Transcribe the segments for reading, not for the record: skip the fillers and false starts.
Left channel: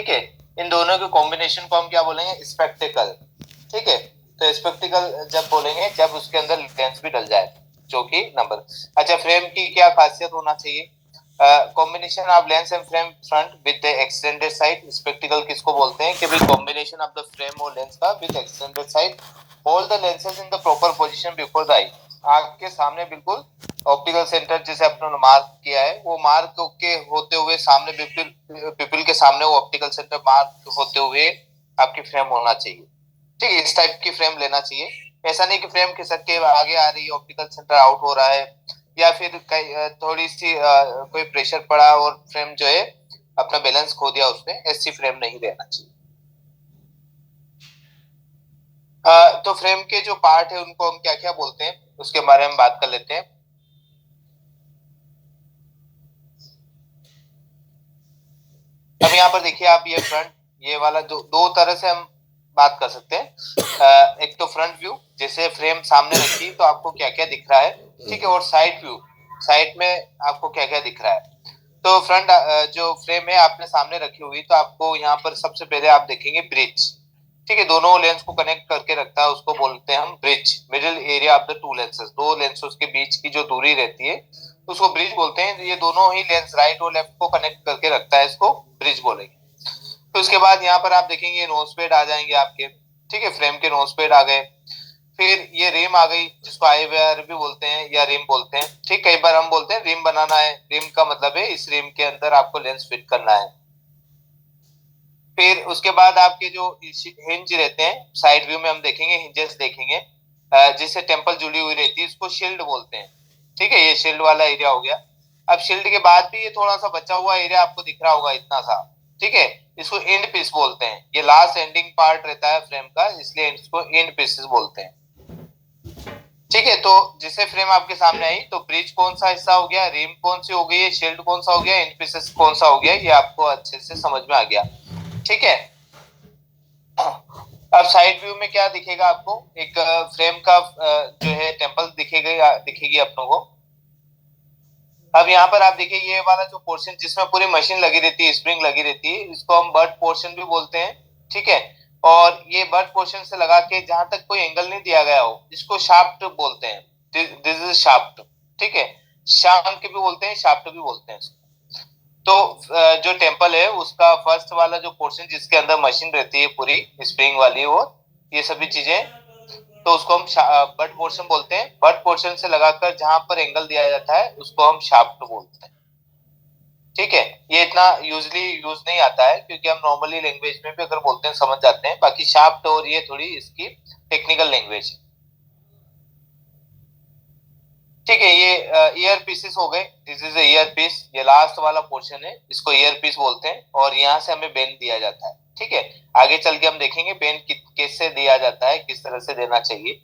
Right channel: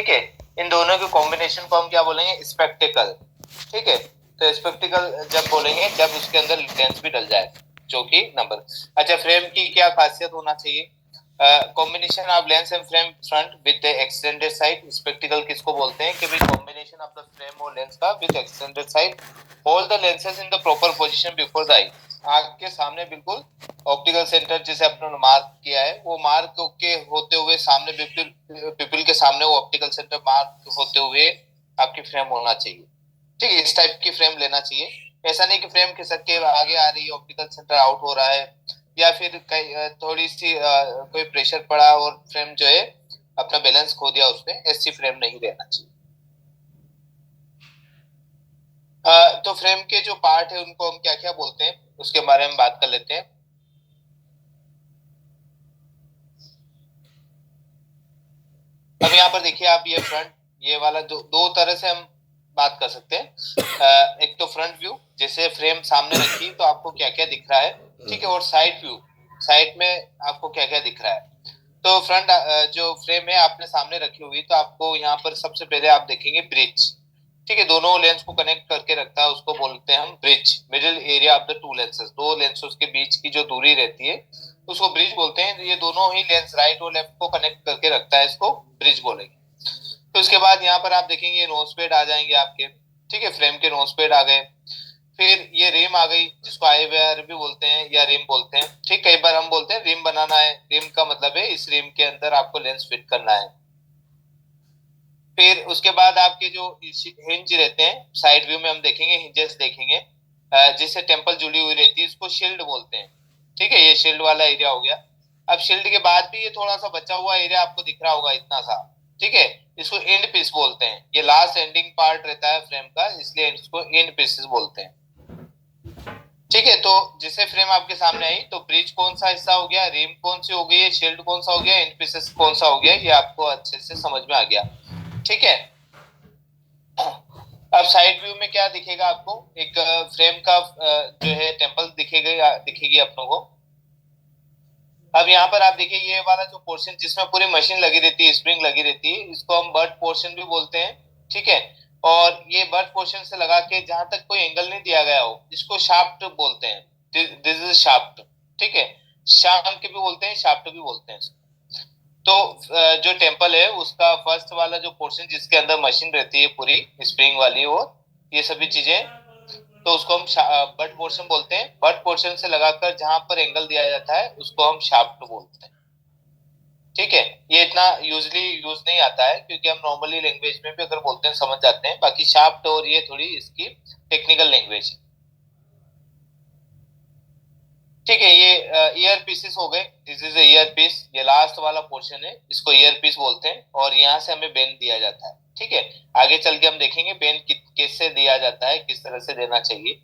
ठीक है। इन दोनों के कॉम्बिनेशन को हम क्या बोलेंगे, स्पेक्टिकल। ठीक है, तो स्पेक्टिकल जब बोलेंगे जब उसके अंदर लेंस भी डल जाए, जो कि नंबर। अच्छा, फ्रेम की क्या खासियत होना चाहिए, combination of lens and frame front with the extended side. Spectacle किसको बोलते हैं कि भाई कॉम्बिनेशन ऑफ द फ्रेम और लेंस का with extended side. Hold the lenses in the proper position before the eye. आंख के सामने बिल्कुल ऑप्टिकल सेंटर जैसे अपने मार्क किया है, वो मार्क के होते हुए सामने पिपिल पिपिल के सामने वो ऑप्टिकल सेंटर मार्क होते हुए आपकी फ्रेम होना चाहिए। ठीक है, इस टाइप की फ्रेम लेना चाहिए। ऐसा नहीं कि फ्रेम खिसक के आगे आ रही है, ऑप्टिकल सेंटर आउट हो रहा है, या फिर थोड़ी सी कोई प्रेशर पड़ा और फ्रेम जो है अपना बैलेंस खो दिया उसमें, ऐसी फ्रेम नहीं लेना चाहिए। तो फ्रेम के जो पार्ट है उनको हम क्या क्या बोलते हैं उसके बारे में बात कर लेते हैं। अब यहाँ पर देखिए आप, ये फ्रंट, ये वाला दो तरह से हम बात कर सकते हैं। एक तो फ्रंट व्यू, जैसे फ्रेम सामने रखी तो आपको क्या क्या दिख रहा है, ठीक है, और साइड व्यू, साइड में आपको क्या क्या दिख रहा है। तो फ्रंट जो फ्रेम है आपने सामने रखी हुई, तो आपको यहाँ पर सबसे पहले आप देखेंगे ब्रिज। ठीक है, दोनों लेंस को कनेक्ट करके रखता है, उसको बोलते हैं हम bridge. Middle area of the two lenses, दो लेंसेज के बीच की जो दूरी रहती है उसको ब्रिज बोलते हैं। ये दोनों ही लेंस राइट और लेफ्ट को कनेक्ट करके रखता है, इसको ब्रिज बोलेंगे। तो उसके बाद यहाँ पर आप देखेंगे नोज पेड आ जाएंगे आपके। ठीक है, फ्रेम के नोज पेड आ गए। फिर ये रिम आ गई, जिसको आई वेयर भी बोलते हैं या रिम बोलते हैं। ठीक, कई बार हम बोलते हैं रिम बनाना है, रिम का मतलब है इस रिम के अंदर आपको लेंस फिट करना है। फिर उसके बाद आपके जो हिंज रहते हैं, साइड व्यू में हम देखेंगे हिंजेस देखेंगे, जिससे टेम्पल जुड़ी हुई रहती है, इसको शील्ड बोलते हैं। ठीक है, ये शील्ड वाला एरिया हो गया। अब शील्ड के बाद भी ये थोड़ा सा बचा हुआ एरिया आपको दिख रहा होगा इतना सा। ठीक है, इसको एंड पीस बोलते हैं, ये लास्ट एंडिंग पार्ट रहता है फ्रेम का, इसलिए इसको एंड पीसेस बोलते हैं। ठीक है, तो जिसे फ्रेम आपके सामने आई, तो ब्रिज कौन सा हिस्सा हो गया, रिम कौन सी हो गई, शील्ड कौन सा हो गया, एंड पीसेस कौन सा हो गया, ये आपको अच्छे से समझ में आ गया। ठीक है, अब साइड व्यू में क्या दिखेगा आपको, एक फ्रेम का जो है टेम्पल दिखेगा, दिखेगी अपनों को। अब यहाँ पर आप देखिए, ये वाला जो पोर्शन जिसमें पूरी मशीन लगी रहती है, स्प्रिंग लगी रहती है, इसको हम बट पोर्शन भी बोलते हैं। ठीक है, और ये बट पोर्शन से लगा के जहां तक कोई एंगल नहीं दिया गया हो, इसको शाफ्ट बोलते हैं। This is shaft. ठीक है, शाफ्ट भी बोलते हैं, शाफ्ट भी बोलते हैं इसको। तो जो टेम्पल है उसका फर्स्ट वाला जो पोर्शन जिसके अंदर मशीन रहती है पूरी स्प्रिंग वाली, और ये सभी चीजें, तो उसको हम बट पोर्शन बोलते हैं। बट पोर्शन से लगाकर जहां पर एंगल दिया जाता है उसको हम शाफ्ट बोलते हैं। ठीक है, ये इतना यूजली यूज नहीं आता है, क्योंकि हम नॉर्मली लैंग्वेज में भी अगर बोलते हैं समझ जाते हैं। बाकी शाफ्ट और ये थोड़ी इसकी टेक्निकल लैंग्वेज। ठीक है, ये ईयर पीसेस हो गए, दिस इज ईयर पीस, ये लास्ट वाला पोर्शन है, इसको ईयर पीस बोलते हैं, और यहाँ से हमें बेंड दिया जाता है। ठीक है, आगे चल के हम देखेंगे बेंड कैसे दिया जाता है, किस तरह से देना चाहिए।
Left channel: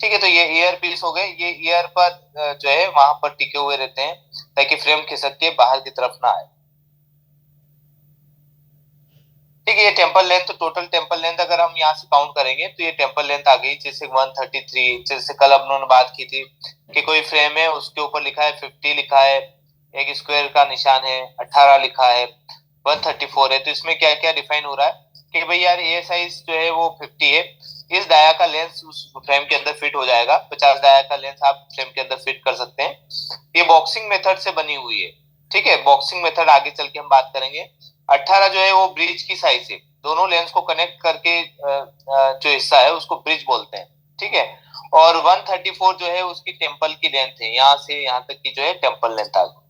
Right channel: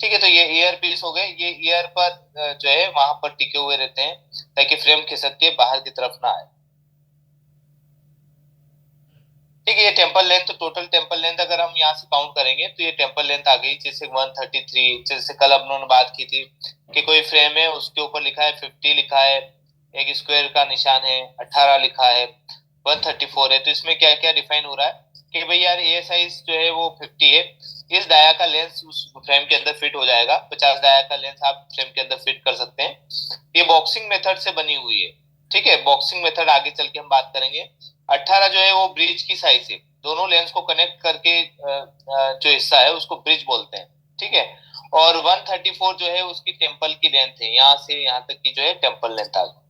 ठीक है, तो ये ईयर पीस हो गए, ये ईयर पर जो है वहां पर टिके हुए रहते हैं, ताकि फ्रेम खिसक के बाहर की तरफ ना आए। ठीक है, ये temple length, total temple length अगर हम यहाँ से काउंट करेंगे तो ये टेम्पल लेंथ आ गई, जैसे 133। जैसे कल हम लोगों ने बात की थी कि कोई फ्रेम है उसके ऊपर लिखा है 50 लिखा है, एक स्क्वायर का निशान है, 18 लिखा है, 134 है, तो इसमें क्या क्या डिफाइन हो रहा है कि भाई यार ये साइज जो है वो 50 है, इस डाया का लेंस उस फ्रेम के अंदर फिट हो जाएगा। 50 डाया का लेंस आप फ्रेम के अंदर फिट कर सकते हैं। ये बॉक्सिंग मेथड से बनी हुई है। ठीक है, बॉक्सिंग मेथड आगे चल के हम बात करेंगे। 18 जो है वो ब्रिज की साइज है, दोनों लेंस को कनेक्ट करके जो हिस्सा है उसको ब्रिज बोलते हैं। ठीक है, और 134 जो है उसकी टेम्पल की लेंथ है, यहाँ से यहाँ तक की जो है टेम्पल लेंथ आ गई।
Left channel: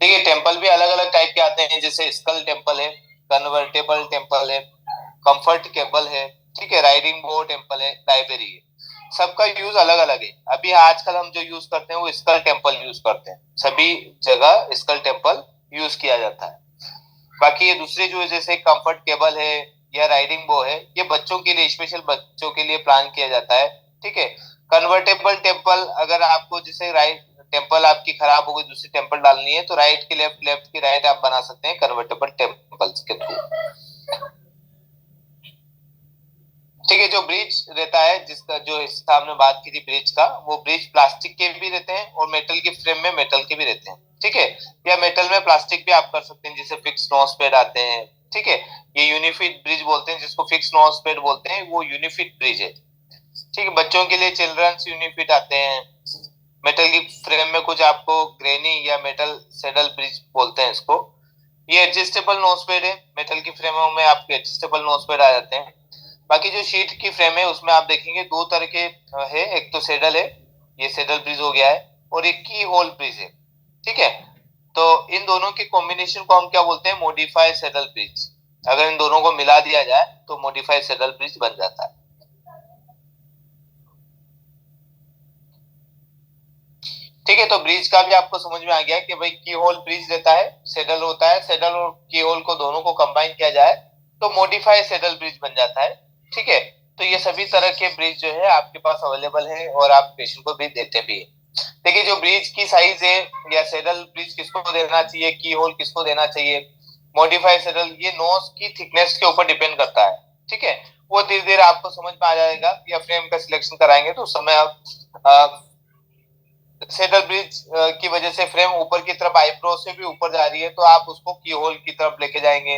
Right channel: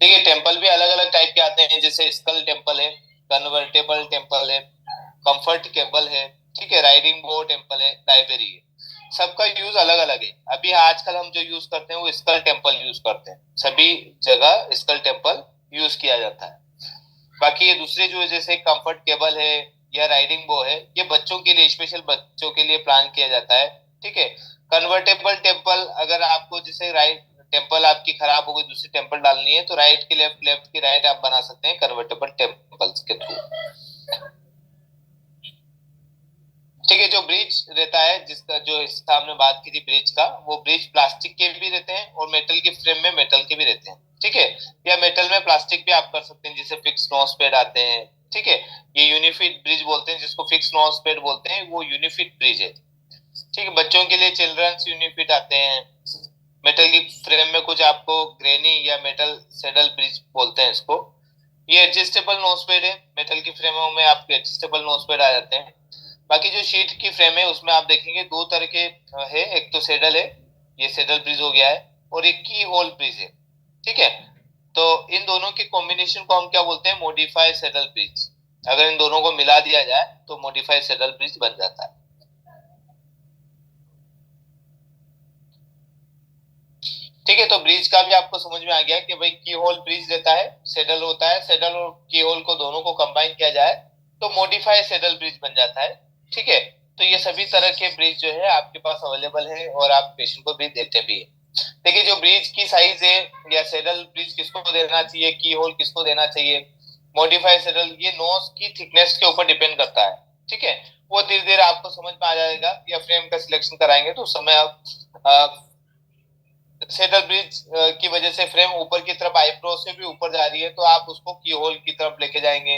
देखिए, टेम्पल भी अलग अलग टाइप के आते हैं, जैसे स्कल टेम्पल है, कन्वर्टेबल टेम्पल है, कंफर्ट केबल है, ठीक है, राइडिंग बोर्ड टेम्पल है, लाइब्रेरी है। सबका यूज अलग अलग है। अभी आजकल हम जो यूज करते हैं वो स्कल टेम्पल यूज करते हैं, सभी जगह स्कल टेम्पल यूज किया जाता है। बाकी ये दूसरे जो है जैसे कंफर्ट केबल है या राइडिंग बो है, ये बच्चों के लिए, स्पेशल बच्चों के लिए प्लान किया जाता है। ठीक है, कन्वर्टेबल टेम्पल, अगर आपको जैसे राइट टेम्पल आपकी खराब हो गई, दूसरी टेम्पल डालनी है, तो राइट की लेफ्ट, लेफ्ट की राइट आप बना सकते हैं कन्वर्टेबल टेम्पल्स के थ्रू। ठीक है। जो ब्रिज रहता है, जिसका जो हिस्सा हमने बात की थी ब्रिज का, वो ब्रिज प्लास्टिक के भी रहते हैं और मेटल के फ्रेम में मेटल के भी रहते हैं। ठीक है। या मेटल में प्लास्टिक भी आप कर सकते हैं, जिसे फिक्स नॉच पैड आते हैं। ठीक है। ये यूनिफिट ब्रिज बोलते हैं, जिसको फिक्स नॉच पैड बोलते हैं, वो यूनिफिट ब्रिज है। ठीक है। बच्चों के लिए चिल्ड्रंस यूनिफिट आते हैं। मेटल की फ्रेम में कुछ आपको ग्रेनी या मेटल सेडल ब्रिज बोलते हैं इसको। ये एडजस्टेबल नोजपेड है, मेटल की फ्रेमों में आपके एडजस्टेबल नोजपेड आ जाते हैं। बाकी जो शीट की फ्रेम है उसमें आप देखेंगे दो तरह के है। एक तो सेडल है, ये सेडल ब्रिज हो गया है, और एक की होल ब्रिज है। ठीक है। तो इन दोनों के कॉम्बिनेशन को हम क्या बोलते हैं, मॉडिफाइड सेडल ब्रिज। अगर इन दोनों को मिला दिया जाए तो मॉडिफाइड सेडल ब्रिज बन जाता है। ठीक है। तो ब्रिज का भी आपको समझ में आ गया कि भाई की होल ब्रिज रहता है, सेडल होता है, सेडल और की होल को दोनों को कंबाइन किया जाए तो मॉडिफाइड सेडल ब्रिज बन जाता है। ठीक है। तो ये सभी तरह के ब्रिज जो है आपके पास अवेलेबल है और आप पेशेंट को भी देते भी है। देखिए, जो ब्रिज की साइज है, या सेडल ब्रिज किसको देना चाहिए, की होल किसको देना चाहिए, मॉडिफाइड सेडल, ये नोज की थिकनेस के ऊपर डिपेंड करता है। ठीक है। वो धीरे धीरे आपको समझ में आ जाएगा, या फ्रेम का सिलेक्शन कराएंगे तो उस समय आप सेडल ब्रिज की वजह से फ्रेम ऊपर की तरफ आईब्रो से भी ऊपर जा रही है, तो आप उसको की होल की तरफ लेके जाएंगे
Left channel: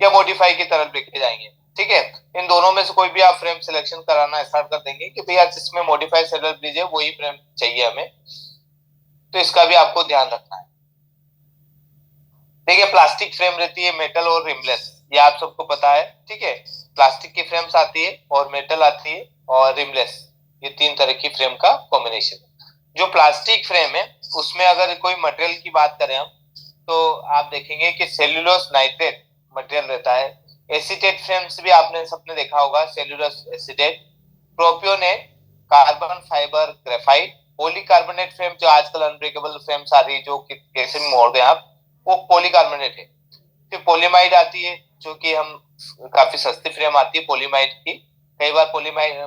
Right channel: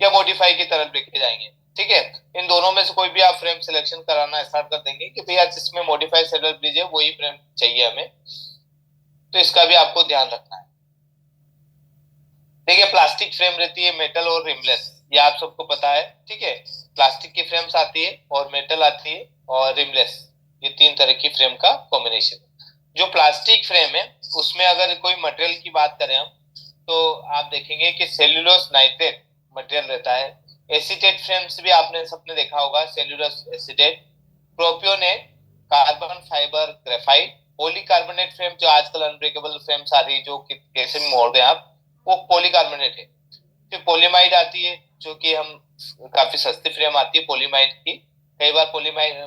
या मॉडिफाई की तरफ लेके जाएंगे। ठीक है। इन दोनों में से कोई भी आप फ्रेम सिलेक्शन कराना स्टार्ट कर देंगे कि भैया जिसमें मॉडिफाइड सेडल ब्रिज है वही फ्रेम चाहिए हमें, तो इसका भी आपको ध्यान रखना है। देखिए, प्लास्टिक फ्रेम रहती है, मेटल और रिमलेस, ये आप सबको पता है। ठीक है। प्लास्टिक की फ्रेम्स आती है और मेटल आती है और रिमलेस, ये तीन तरह की फ्रेम का कॉम्बिनेशन। जो प्लास्टिक फ्रेम है उसमें अगर कोई मटेरियल की बात करें हम, तो आप देखेंगे कि सेल्यूलोस नाइट्रेट मटेरियल रहता है। एसीटेट फ्रेम्स भी आपने सबने देखा होगा, cellulose acetate, propionate, carbon fibre graphite, polycarbonate frame जो आजकल अनब्रेकेबल फ्रेम्स आ रही है, जो कैसे भी मोड़ दें आप, वो पॉलीकार्बोनेट है। फिर पॉलीमाइड आती है, जो कि हम काफी सस्ती फ्रेम आती है पॉलीमाइड की। कई बार पॉलीमाइड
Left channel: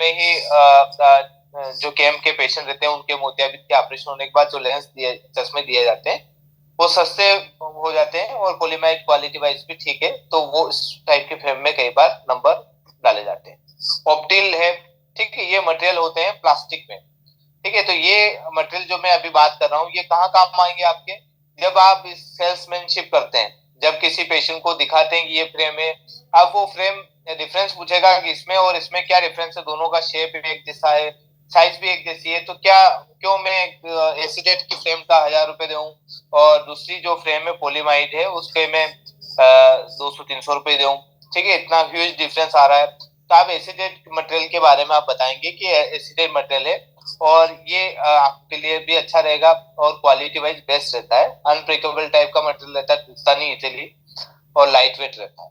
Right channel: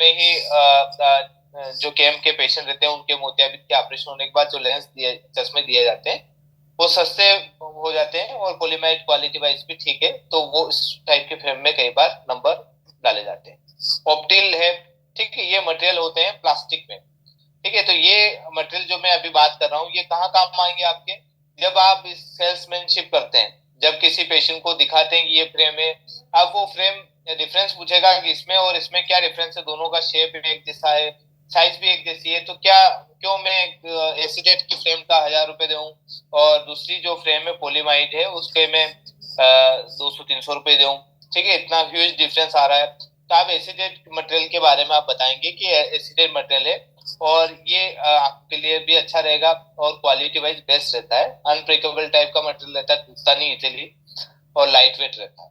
में ही जो केम के पेशेंट रहते हैं उनके मोतियाबिंद के ऑपरेशन होने के बाद जो लेंस दिए, चश्मे दिए जाते हैं, वो सस्ते हो जाते हैं और पॉलीमाइड क्वालिटी वाइज भी ठीक है, तो वो इस टाइप के फ्रेम में कई बार नंबर डाले जाते हैं। ऑप्टिल है। ठीक है। ये मटेरियल होते हैं प्लास्टिक में। ठीक है। तो ये मटेरियल जो मैं अभी बात कर रहा हूँ, ये कहाँ काम आएंगे आपके, जब आप सेल्समैनशिप करते हैं, जब किसी पेशेंट को दिखाते हैं कि ये फ्रेम है, अब वो फ्रेम डिफरेंस पूछेगा कि इसमें और इसमें क्या डिफरेंस है, दोनों का शेप एक जैसा है, साइज भी एक जैसी है, तो क्या क्यों मैं एसीडेट की फ्रेम का 1,000 रुपए दूं और दूसरी जो फ्रेम है पॉलीमाइड है उसके मैं 200-300 रुपए दूं। ठीक है। इतना ह्यूज डिफरेंस आ रहा है, तो आप एसीडेट मटेरियल के बारे में आप बताएंगे कि एसीडेट मटेरियल है और ये आपके लिए भी अच्छा रहेगा और क्वालिटी वाइज बेस्ट रहता है, अनब्रेकेबल टाइप का मटेरियल रहता है, टूटता नहीं इजीली और लाइट वेट रहता है।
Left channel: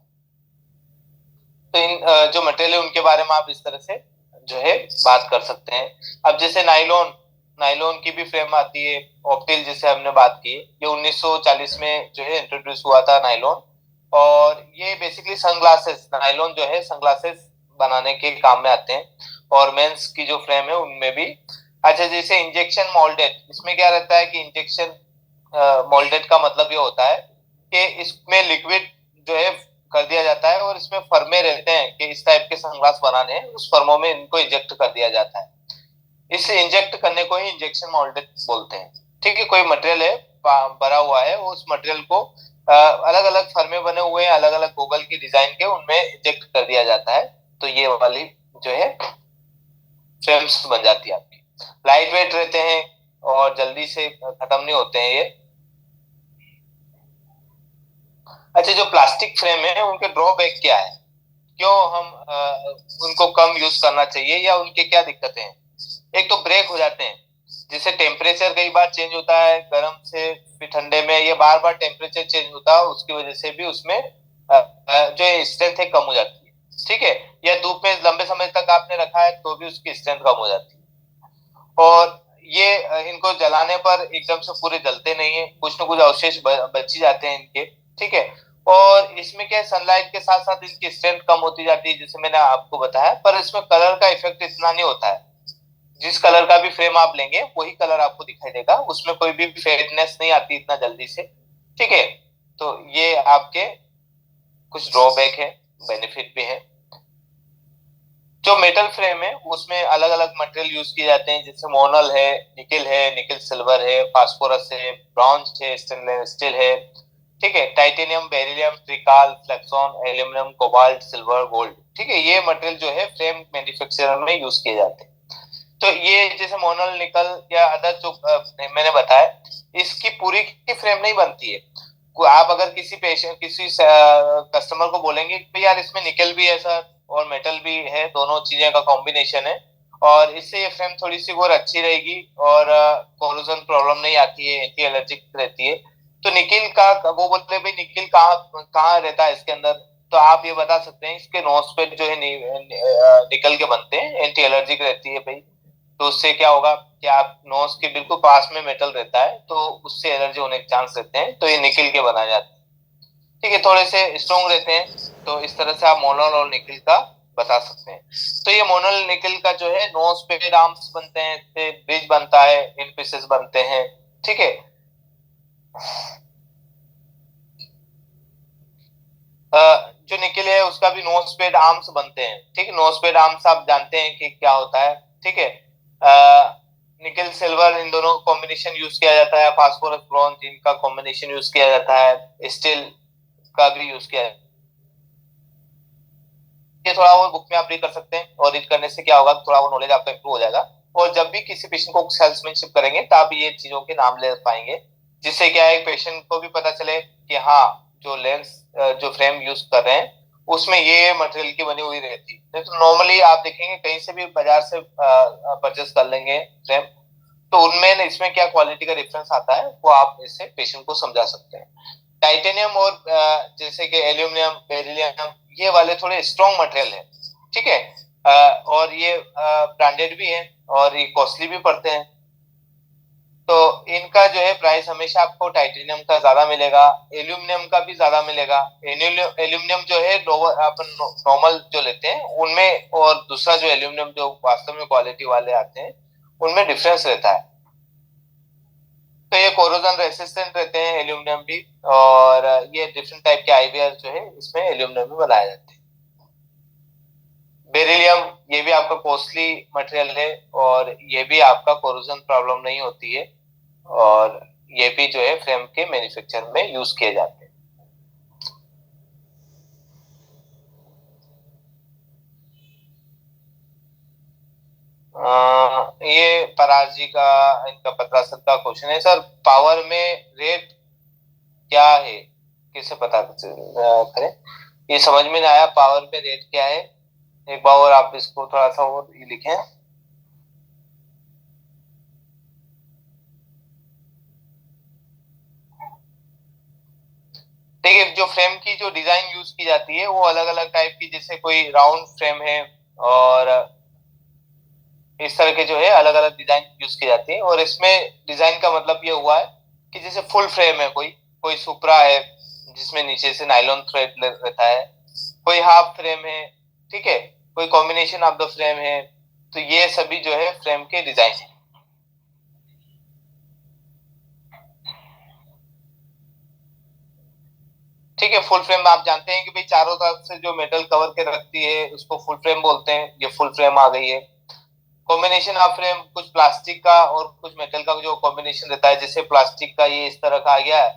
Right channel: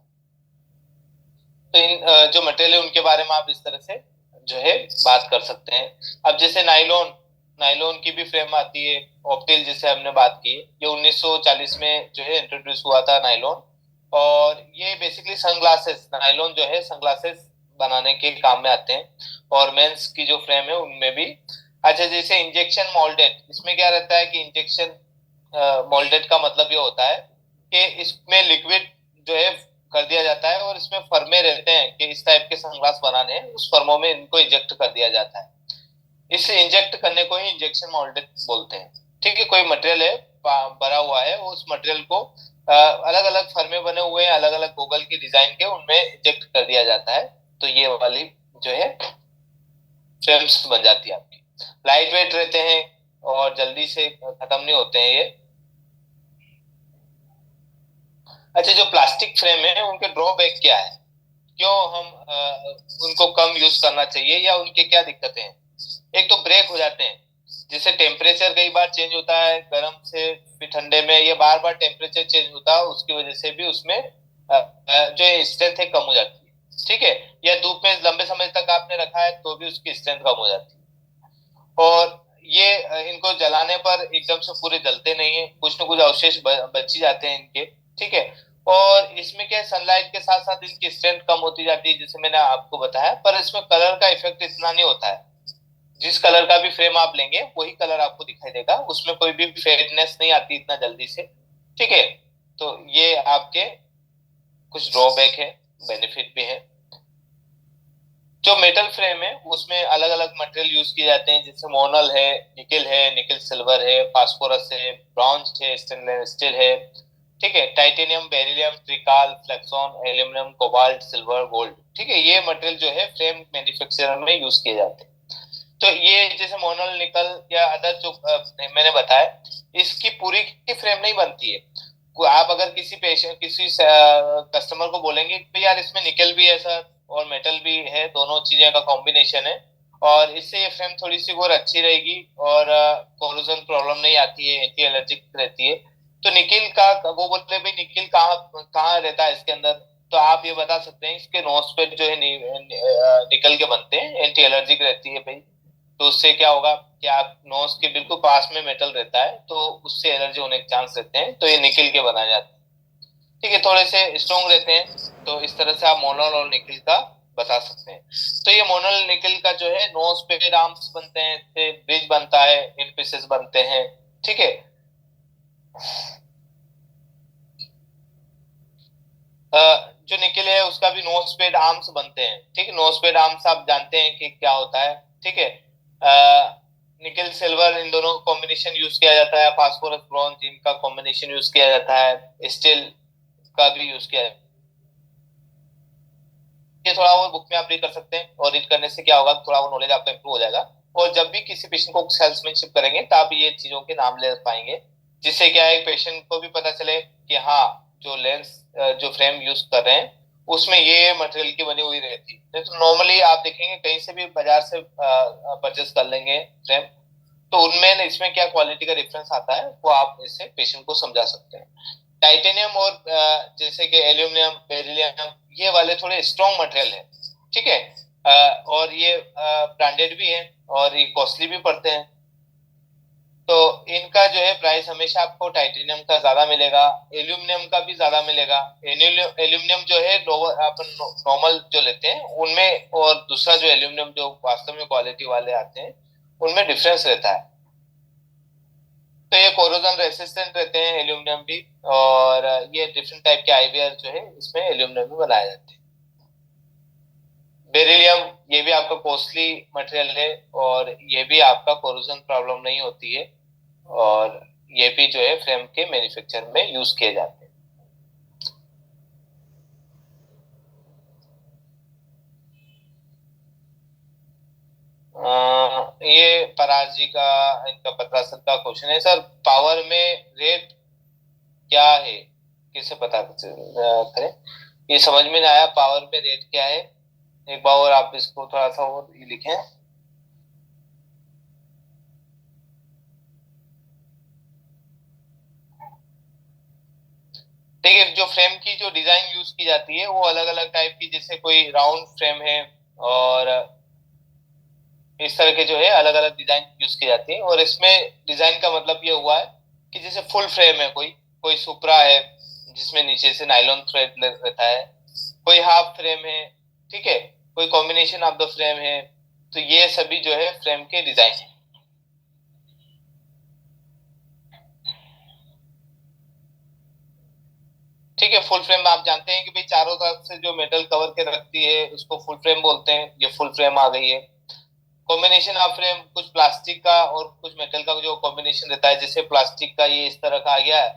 तो इन जो मटेरियल है उनके बारे में आप इस तरह से जो है बात कर सकते हैं। अब जैसे नाइलॉन, नाइलॉन की भी फ्रेम आती है, ऑप्टिल जिसे हमने बात की, ये 1940 में जो है इंट्रोड्यूस हुआ था नाइलॉन, और ये बेसिकली सनग्लासेस, नाइलॉन जो है सनग्लासेस बनाने के काम में आते हैं, और मेंस की जो फ्रेम है उनमें भी। अच्छा, जैसे इंजेक्शन मोल्डेड, इसमें क्या रहता है कि इंजेक्शन मोल्डेड का मतलब ये होता है कि इसमें लिक्विड जो है कर दिया जाता है और इसमें फर्मे रहते हैं कि इस टाइप के सनग्लास बनाने हैं, उस फर्मों में इनको इंजेक्ट कर दिया जाता है। इस इंजेक्ट करने को ही इंजेक्शन मोल्डेड बोलते हैं। ठीक है। कोई मटेरियल है भरा हुआ है, उस मटेरियल को अलग अलग फर्मे बने हुए हैं, अलग अलग गूगल की डिजाइन के, उनमें इंजेक्ट कर दिया जाता है, तो ये वाली जो है फ्रेम्स बन जाती है आपकी। लाइट वेट रहते हैं और जल्दी से खत्म नहीं होते हैं ये। अच्छा, जो प्लास्टिक फ्रेम है उनके ड्रॉबैक क्या है, क्यों हम उनको कम यूज करना चाहिए, या उनके क्या दिक्कतें हैं। एक तो ब्रेक हो जाते हैं, जिससे टेम्परेचर कई बार चेंज होता है, गर्म से फिर ठंडे में, ये बार बार टेम्परेचर चेंज होता है, उसकी वजह से भी उसमें जो स्ट्रेंथ है कम हो जाती है। ठीक है। या धूप में लंबे समय तक आपने रखा है तो भी उसकी स्ट्रेंथ कम हो जाती है। और ये इनको जलाने पर एकदम से पूरे जलते नहीं है, कुछ ना कुछ अवशेष बच ही जाते हैं इनके। ठीक है। और इसमें क्या है, सनलाइट के साथ साथ इसकी स्ट्रेंथ कम होती जाती है, जैसे मैंने आपको बताया, पर इसमें कलर का इफेक्ट इतना नहीं होता है। जिस कलर का भी फ्रेम आप लेंगे वही कलर आपको दिखाई देगा, उसमें कोई भी फेडनेस नहीं आती इतना जल्दी से। ठीक है। तो ये आपके कुछ ड्रॉबैक है, बेनिफिट भी है। जो मेटल फ्रेम है उसमें अलग अलग मटेरियल यूज किए जाते हैं, जैसे मोनल है, निकिल सिल्वर है, फास्फोरस है, ब्रॉन्ज है, स्टेनलेस स्टील है, ठीक है, टाइटेनियम, बेरिलियम, ट्रिकाल, flexon, aluminium, cobalt, silver, gold, ठीक है, ये मटेरियल जो है फ्रेम मैन्युफैक्चरर में यूज किए जाते हैं। तो ये जैसे मोनल, निकल या अदर जो मैंने बताया, इसकी पूरी की फ्रेम नहीं बनती है। आप अगर किसी पेशेंट, किसी कस्टमर को बोलेंगे कि यार इसमें निकल भी है सर और मेटल भी है, दोनों चीजें का कॉम्बिनेशन है और इससे ये फ्रेम थोड़ी सी और अच्छी रहेगी और कोरोजन प्रॉब्लम नहीं आती है, एंटी एलर्जिक रहती है, तो निकिल का वो बोलते भाई निकिल कहाँ कहाँ रहता है इसके अंदर, तो आप ये बता सकते हैं इसके नोज पे जो है निकल के बनते हैं, एंटी एलर्जिक रहती है भाई। तो उससे क्या होगा कि आप नोज के बिल्कुल पास में मेटल रहता है तो उससे एलर्जी होने के चांस रहते हैं, तो ये निकल के बनाए जाते हैं, ठीक है, थोड़े से स्ट्रॉन्ग रहते हैं, तो इस तरह से आप मोनल और निकल का बता सकते हैं। तो ये मोनल निकल का जो है नोज पे आर्म्स बनते हैं, फिर ब्रिज बनता है, इन पीसेस बनते हैं, ठीक है। जो निकल है उसका भी नोज पेड आर्म्स बनते हैं, ठीक है, नोज पेड आर्म्स आप जानते हैं कि क्या होता है, ठीक है। निकल सिल्वर इन दोनों कॉम्बिनेशन यूज किया जाता है, फास्फोरस ब्रॉन्ज इनका कॉम्बिनेशन यूज किया जाता है, स्टील का भी यूज किया जाता है। ये थोड़ा और बुक में आप रीड कर सकते हैं और रीड करने से क्या होगा, थोड़ा वो नॉलेज आपका इंप्रूव हो जाएगा और जब भी किसी पेशेंट को सेल्समैनशिप करेंगे तो आप ये चीजों के नाम ले पाएंगे, जिससे क्या है पेशेंट को भी पता चले कि हाँ जो लेंस जो फ्रेम यूज कर रहे हैं उसमें ये मटेरियल की बनी हुई रहती है। नहीं तो नॉर्मली आप देखेंगे कहीं से भी बाजार से परचेस कर लेंगे फ्रेम, तो उनमें इसमें क्या क्वालिटी का डिफरेंस आता है वो आप इससे पेशेंट को समझा सकते हैं। टाइटेनियम और जैसे कि एल्यूमिनियम, बेरिलियम, ये वाले थोड़े स्ट्रॉन्ग मटेरियल है, ठीक है, और ये ब्रांडेड भी है और ये कॉस्टली भी पड़ते हैं, तो इनका जो है प्राइस हमेशा आपको टाइटेनियम का ज्यादा मिलेगा, एल्यूमिनियम का भी ज्यादा मिलेगा। एल्यूमिनियम जो है अपन नॉर्मल जो लेते हैं उनमें और दूसरा जो एल्यूमिनियम जो वास्तव में क्वालिटी वाले आते हैं उनमें डिफरेंस रहता है। तो ये कोरोजन रेसिस्टेंट रहते हैं एल्यूमिनियम भी, और ये डिफरेंट टाइप के आईवीआर जो है इसमें एल्यूमिनियम में बनाए जाते हैं। बेरिलियम, ये भी आपका कॉस्टली मटेरियल है और ये भी आपका कोरोजन प्रॉब्लम नहीं होती है और ये भी जो है फ्रेम के मैन्युफैक्चर में यूज किए जाते हैं। ये पराग जी का इनका 15 का क्वेश्चन है सर, पावर में रेट क्या है, किसे पता करें, ये समझ में नहीं आया, पावर में रेट क्या है, एक बार और आप इसको थोड़ा सा और लिखें। देखिए जो फ्रेम की जो डिजाइन यूज की जाती है वो अलग अलग टाइप की, जैसे कोई राउंड फ्रेम है और इस तरह के जो है अलग अलग डिजाइन यूज की जाती है, और इसमें डिजाइन का मतलब ये हुआ है कि जैसे फुल फ्रेम है, कोई कोई सुपरा है जिसमें नीचे से नायलॉन थ्रेड रहता है, कोई हाफ फ्रेम है, ठीक है, कोई कॉम्बिनेशन ऑफ द फ्रेम है, तो ये सभी जो है फ्रेम के डिजाइन है। ठीक है, फुल फ्रेम आप जानते हैं कि भाई चारों तरफ से जो मेटल कवर के रखती है उसको फुल फ्रेम बोलते हैं, ये फुल फ्रेम आ गई है। कॉम्बिनेशन ऑफ फ्रेम कुछ प्लास्टिक का और कुछ मेटल का जो कॉम्बिनेशन रहता है, जैसे प्लास्टिक का ये इस तरह का आ गया है,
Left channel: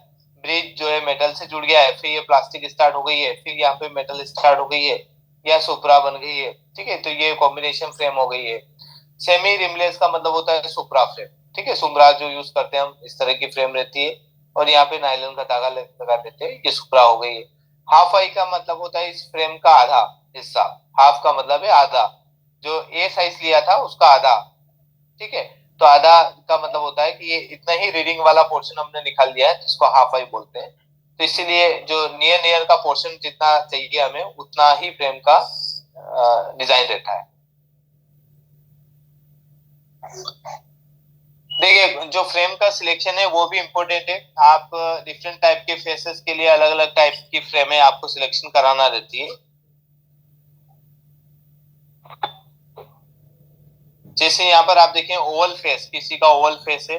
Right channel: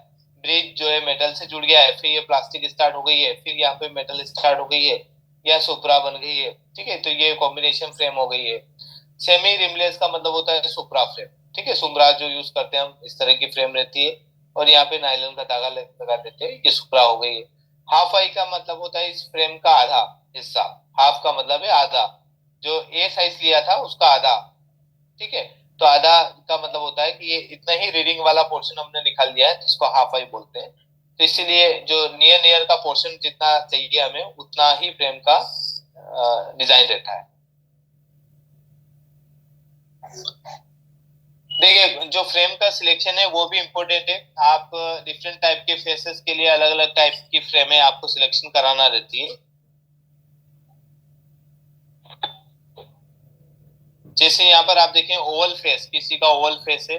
ब्रिज जो है मेटल से जुड़ गया है, फिर ये प्लास्टिक स्टार्ट हो गई है, फिर यहाँ पे मेटल स्टार्ट हो गई है, या सुपरा बन गई है, ठीक है, तो ये कॉम्बिनेशन फ्रेम हो गई है। सेमी रिमलेस का मतलब होता है सुपरा फ्रेम, ठीक है, सुपरा जो यूज करते हैं हम इस तरह की फ्रेम रहती है और यहाँ पे नायलॉन का धागा लगा देते हैं, ये सुपरा हो गई है। हाफ आई का मतलब होता है इस फ्रेम का आधा हिस्सा, हाफ का मतलब है आधा, जो ए साइज लिया था उसका आधा, ठीक है, तो आधा का मतलब होता है कि ये इतना ही रीडिंग वाला पोर्शन हमने निकाल लिया है जिसको हाफ आई बोलते हैं, तो इसीलिए जो नियर नियर का पोर्शन जितना चाहिए हमें उतना ही फ्रेम का डिजाइन रहता है। देखिए जो फ्रेम का सिलेक्शन है वो भी इम्पोर्टेंट है, आप डिफरेंट टाइप के फेसेस के लिए अलग अलग टाइप की फ्रेमें आपको सिलेक्शन कराना रहती है। जैसे यहाँ पर आप देखें ओवल फेस, किसी का ओवल फेस है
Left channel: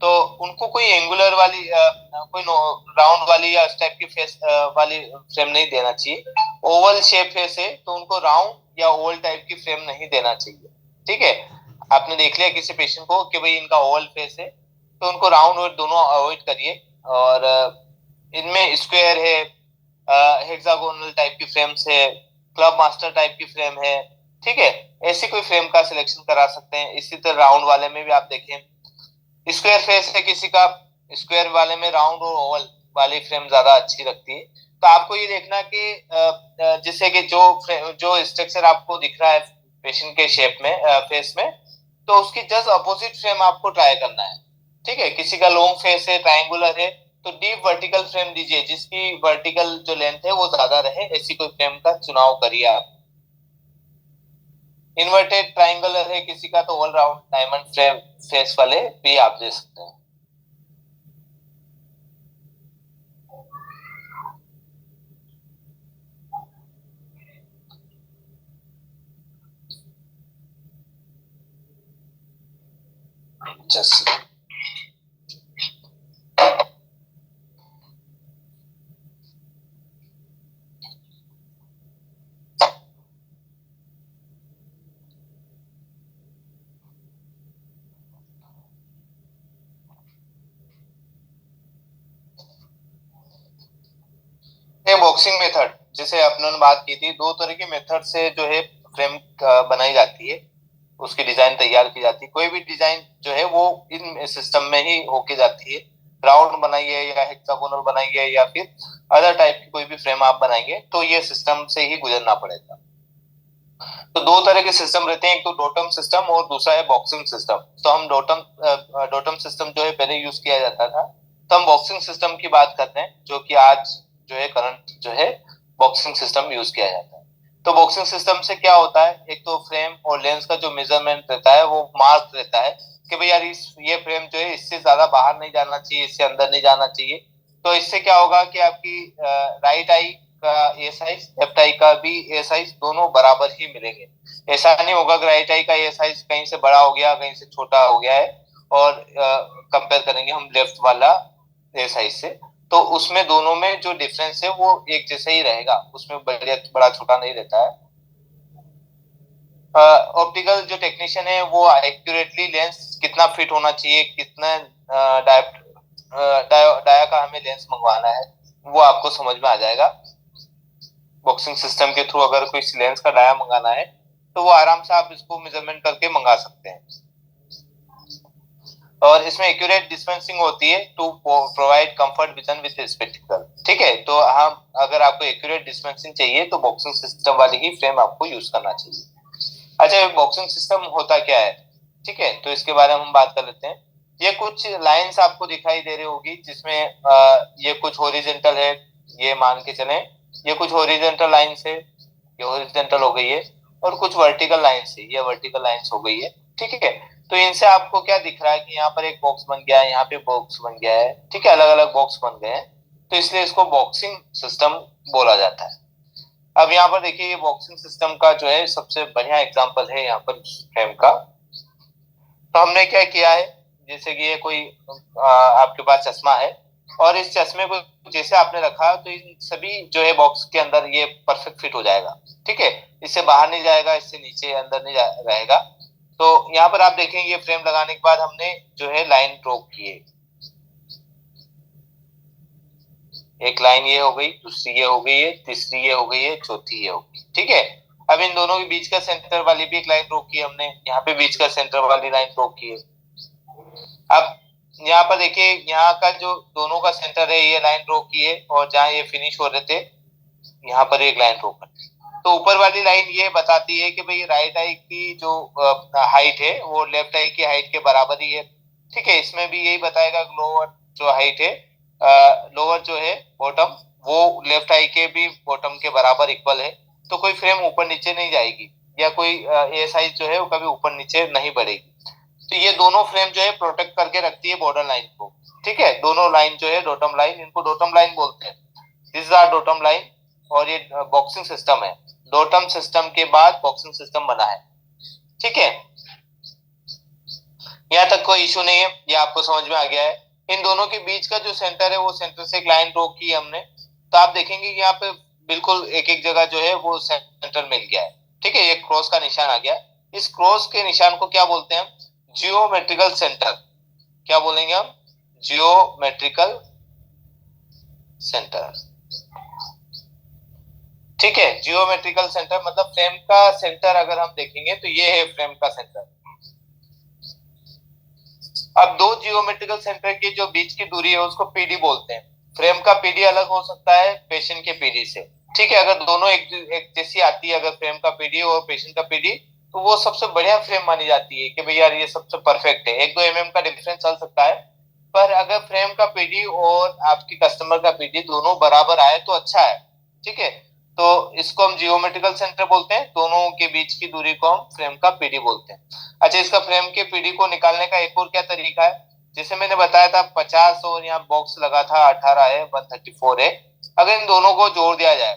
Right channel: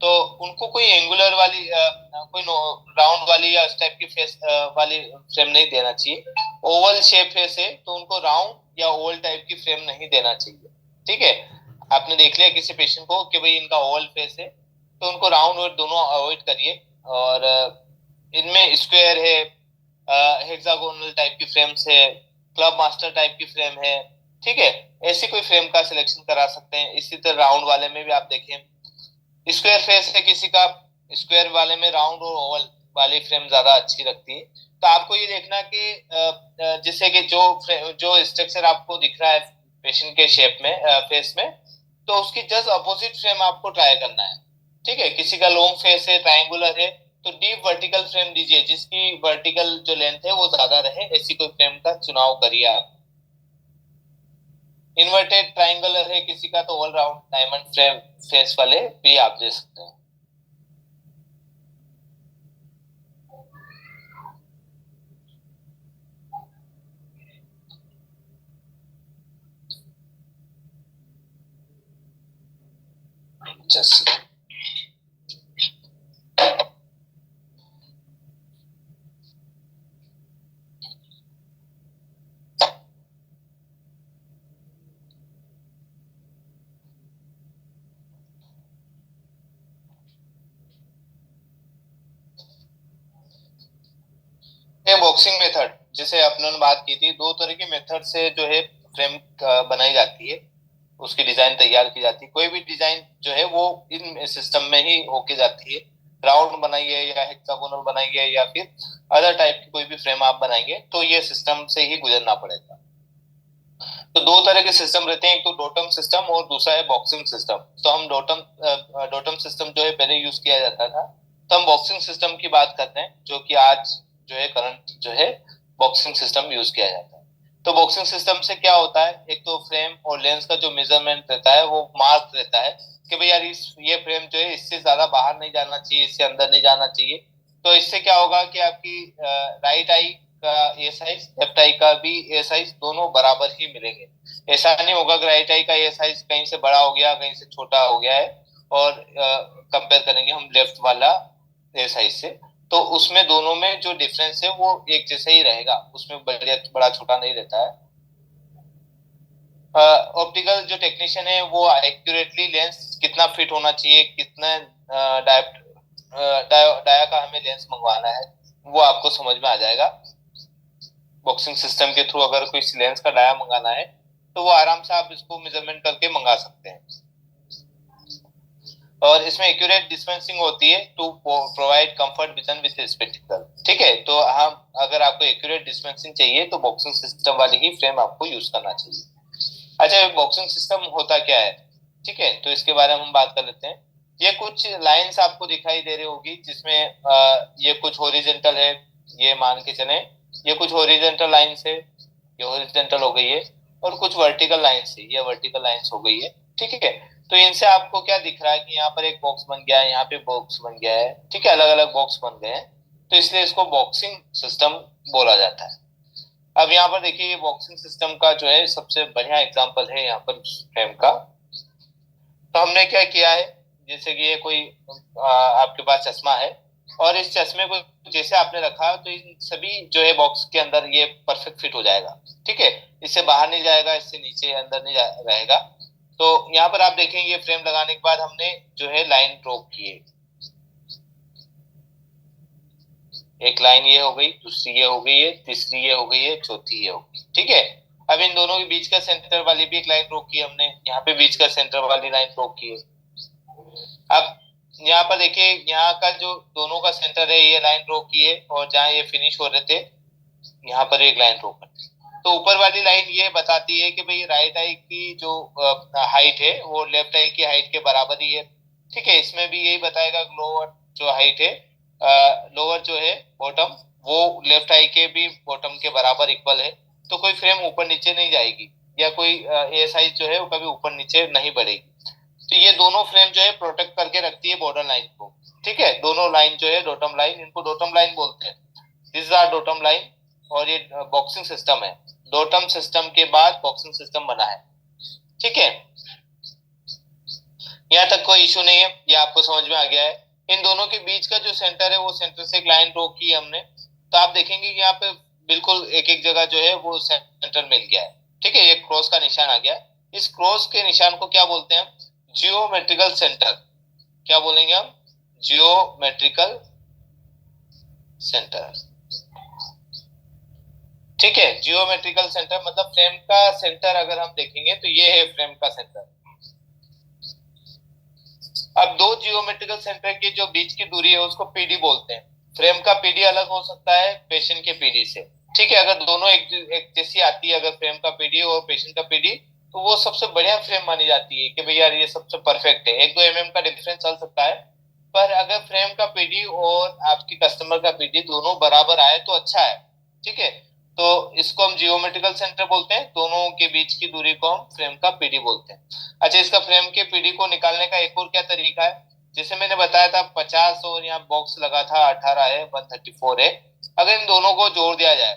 तो उनको कोई एंगुलर वाली कोई राउंड वाली या इस टाइप की फेस वाली फ्रेम नहीं देना चाहिए। ओवल शेप फेस है तो उनको राउंड या ओवल टाइप की फ्रेम नहीं देना चाहिए। ठीक है, आपने देख लिया किसी पेशेंट को कि भाई इनका ओवल फेस है तो उनको राउंड और दोनों अवॉइड करिए। और इनमें स्क्वायर है, हेक्सागोनल टाइप की फ्रेम्स है, क्लब मास्टर टाइप की फ्रेम है। ठीक है, ऐसी कोई फ्रेम का सिलेक्शन करा सकते हैं। इसी तरह राउंड वाले में भी आप देखें स्क्वायर फेस है किसी का, स्क्वायर वाले में राउंड और ओवल वाली फ्रेम ज्यादा अच्छी लगती है। तो आपको ये देखना कि जैसे कि जो स्ट्रक्चर आपको दिख रहा है पेशेंट के शेप में फेस में, तो उसकी जस्ट अपोजिट फ्रेम आपको ट्राई करना है। ठीक है, किसी का लॉन्ग फेस है, ट्रायंगुलर है, तो डीप वर्टिकल फ्रेम दीजिए जिसकी वर्टिकल जो लेंथ है वो ज्यादा रहे, ऐसी कोई फ्रेम का चुनाव करिए आप। इन्वर्टेड ट्रायंगुलर है किसी का तो all round diamond frame face वाले भी आप दे सकते हैं। जैसे ये बॉक्सिंग मेथड जिसे अपने बात की थी, दो तरह की मेथड से जो है फ्रेम बनाई जाती है, उसकी डिजाइन तैयार की जाती है। कोई भी डिजाइन जो है वो इन सिस्टम में ही होके जाती है। राउंड बनाइए या हेक्सागोनल बनाइए या फिर अदर टाइप की कोई भी फ्रेम आप बनाएंगे तो ये सिस्टम से ही गुजरना पड़ेगा। तो दो तरह के सिस्टम रहते हैं, एक तो डोटम सिस्टम और दूसरा है बॉक्सिंग सिस्टम। तो हम डोटम सिस्टम जो है पहले यूज किया जाता था, तो हम बॉक्सिंग सिस्टम की बात करते हैं जो कि आज जो है करंट जो है बॉक्सिंग सिस्टम यूज किया जाता है। तो बॉक्सिंग सिस्टम से क्या होता है, एक तो फ्रेम और लेंस का जो मेजरमेंट रहता है वो मार्क रहता है कि भाई यार ये फ्रेम जो है इससे ज्यादा बाहर नहीं जाना चाहिए, इससे अंदर नहीं जाना चाहिए। तो इससे क्या होगा कि आपकी राइट आई का ए साइज, लेफ्ट आई का भी ए साइज दोनों बराबर ही मिलेंगे। ऐसा नहीं होगा कि राइट आई का ए साइज कहीं से बड़ा हो गया कहीं से छोटा हो गया है और कंपेयर करेंगे हम लेफ्ट वाला ए साइज से, तो उसमें दोनों में जो डिफरेंस है वो एक जैसा ही रहेगा, उसमें बड़ा छोटा नहीं रहता है। ऑप्टिकल जो टेक्नीशियन है वो एक्यूरेटली लेंस कितना फिट होना चाहिए, कितना डाया का हमें लेंस मंगवाना है वो आपको समझ में आ जाएगा। बॉक्सिंग सिस्टम के थ्रू अगर कोई लेंस का डाया मंगाना है तो वो आराम से आप इसको मेजरमेंट करके मंगा सकते हैं। और इसमें एक्यूरेट डिस्पेंसिंग होती है to provide comfort vision with spectacle. ठीक है, तो हम अगर आपको एक्यूरेट डिस्पेंसिंग चाहिए तो बॉक्सिंग सिस्टम वाली ही फ्रेम आपको यूज करना चाहिए। अच्छा, बॉक्सिंग सिस्टम होता क्या है, ठीक है, तो इसके बारे में हम बात कर लेते हैं। ये कुछ लाइंस आपको दिखाई दे रही होगी जिसमें ये कुछ हॉरिजॉन्टल है, ये मान के चलें ये कुछ हॉरिजॉन्टल लाइंस है, ये हॉरिजॉन्टल हो गई है, और कुछ वर्टिकल लाइंस है, ये वर्टिकल लाइंस हो गई है। ठीक है, तो इनसे आपको क्या दिख रहा है कि यहाँ पर एक बॉक्स बन गया है, यहाँ पे बॉक्स बन गया है। ठीक है, अलग अलग बॉक्स बन गए हैं, तो इसलिए इसको बॉक्सिंग सिस्टम बोला जाता है। अब यहाँ पर देखिए ये बॉक्सिंग सिस्टम का जो है सबसे बढ़िया एग्जांपल है यहाँ पर फ्रेम का। तो हमने क्या किया है, जैसे कि ये कोई आपके पास चश्मा है और इस चश्मे को जैसे आपने रखा तो इन सभी जो है बॉक्स के अंदर ये परफेक्ट फिट हो जाएगा। ठीक है, इससे बाहर नहीं जाएगा, इससे नीचे अंदर नहीं रहेगा। तो यहाँ पर आप देखेंगे ये फ्रेम लगाने के बाद हमने जो है लाइन ड्रॉ की है, एक लाइन ये हो गई, दूसरी ये हो गई है, तीसरी ये हो गई है, चौथी ये हो गई। ठीक है, अब इन दोनों के बीच का सेंटर वाली भी एक लाइन ड्रॉ की हमने, यहाँ पे बीच का सेंटर वाली लाइन ड्रॉ की है। अब यहाँ पर देखिए यहाँ का जो दोनों का सेंटर है ये लाइन ड्रॉ की है, और जहाँ ये फिनिश हो रहे थे यहाँ पर एक लाइन ड्रॉ कर। तो ऊपर वाली लाइन ये बताती है कि भाई राइट आई की जो हाइट है वो लेफ्ट आई की हाइट के बराबर ही है। ठीक है, इसमें भी यही बताएगा लोअर जो हाइट है, लोअर जो है बॉटम, वो लेफ्ट आई के भी बॉटम के बराबर इक्वल है। तो कोई फ्रेम ऊपर नीचे नहीं जाएगी या कोई ए साइज जो है वो कभी ऊपर नीचे नहीं बढ़ेगी। तो ये दोनों फ्रेम जो है प्रोटेक्ट करके रखती है बॉर्डर लाइन को। ठीक है, दोनों लाइन जो है डोटम लाइन, इनको डोटम लाइन बोलते हैं, दिस आर डोटम लाइन। और ये बॉक्सिंग सिस्टम है, डोटम सिस्टम के बाद बॉक्सिंग सिस्टम बना है। ठीक है, यहाँ तक कोई इशू नहीं है, ये आपको समझ में आ गया है। इन दोनों के बीच का जो सेंटर है वो सेंटर से एक लाइन ड्रॉ की हमने, तो आप देखेंगे कि यहाँ पे बिल्कुल एक एक जगह जो है वो सेंटर मिल गया है। ठीक है, ये क्रॉस का निशान आ गया। इस क्रॉस के निशान को क्या बोलते हैं? Geometrical centre. क्या बोलेंगे हम? Geometrical centre. ठीक है, जियोमेट्रिकल सेंटर मतलब फ्रेम का सेंटर अगर हम देखेंगे तो ये है फ्रेम का सेंटर। अब दो जियोमेट्रिकल सेंटर के जो बीच की दूरी है उसको पीडी बोलते हैं। फ्रेम का पीडी अलग हो सकता है पेशेंट के पीडी से। ठीक है, अगर दोनों एक जैसी आती है, अगर फ्रेम का पीडी और पेशेंट का पीडी, तो वो सबसे बढ़िया फ्रेम मानी जाती है कि भैया ये सबसे परफेक्ट है। 1-2 का डिफरेंस चल सकता है, पर अगर फ्रेम का पीडी और आपकी कस्टमर का पीडी दोनों बराबर आए तो अच्छा है। ठीक है, तो इसको हम जियोमेट्रिकल सेंटर बोलते हैं, दोनों के बीच की दूरी को हम फ्रेम का पीडी बोलते हैं। अच्छा, इसका फ्रेम के पीडी को निकालने का एक और क्या तरीका है? जैसे मैंने बताया था 50 और यहाँ बॉक्स लगा था 18 है, 134 है। अगर इन दोनों को जोड़ दिया जाए,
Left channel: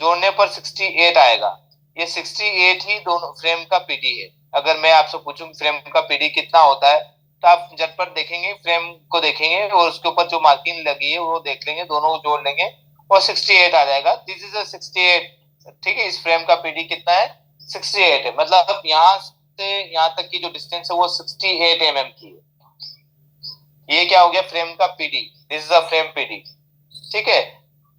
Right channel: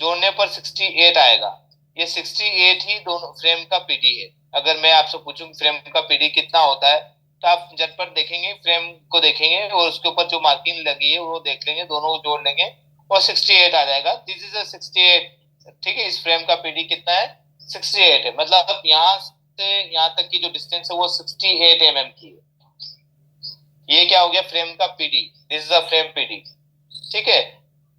जोड़ने पर 68 आएगा। ये 68 ही दोनों फ्रेम का पीडी है। अगर मैं आपसे पूछूं फ्रेम का पीडी कितना होता है, तो आप झटपट देखेंगे, फ्रेम को देखेंगे और उसके ऊपर जो मार्किंग लगी है वो देख लेंगे, दोनों को जोड़ लेंगे और 68 आ जाएगा। This is a 68। ठीक है, इस फ्रेम का पीडी कितना है? 68 है। मतलब यहाँ से यहाँ तक की जो डिस्टेंस है वो 68 की है। ये क्या हो गया? फ्रेम का PD. This is a frame PD. ठीक है,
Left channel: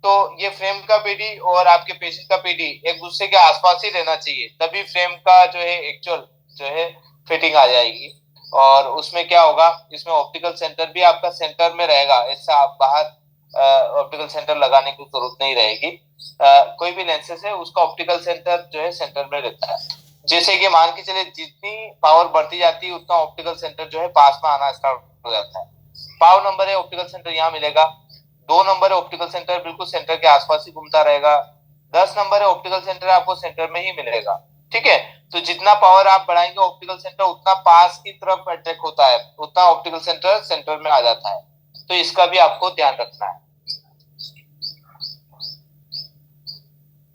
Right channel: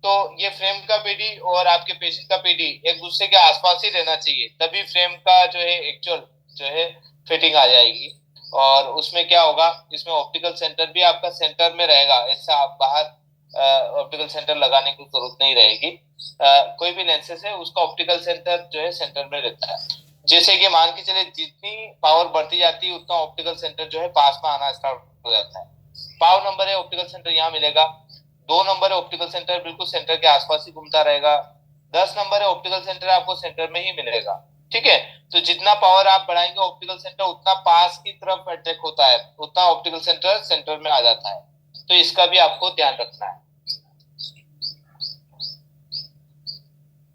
तो ये फ्रेम का पीडी और आपके पेशेंट का पीडी एक दूसरे के आसपास ही रहना चाहिए, तभी फ्रेम का जो है एक्चुअल जो है फिटिंग आ जाएगी। और उसमें क्या होगा, इसमें ऑप्टिकल सेंटर भी आपका सेंटर में रहेगा। ऐसा आप बाहर ऑप्टिकल सेंटर लगाने की जरूरत नहीं रहेगी। कोई भी लेंसेज है उसका ऑप्टिकल सेंटर जो है सेंटर में रहता है। जैसे कि मान के चले जितनी पावर बढ़ती जाती है उतना ऑप्टिकल सेंटर जो है पास में आना स्टार्ट हो जाता है। 5 नंबर है ऑप्टिकल सेंटर यहाँ मिलेगा। 2 नंबर है ऑप्टिकल सेंटर बिल्कुल सेंटर के आसपास ही घूमता रहेगा। 10 नंबर है ऑप्टिकल सेंटर आपको सेंटर में ही मिलेगा। ठीक है, तो जितना पावर आप बढ़ाएंगे ऑप्टिकल सेंटर उतना पास की तरफ अट्रैक्ट होता है, उतना ऑप्टिकल सेंटर सेंटर में आ जाता है। तो इसका भी आपको ध्यान रखना है।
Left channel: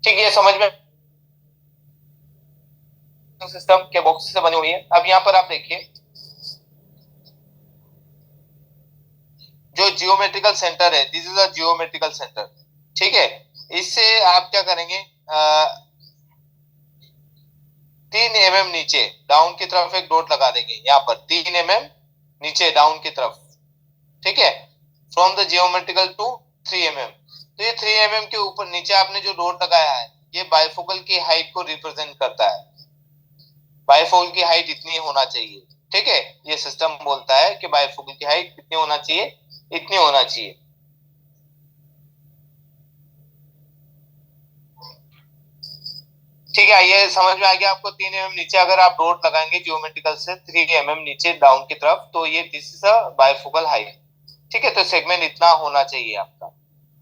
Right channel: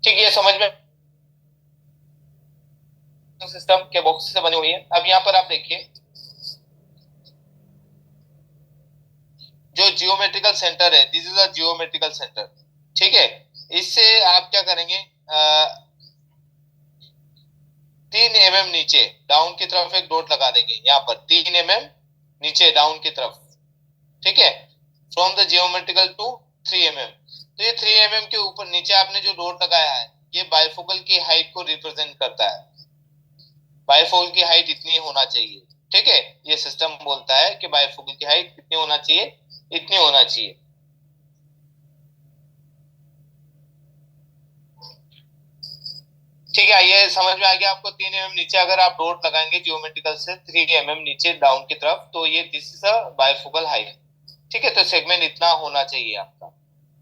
ठीक, ये समझ में सिस्टम के बॉक्स से बनी हुई है। अब यहाँ पर आप देखिए जो जियोमेट्रिकल सेंटर है, this is a geometrical centre. ठीक है, इससे आप क्या करेंगे? 3 mm नीचे डाउन की तरफ एक डॉट लगा देंगे, यहाँ पर 3 mm नीचे डाउन की तरफ। ठीक है, from the geometrical to 3 mm। तो ये 3 mm के ऊपर नीचे आपने जो डॉट लगाया है ये बाइफोकल की हाइट को रिप्रेजेंट करता है। बाइफोकल की हाइट इतनी होना चाहिए। ठीक है, ये सिस्टम बोलता है कि बाइफोकल की हाइट कितनी होना चाहिए? इतनी होना चाहिए। ठीक है, ये समझ में आ गया आपको? 3 mm नीचे अगर आप डॉट लगाएंगे जियोमेट्रिकल से 3 mm नीचे डाउन की तरफ, तो ये this is a bifocal height. ठीक है, तो सेगमेंट इतना होना चाहिए आपका।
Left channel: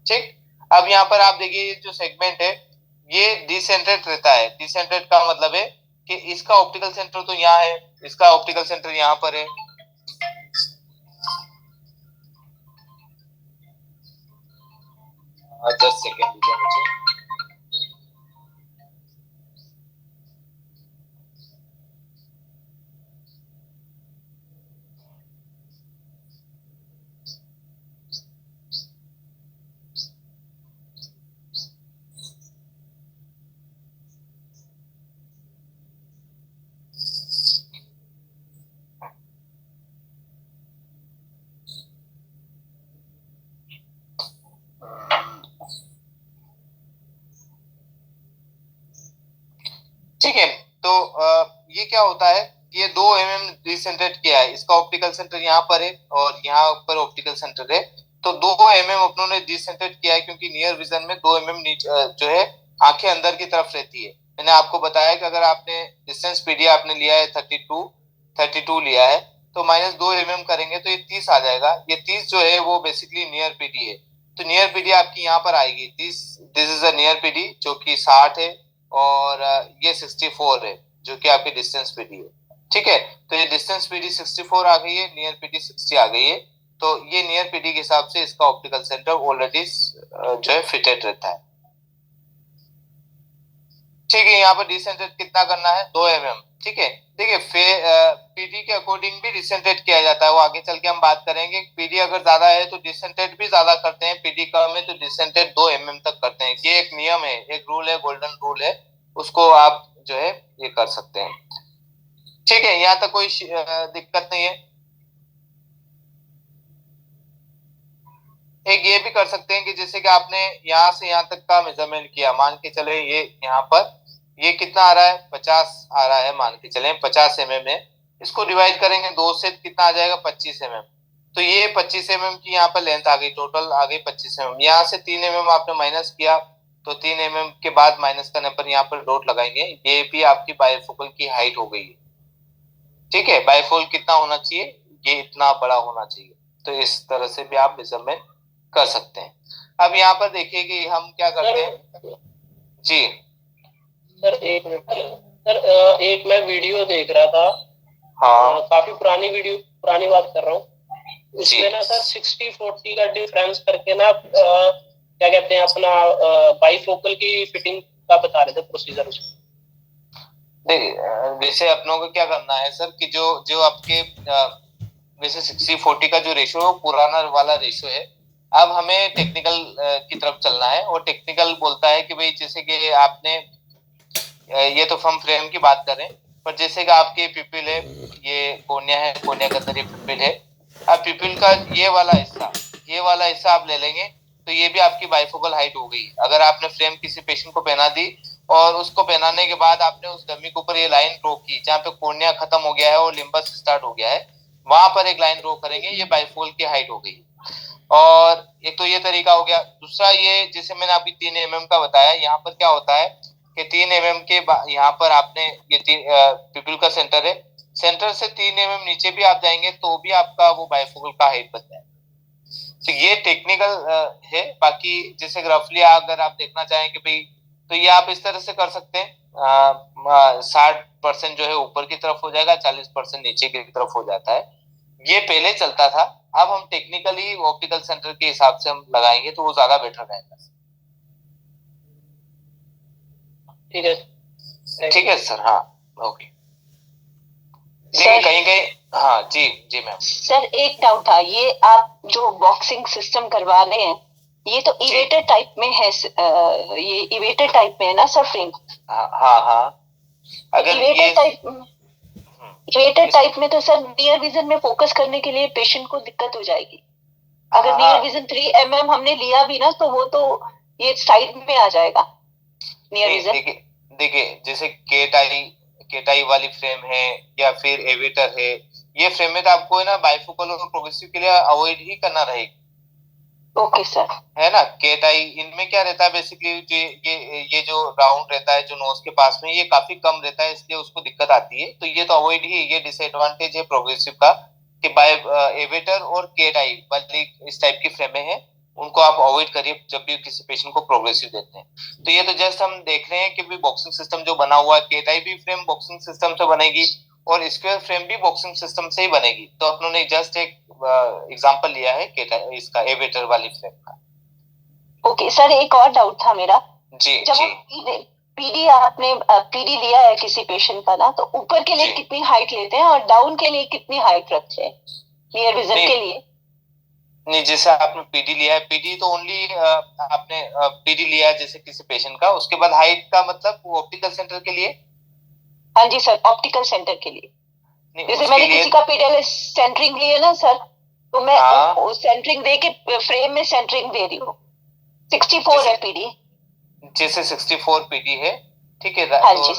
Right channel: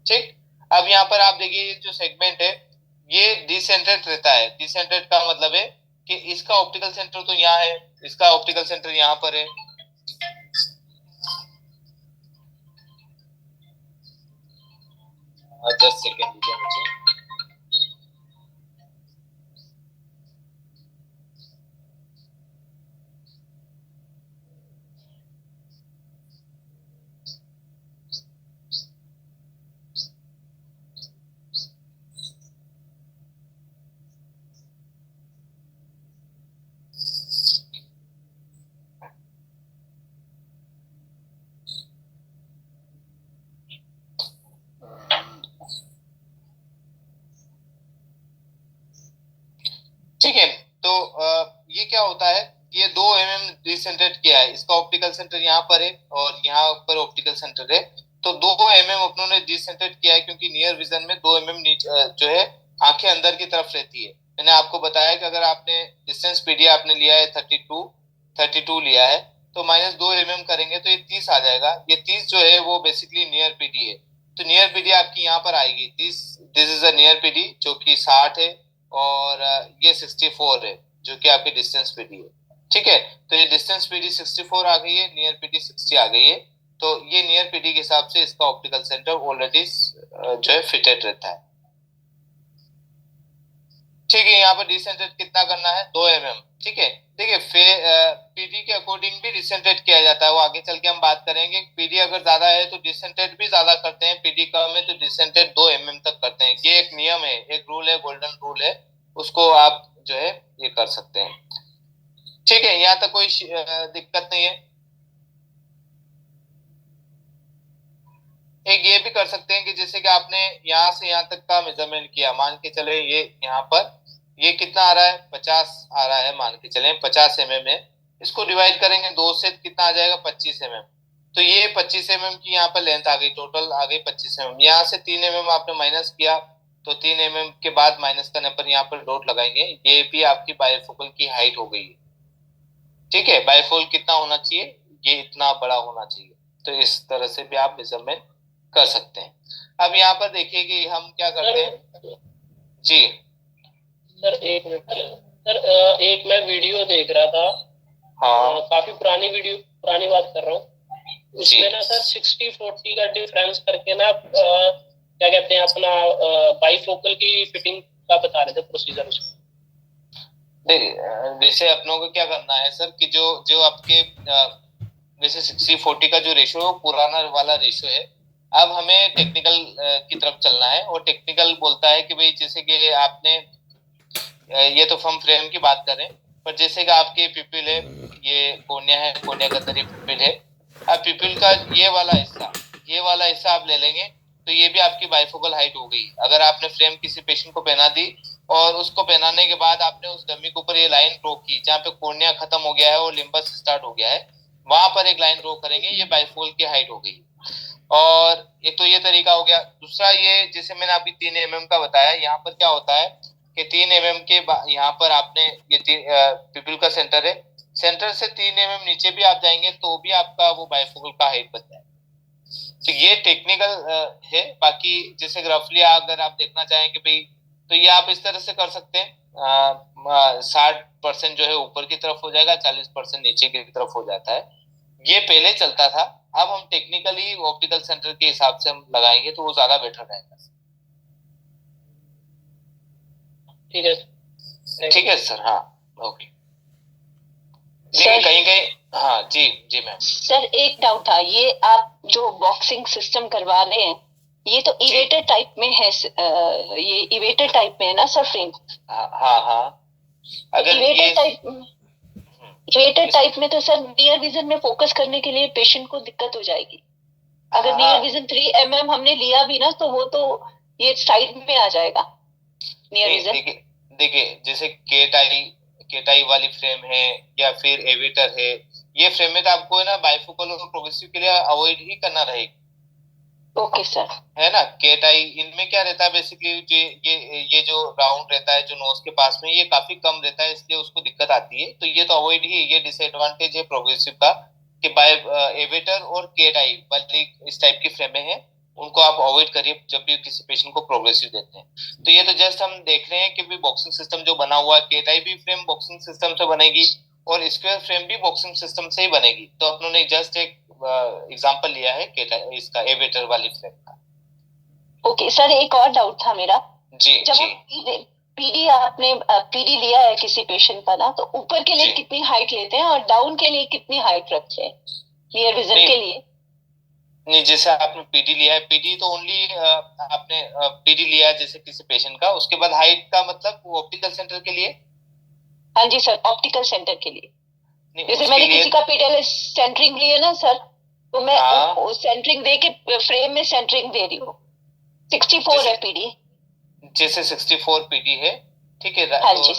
ठीक, अब यहाँ पर आप देखिए ये जो सेगमेंट है ये डिसेंट्रेट रहता है। डिसेंट्रेट का मतलब है कि इसका ऑप्टिकल सेंटर तो यहाँ है, इसका ऑप्टिकल सेंटर यहाँ पर है। जस्ट सेकेंड दीजिए मुझे। ठीक है, तो ये क्या होता है? ये 2 mm डिसेंट्रेट किया है, इसका ऑप्टिकल सेंटर यहाँ पर है और यहाँ पर ऑप्टिकल सेंटर है। तो 2 mm अपनों ने डिसेंट्रेट किया है क्योंकि नियर विजन में 2 mm जो है आंखें अंदर की तरफ रहती है। मैंने आपको बताया कि अगर आपने डिस्टेंस पीडी आपने लिया है 32 लिया है, तो -2 mm करेंगे तो ये 30 आ जाएगा। ये 30 जो है वो बेसिकली नियर पीडी है। तो नियर पीडी आपकी यहाँ पर आएगी, this is a near PD जो कि 60 है और ये 64 है जो कि आपकी डिस्टेंस पीडी है। ठीक है, तो ये डिस्टेंस पीडी 64 आ गई है, नियर पीडी 60 आ गई है। तो ये नियर पीडी के हिसाब से इसका ऑप्टिकल सेंटर ऑलरेडी जो है फिटेड रहता है। ठीक है, यहाँ पर डिसेंट्रेट कितना करना है? 2 mm। ठीक है। देखिए पीडी के अकॉर्डिंग भी डिसेंट्रेट किया जाता है, वो आगे चल के हम बात करेंगे। पीडी अगर ज्यादा है तो डिसेंट्रेट भी ज्यादा करते हैं, पीडी कम है तो डिसेंट्रेट 2 mm तक करते हैं। ये एक नियम है, एक रूल है, गोल्डन रूल है, उसको आप जो है ये कर सकते हैं। ठीक है, यहाँ तक कोई दिक्कत नहीं है। एक ये भी कर सकते हैं कि जैसे कि आपने यहाँ से यहाँ तक का मेजरमेंट किया, मान के चले ये यहाँ पर ये कितना आ रहा है, 50 आ रहा है, मान के चले 50 mm है। इसको डिवाइड करेंगे 2 से, कितना आ जाएगा, 25 mm। तो ये 25 mm की यहाँ पर लेंथ आ गई, टोटल आ गई 25 mm। यहाँ से 3 mm आपने माइनस किया, तो 3 mm के बाद माइनस करने पर यहाँ पर डॉट लगाएंगे, ये भी आपकी बाइफोकल की हाइट हो गई है। ठीक है, बाइफोकल कितना होना चाहिए, ये इतना बड़ा होना चाहिए। तो इस तरह से भी आप मेजरमेंट कर सकते हैं। अब यहाँ पर देखिए कि हम क्या करते हैं जी। सर एक मिनट सर, एक मैं वीडियो देख रहा था, हाँ काफी पुरानी वीडियो, पुरानी बात कर रहा हूँ। उसमें ना सर 60-40 का डिफरेंस करके ना क्या कहते हैं अपना बाईफोकल की फिटिंग का बता रहे थे प्रोसीजर उसमें। देखिए वैसे अपनों को क्या करना है सर कि जो जो आपके वैसे 60-40 का जो रेशियो है वो पुराना वाला रेशियो है। अब हमें टेक्निकल की तरफ चलना है, और टेक्निकल बोलता है कि भाई जैसे कि आपने ये तो हम फ्रेम की बात करें, पर जैसे कि आपके पिपिल है, ये कोर्निया है, कोर्निया के अंदर ये पिपिल है। अब पिपिल का ये वाला हिस्सा आप ले लेंगे, तो ये भी आपकी बाइफोकल हाइट हो गई। अगर आपने फ्रेम किसी पेशेंट को पहना दी और उसको पहनाने के बाद आपने उस डमी के ऊपर ये लाइन ड्रॉ की जहाँ पे कोर्निया खत्म हो गया है और लिम्बस स्टार्ट हो गया है, वहां पर एक लाइन ड्रॉ करेंगे, ये बाइफोकल की हाइट हो गई। और एक तो ये तरीका हो गया। दूसरा ये जैसे मैंने अभी 3 mm का बताया, यहाँ पर क्या होता है कि 3 mm के यहाँ पर आपने ये पिपिल का सेंटर है, सेंटर से 3 mm नीचे भी आप जाएंगे तो भी आपका वो बाइफोकल का हाइट बन जाएगा। तो ये टेक्निकल है। बाकी जैसे रफली अगर आप देखना चाहें कि भाई, तो ये आप इस तरह से कर सकते हैं, 60% जो है ऊपर की तरफ हो जाएगा, 40% नीचे की तरफ हो जाता है। ये पहले चलता था, अब हम टेक्निकली ऑप्टिकल सेंटर के हिसाब से हम लगाएंगे तो वो ज्यादा बेटर रहेगा। ठीक है सर। हाँ ओके। सर कहीं कहीं हाँ जी जी मैम। सर एक डाउट था, ये आप जो बॉक्सिंग सिस्टम करवा रहे हैं ये तो इवेटर टाइप में है, ये इवेटर टाइप में है ना सर फ्रेम? हाँ अगर इवेटर टाइप में तो सर नियर विजन में फोकस करने के लिए पेशेंट को दिक्कत हो जाएगी। अगर नियर विजन 3 mm हमने लिया भी ना तो वो तो ये साइड में आ जाएगा नियर विजन। देखिए जैसे केटाई वाली फ्रेम है या फिर एवेटर है, ये फ्रेम में तो आपको है ना बाइफोकल और प्रोग्रेसिव के लिए अवॉइड ही करना रहेगा। Okay sir. है ना, केटाई इनमें क्या रहता है बेसिकली, ये जो राउंड रहता है जो नोज के पास में, ये काफी कम रहता है, इसलिए उसको दिक्कत आती है। तो ये तो अवॉइड ही, ये डिसएडवांटेज है प्रोग्रेसिव का कि बाय एवेटर और केटाई वाली इस टाइप की फ्रेमें हैं, उनको आप अवॉइड करिए जब भी किसी पेशेंट को प्रोग्रेसिव देते हैं। तो ये तो जस्ट हम देख रहे हैं कि भी बॉक्सिंग सिस्टम जो बना हुआ है, केटाई भी फ्रेम बॉक्सिंग सिस्टम से बनेगी और स्क्वायर फ्रेम भी बॉक्सिंग सिस्टम से ही बनेगी। तो अपनों ने जस्ट एक एग्जांपल लिया है केटाई इसका एवेटर वाली फ्रेम का। ओके सर, एक और डाउट था मेरा। जी जब जी। पीडी आपने पीडी लिया है किसी पेशेंट का ना, तो ऊपर के लिए कितनी हाइट लेते हैं और डाउन के लिए कितनी हाइट रखते हैं नियर विजन के लिए? नहीं, जैसे आपने पीडी लिया है, पीडी तो ओनली आपने पीडी लिया है जैसे किसी पेशेंट का, उसके बाद हाइट का मतलब ऑप्टिकल सेंटर के लिए? हाँ जी सर, ऑप्टिकल सेंटर के लिए। जैसे मैंने किसी का पीडीएल सेंटरिंग लिए ना सर, तो मैं सेंटरिंग दे के फ्रेम में सेंटरिंग दे रही हूँ। 64 है पीडी। जैसे 64 पीडी है, ठीक है। हाँ तो जी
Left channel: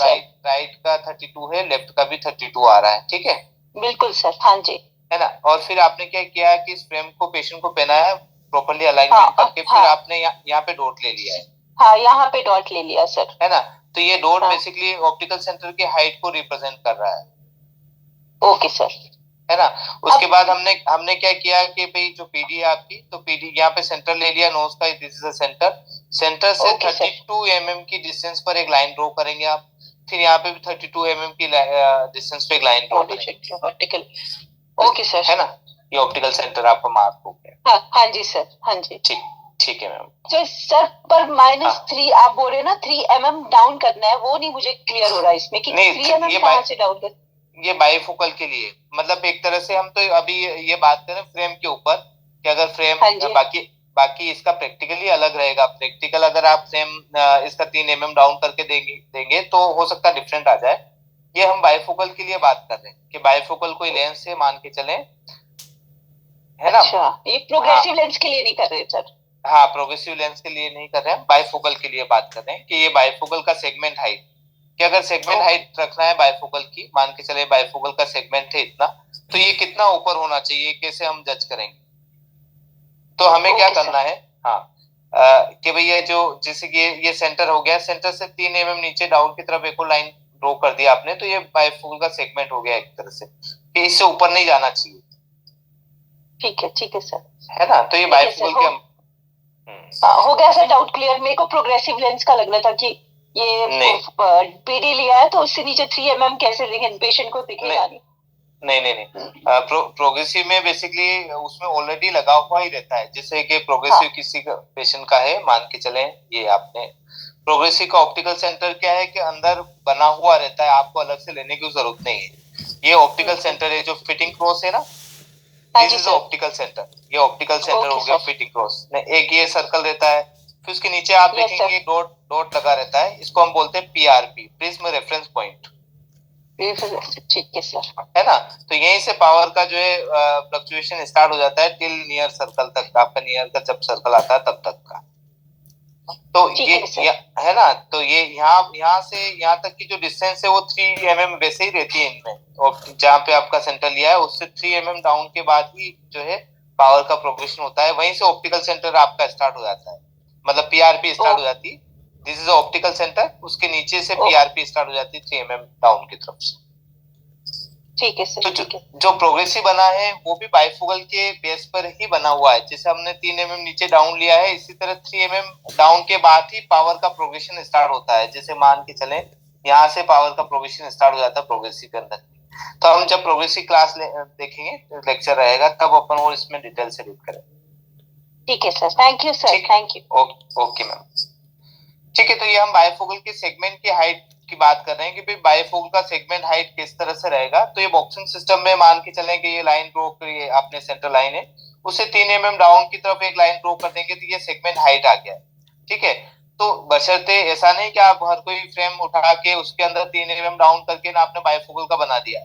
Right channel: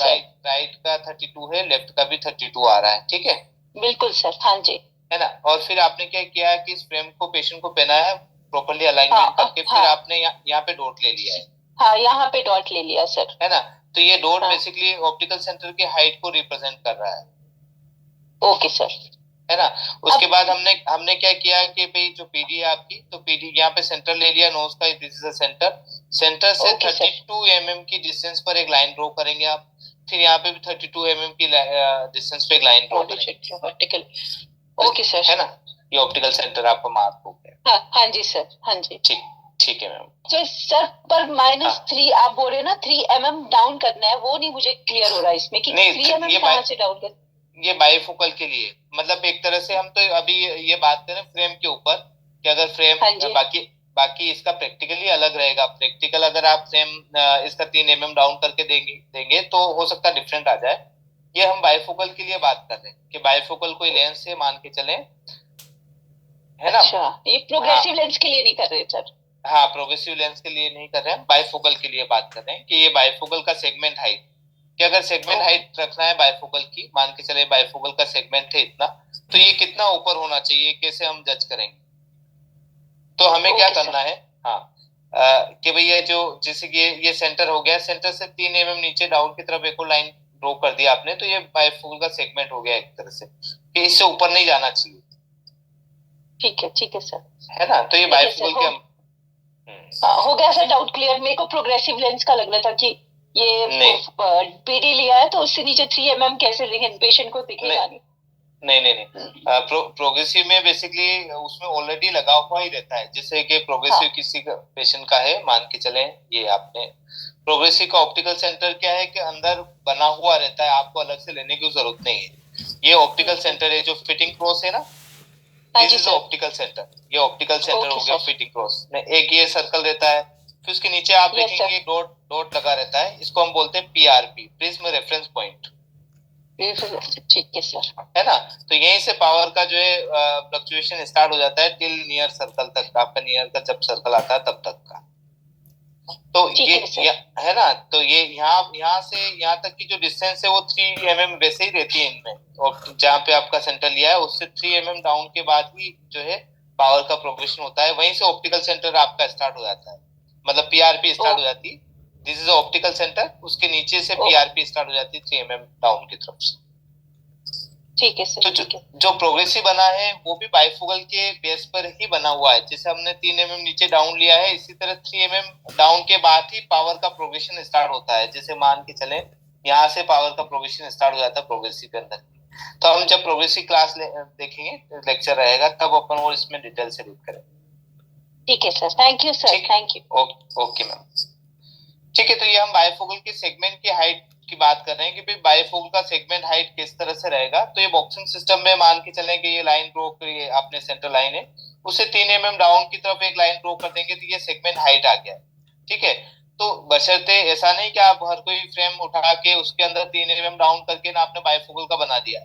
राइट का 32 है, लेफ्ट का भी 32 आ रहा है, ठीक है। बिल्कुल सर, हाँ जी। है ना। और फिर आपने क्या किया कि इस फ्रेम को पेशेंट को पहनाया प्रॉपर्ली अलाइनमेंट करके, फिर आपने यहाँ पे डॉट ले लिया है। हाँ, यहाँ पे डॉट ले लिया सर। है ना। तो ये डॉट बेसिकली ऑप्टिकल सेंटर की हाइट को रिप्रेजेंट कर रहा है। Okay sir. है ना। उसके बाद हमने क्या किया कि भाई जो पीडी है आपकी, तो पीडी यहाँ पे सेंटर ले लिया नोज का, दिस इज अ सेंटर से 32 mm की डिस्टेंस पर एक लाइन ड्रॉ करेंगे आप। फिर यहाँ पे भी 32 mm की डिस्टेंस पे एक लाइन ड्रॉ करेंगे ऑप्टिकल। Okay sir. है ना, ये ऑप्टिकल सेंटर आपका मार्क हो गया। हाँ जी सर, हाँ जी। ठीक। ठीक है मैम। तो सर पर -3 आप बोल रहे हैं ना, 3 mm डाउन करना है, वो नहीं मुझे क्लियर हो रहा है इसमें कि 3 mm कहाँ से डाउन कर। ये बाइफोकल के लिए, मतलब एक तरह से हम तो अभी ये बात करें फ्रेम के ऊपर कि अगर फ्रेम बाकी इसका प्रैक्टिकली अलग रहेगा। प्रैक्टिकल अगर आप फ्रेम इसका 3 mm डाउन करके देंगे तो हो सकता है डिफरेंट आ जाए। ये हम बाइफोकल के लिए बात कर रहे हैं कि बाइफोकल कोई लेंस से मान के चलें, है ना। अच्छा, ये प्रोग्रेसिव लेंस के लिए नहीं कर रहे सर। हाँ, प्रोग्रेसिव लेंस के लिए नहीं कर रहे हैं, बाइफोकल के लिए बात कर रहे हैं कि ये बाइफोकल का सेगमेंट हाइट, कि अगर सेगमेंट हाइट रखना है बाइफोकल की, मान के चले बाइफोकल का सेगमेंट है इतना, तो ये कितना ऊपर होना चाहिए, कैसे हम जज करेंगे। तो हमें क्या करना है, हाँ कि भैया जो जैसे कि ये सेंटर हो गया, सेंटर से 3 mm नीचे डाउन की तरफ एक और लाइन ड्रॉ कर दिया आपने, तो ये बाइफोकल का सेगमेंट हो गया एक तरह से, कि इससे ऊपर नहीं जाना चाहिए। ठीक है सर, है ना। तो ये बाइफोकल के हो गया सर, डाउट क्लियर। मेरे को प्रोग्रेसिव लेंस का लग रहा था कि ये पीडी लिया है तो उससे नीचे 3 mm कैसे देंगे, पेशेंट को दिखेगा नहीं। प्रोग्रेसिव में बेसिकली उसमें ऑलरेडी लगा हुआ ही रहता है, जैसे कि प्रोग्रेसिव किसी का पेशेंट का है, मान के चले ये आपने प्रोग्रेसिव का ऑप्टिकल सेंटर क्या है कि अंदर बना हुआ रहता है, आपको अलग से लेने की जरूरत नहीं है। ये ऑप्टिकल सेंटर है जो फिटिंग क्रॉस है ना, दिस इज ऑप्टिकल सेंटर। ये ऑप्टिकल सेंटर हो गया फिटिंग क्रॉस में, एक ये सर्कल रहता है, फिर उसके नीचे आप देखेंगे एक डॉट लगा रहता है, इसको हम बोलते हैं पीआरपी, प्रिज्म रेफरेंस पॉइंट। ठीक है सर, है ना। तो यहीं से पावर का जो है फ्लक्चुएशन स्टार्ट हो जाता है टिल नियर सर्कल तक का, आपका नियर का जब सर्कल आता है तब तक का। तो ये है ना, तो ये यहाँ से यहाँ तक की जो डिस्टेंस है वो 3 mm वैसे ही रहती है इनमें, और जहाँ पे आपका सेंटर लिया है उससे 3 mm डाउन के बाद ही जो है पावर का प्रोग्रेशन होता है, वहीं से ऑप्टिकल सेंटर आपका स्टार्ट हो जाता है, मतलब पीआरपी स्टार्ट हो जाती है। दिस इज ऑप्टिकल सेंटर, उसके नीचे से पीआरपी स्टार्ट हो जाती है 3 mm डाउन की तरफ से। ठीक है सर। तो जो प्रोग्रेसिव बना है वो भी बाइफोकल के बेस पर ही बना हुआ है, जैसे हमने 3 mm नीचे डाउन लिया है, इसी तरह 3 mm डाउन के बाद ही पावर का प्रोग्रेशन स्टार्ट होता है। जैसे मान के चलें यहाँ से पावर का प्रोग्रेशन स्टार्ट हो जाता है प्रोग्रेसिव के अंदर। तो हम जब प्रोग्रेसिव क्लास देखेंगे, लेक्चर रहेगा, तब अपन वो इसमें डिटेल से रीड करेंगे। ठीक है sir, thank you sir, thank you. Okay ma'am, ठीक है। तो ये हम बाइफोकल के सेगमेंट की हाइट की बात कर रहे हैं कि भाई बाइफोकल का सेगमेंट हाइट किस तरह से रहेगा। तो ये बॉक्सिंग सिस्टम में मान के चलें कि ये लाइन ड्रॉ करिए, अपने सेंटर लाइन है, उसे 3 mm डाउन की तरफ एक लाइन ड्रॉ कर देंगे तो ये सेगमेंट हाइट आ गया। ठीक है। तो बशर्ते ऐसा नहीं कि आप हर कोई फ्रेम उठा के उसके अंदर 3 mm डाउन करके ना आपने बाइफोकल का बना दिया।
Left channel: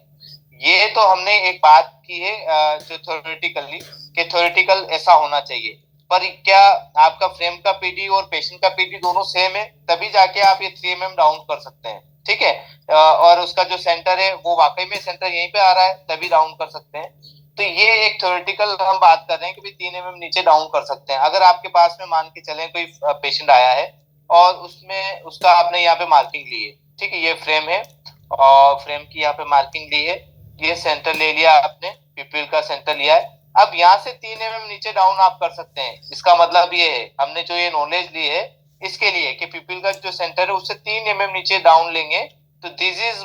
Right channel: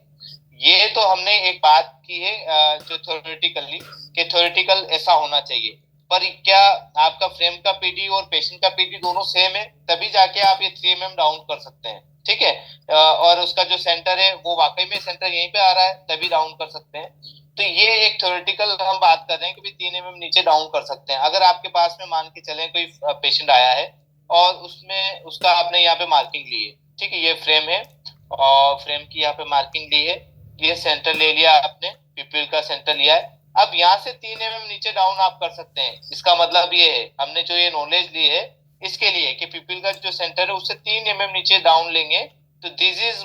ये तो हमने एक बात की है जो थ्योरेटिकल ऐसा होना चाहिए, पर क्या आपका फ्रेम का पीडी और पेशेंट का पीडी दोनों सेम है, तभी जाके आप ये 3 mm डाउन कर सकते हैं। ठीक है। और उसका जो सेंटर है वो वाकई में सेंटर यहीं पे आ रहा है, तभी डाउन कर सकते हैं। तो ये एक थ्योरेटिकल हम बात कर रहे हैं कि 3 mm नीचे डाउन कर सकते हैं। अगर आपके पास में मान के चलें कोई पेशेंट आया है और उसमें उसका आपने यहाँ पे मार्किंग ली है, ठीक है, ये फ्रेम है और फ्रेम की यहाँ पे मार्किंग ली है, ये सेंटर ले लिया आपने, पिपिल का सेंटर लिया है, अब यहाँ से 3 mm नीचे डाउन आप कर सकते हैं। इसका मतलब ये है, हमने जो ये नॉलेज ली है इसके लिए कि पिपिल का जो सेंटर है उससे 3 mm नीचे डाउन लेंगे तो दिस इज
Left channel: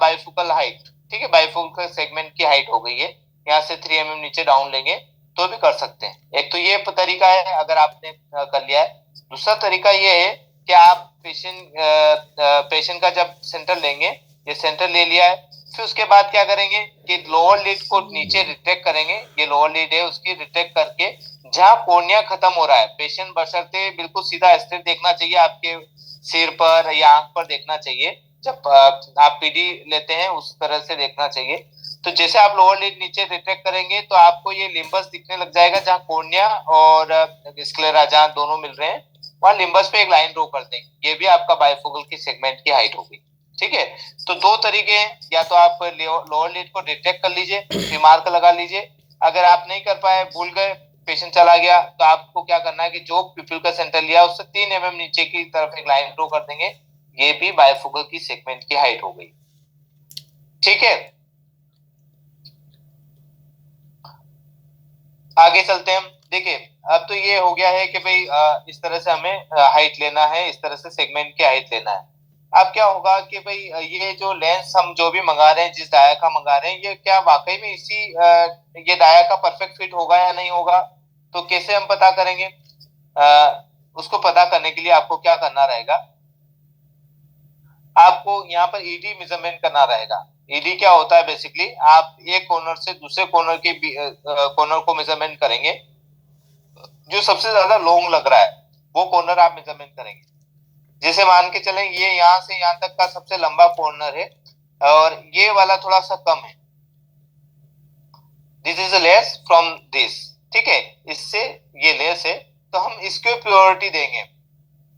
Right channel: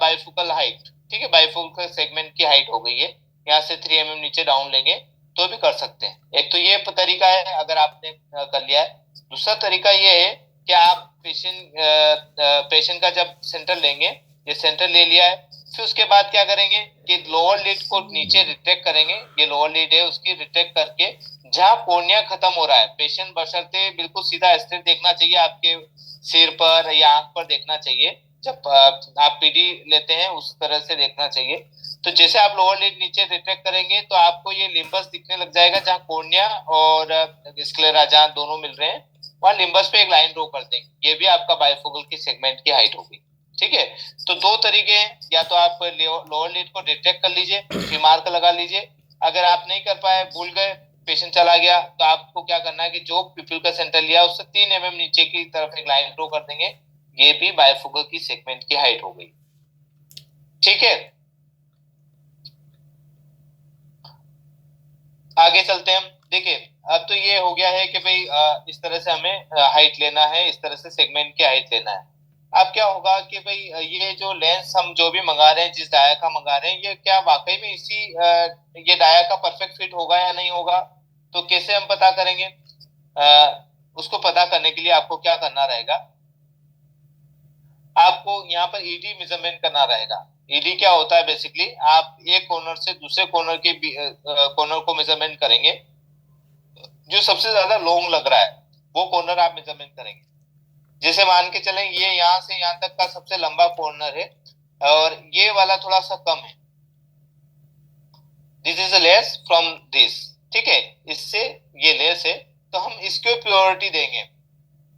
बाइफोकल हाइट। ठीक है, बाइफोकल सेगमेंट की हाइट हो गई है, यहाँ से 3 mm नीचे डाउन लेंगे तो भी कर सकते हैं। एक तो ये तरीका है अगर आपने कर लिया है। दूसरा तरीका ये है कि आप पेशेंट का जब सेंटर लेंगे, ये सेंटर ले लिया है, फिर उसके बाद क्या करेंगे कि लोअर लिड को नीचे रिट्रैक्ट करेंगे, ये लोअर लिड है उसकी रिट्रैक्ट करके जहां कॉर्निया खत्म हो रहा है, पेशेंट बशर्ते बिल्कुल सीधा स्ट्रेट देखना चाहिए, आपके सिर पर या आंख पर देखना चाहिए, जब आप पीडी लेते हैं उस तरह से देखना चाहिए। तो जैसे आप लोअर लिड नीचे रिट्रैक्ट करेंगे तो आपको ये लिम्बस दिखने लग जाएगा, जहां कॉर्निया और स्क्लेरा जहां दोनों मिल रहे हैं वहां लिम्बस पे एक लाइन ड्रॉ कर देंगे, ये भी आपका बाइफोकल की सेगमेंट की हाइट होगी। ठीक है। तो दो तरीके हैं, या तो आप लोअर लिड को डिटेक्ट कर लीजिए, रिमार्क लगा लीजिए, अगर आप नहीं कर पाए, भूल गए, पेशेंट चला गया, तो आपको क्या करना है कि जो पिपिल का सेंटर लिया उससे 3 mm नीचे की तरफ एक लाइन ड्रॉ कर देंगे, ये भी बाइफोकल की सेगमेंट की हाइट हो गई। ठीक है, आगे चलते हैं। देखिए अब तो ये हो गया है कि भाई इस तरह से हमें हाइट लेना है, इस तरह से सेगमेंट की हाइट लेना है। अब क्या होगा कि भाई ये जो लेंस हम जो भी मंगा रहे हैं, जिस डाया का मंगा रहे हैं, ये क्या वाकई में ये डाया का परफेक्ट फिट होगा या नहीं होगा, तो कैसे हम पता करेंगे। उसको पता करने के लिए आपको क्या करना रहेगा, आपको यहाँ पर ईडी मेजरमेंट करना रहेगा। ईडी क्या होता है, बेसिकली आप एक कॉर्नर से दूसरे कॉर्नर के कॉर्नर को मेजरमेंट करेंगे, जो सबसे ज्यादा लॉन्ग लग रहा है वो कॉर्नर आप मेजरमेंट करेंगे। जैसे मान के चलें ये यहाँ से यहाँ तक का सबसे लंबा कॉर्नर है और ये वाला थोड़ा सा कम है, this is less from this, ठीक है, इससे ये लेस है, तो हम इसको प्योरिटी देंगे,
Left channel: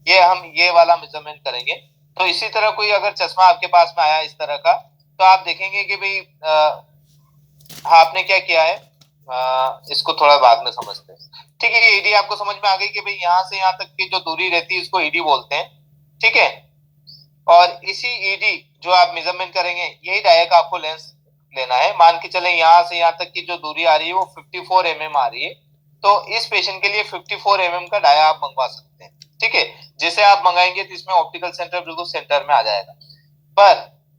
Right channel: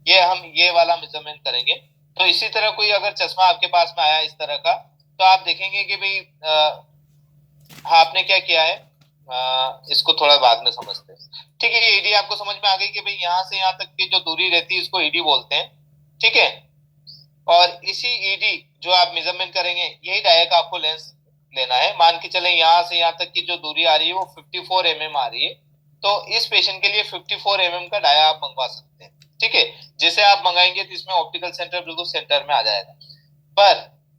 ये हम ये वाला मेजरमेंट करेंगे। तो इसी तरह कोई अगर चश्मा आपके पास में आया इस तरह का, तो आप देखेंगे कि भाई आपने क्या किया है, इसको थोड़ा बाद में समझते हैं, ठीक है। ईडी आपको समझ में आ गई कि भाई यहाँ से यहाँ तक की जो दूरी रहती है इसको ईडी बोलते हैं, ठीक है। और इसी ईडी जो आप मेजरमेंट करेंगे, यही डाया का आपको लेंस लेना है। मान के चले यहाँ से यहाँ तक की जो दूरी आ रही है वो 54 mm आ रही है, तो इस पेशेंट के लिए 54 mm का डाया आप मंगवा सकते हैं, ठीक है। जैसे आप मंगाएंगे तो इसमें ऑप्टिकल सेंटर बिल्कुल सेंटर में आ जाएगा। पर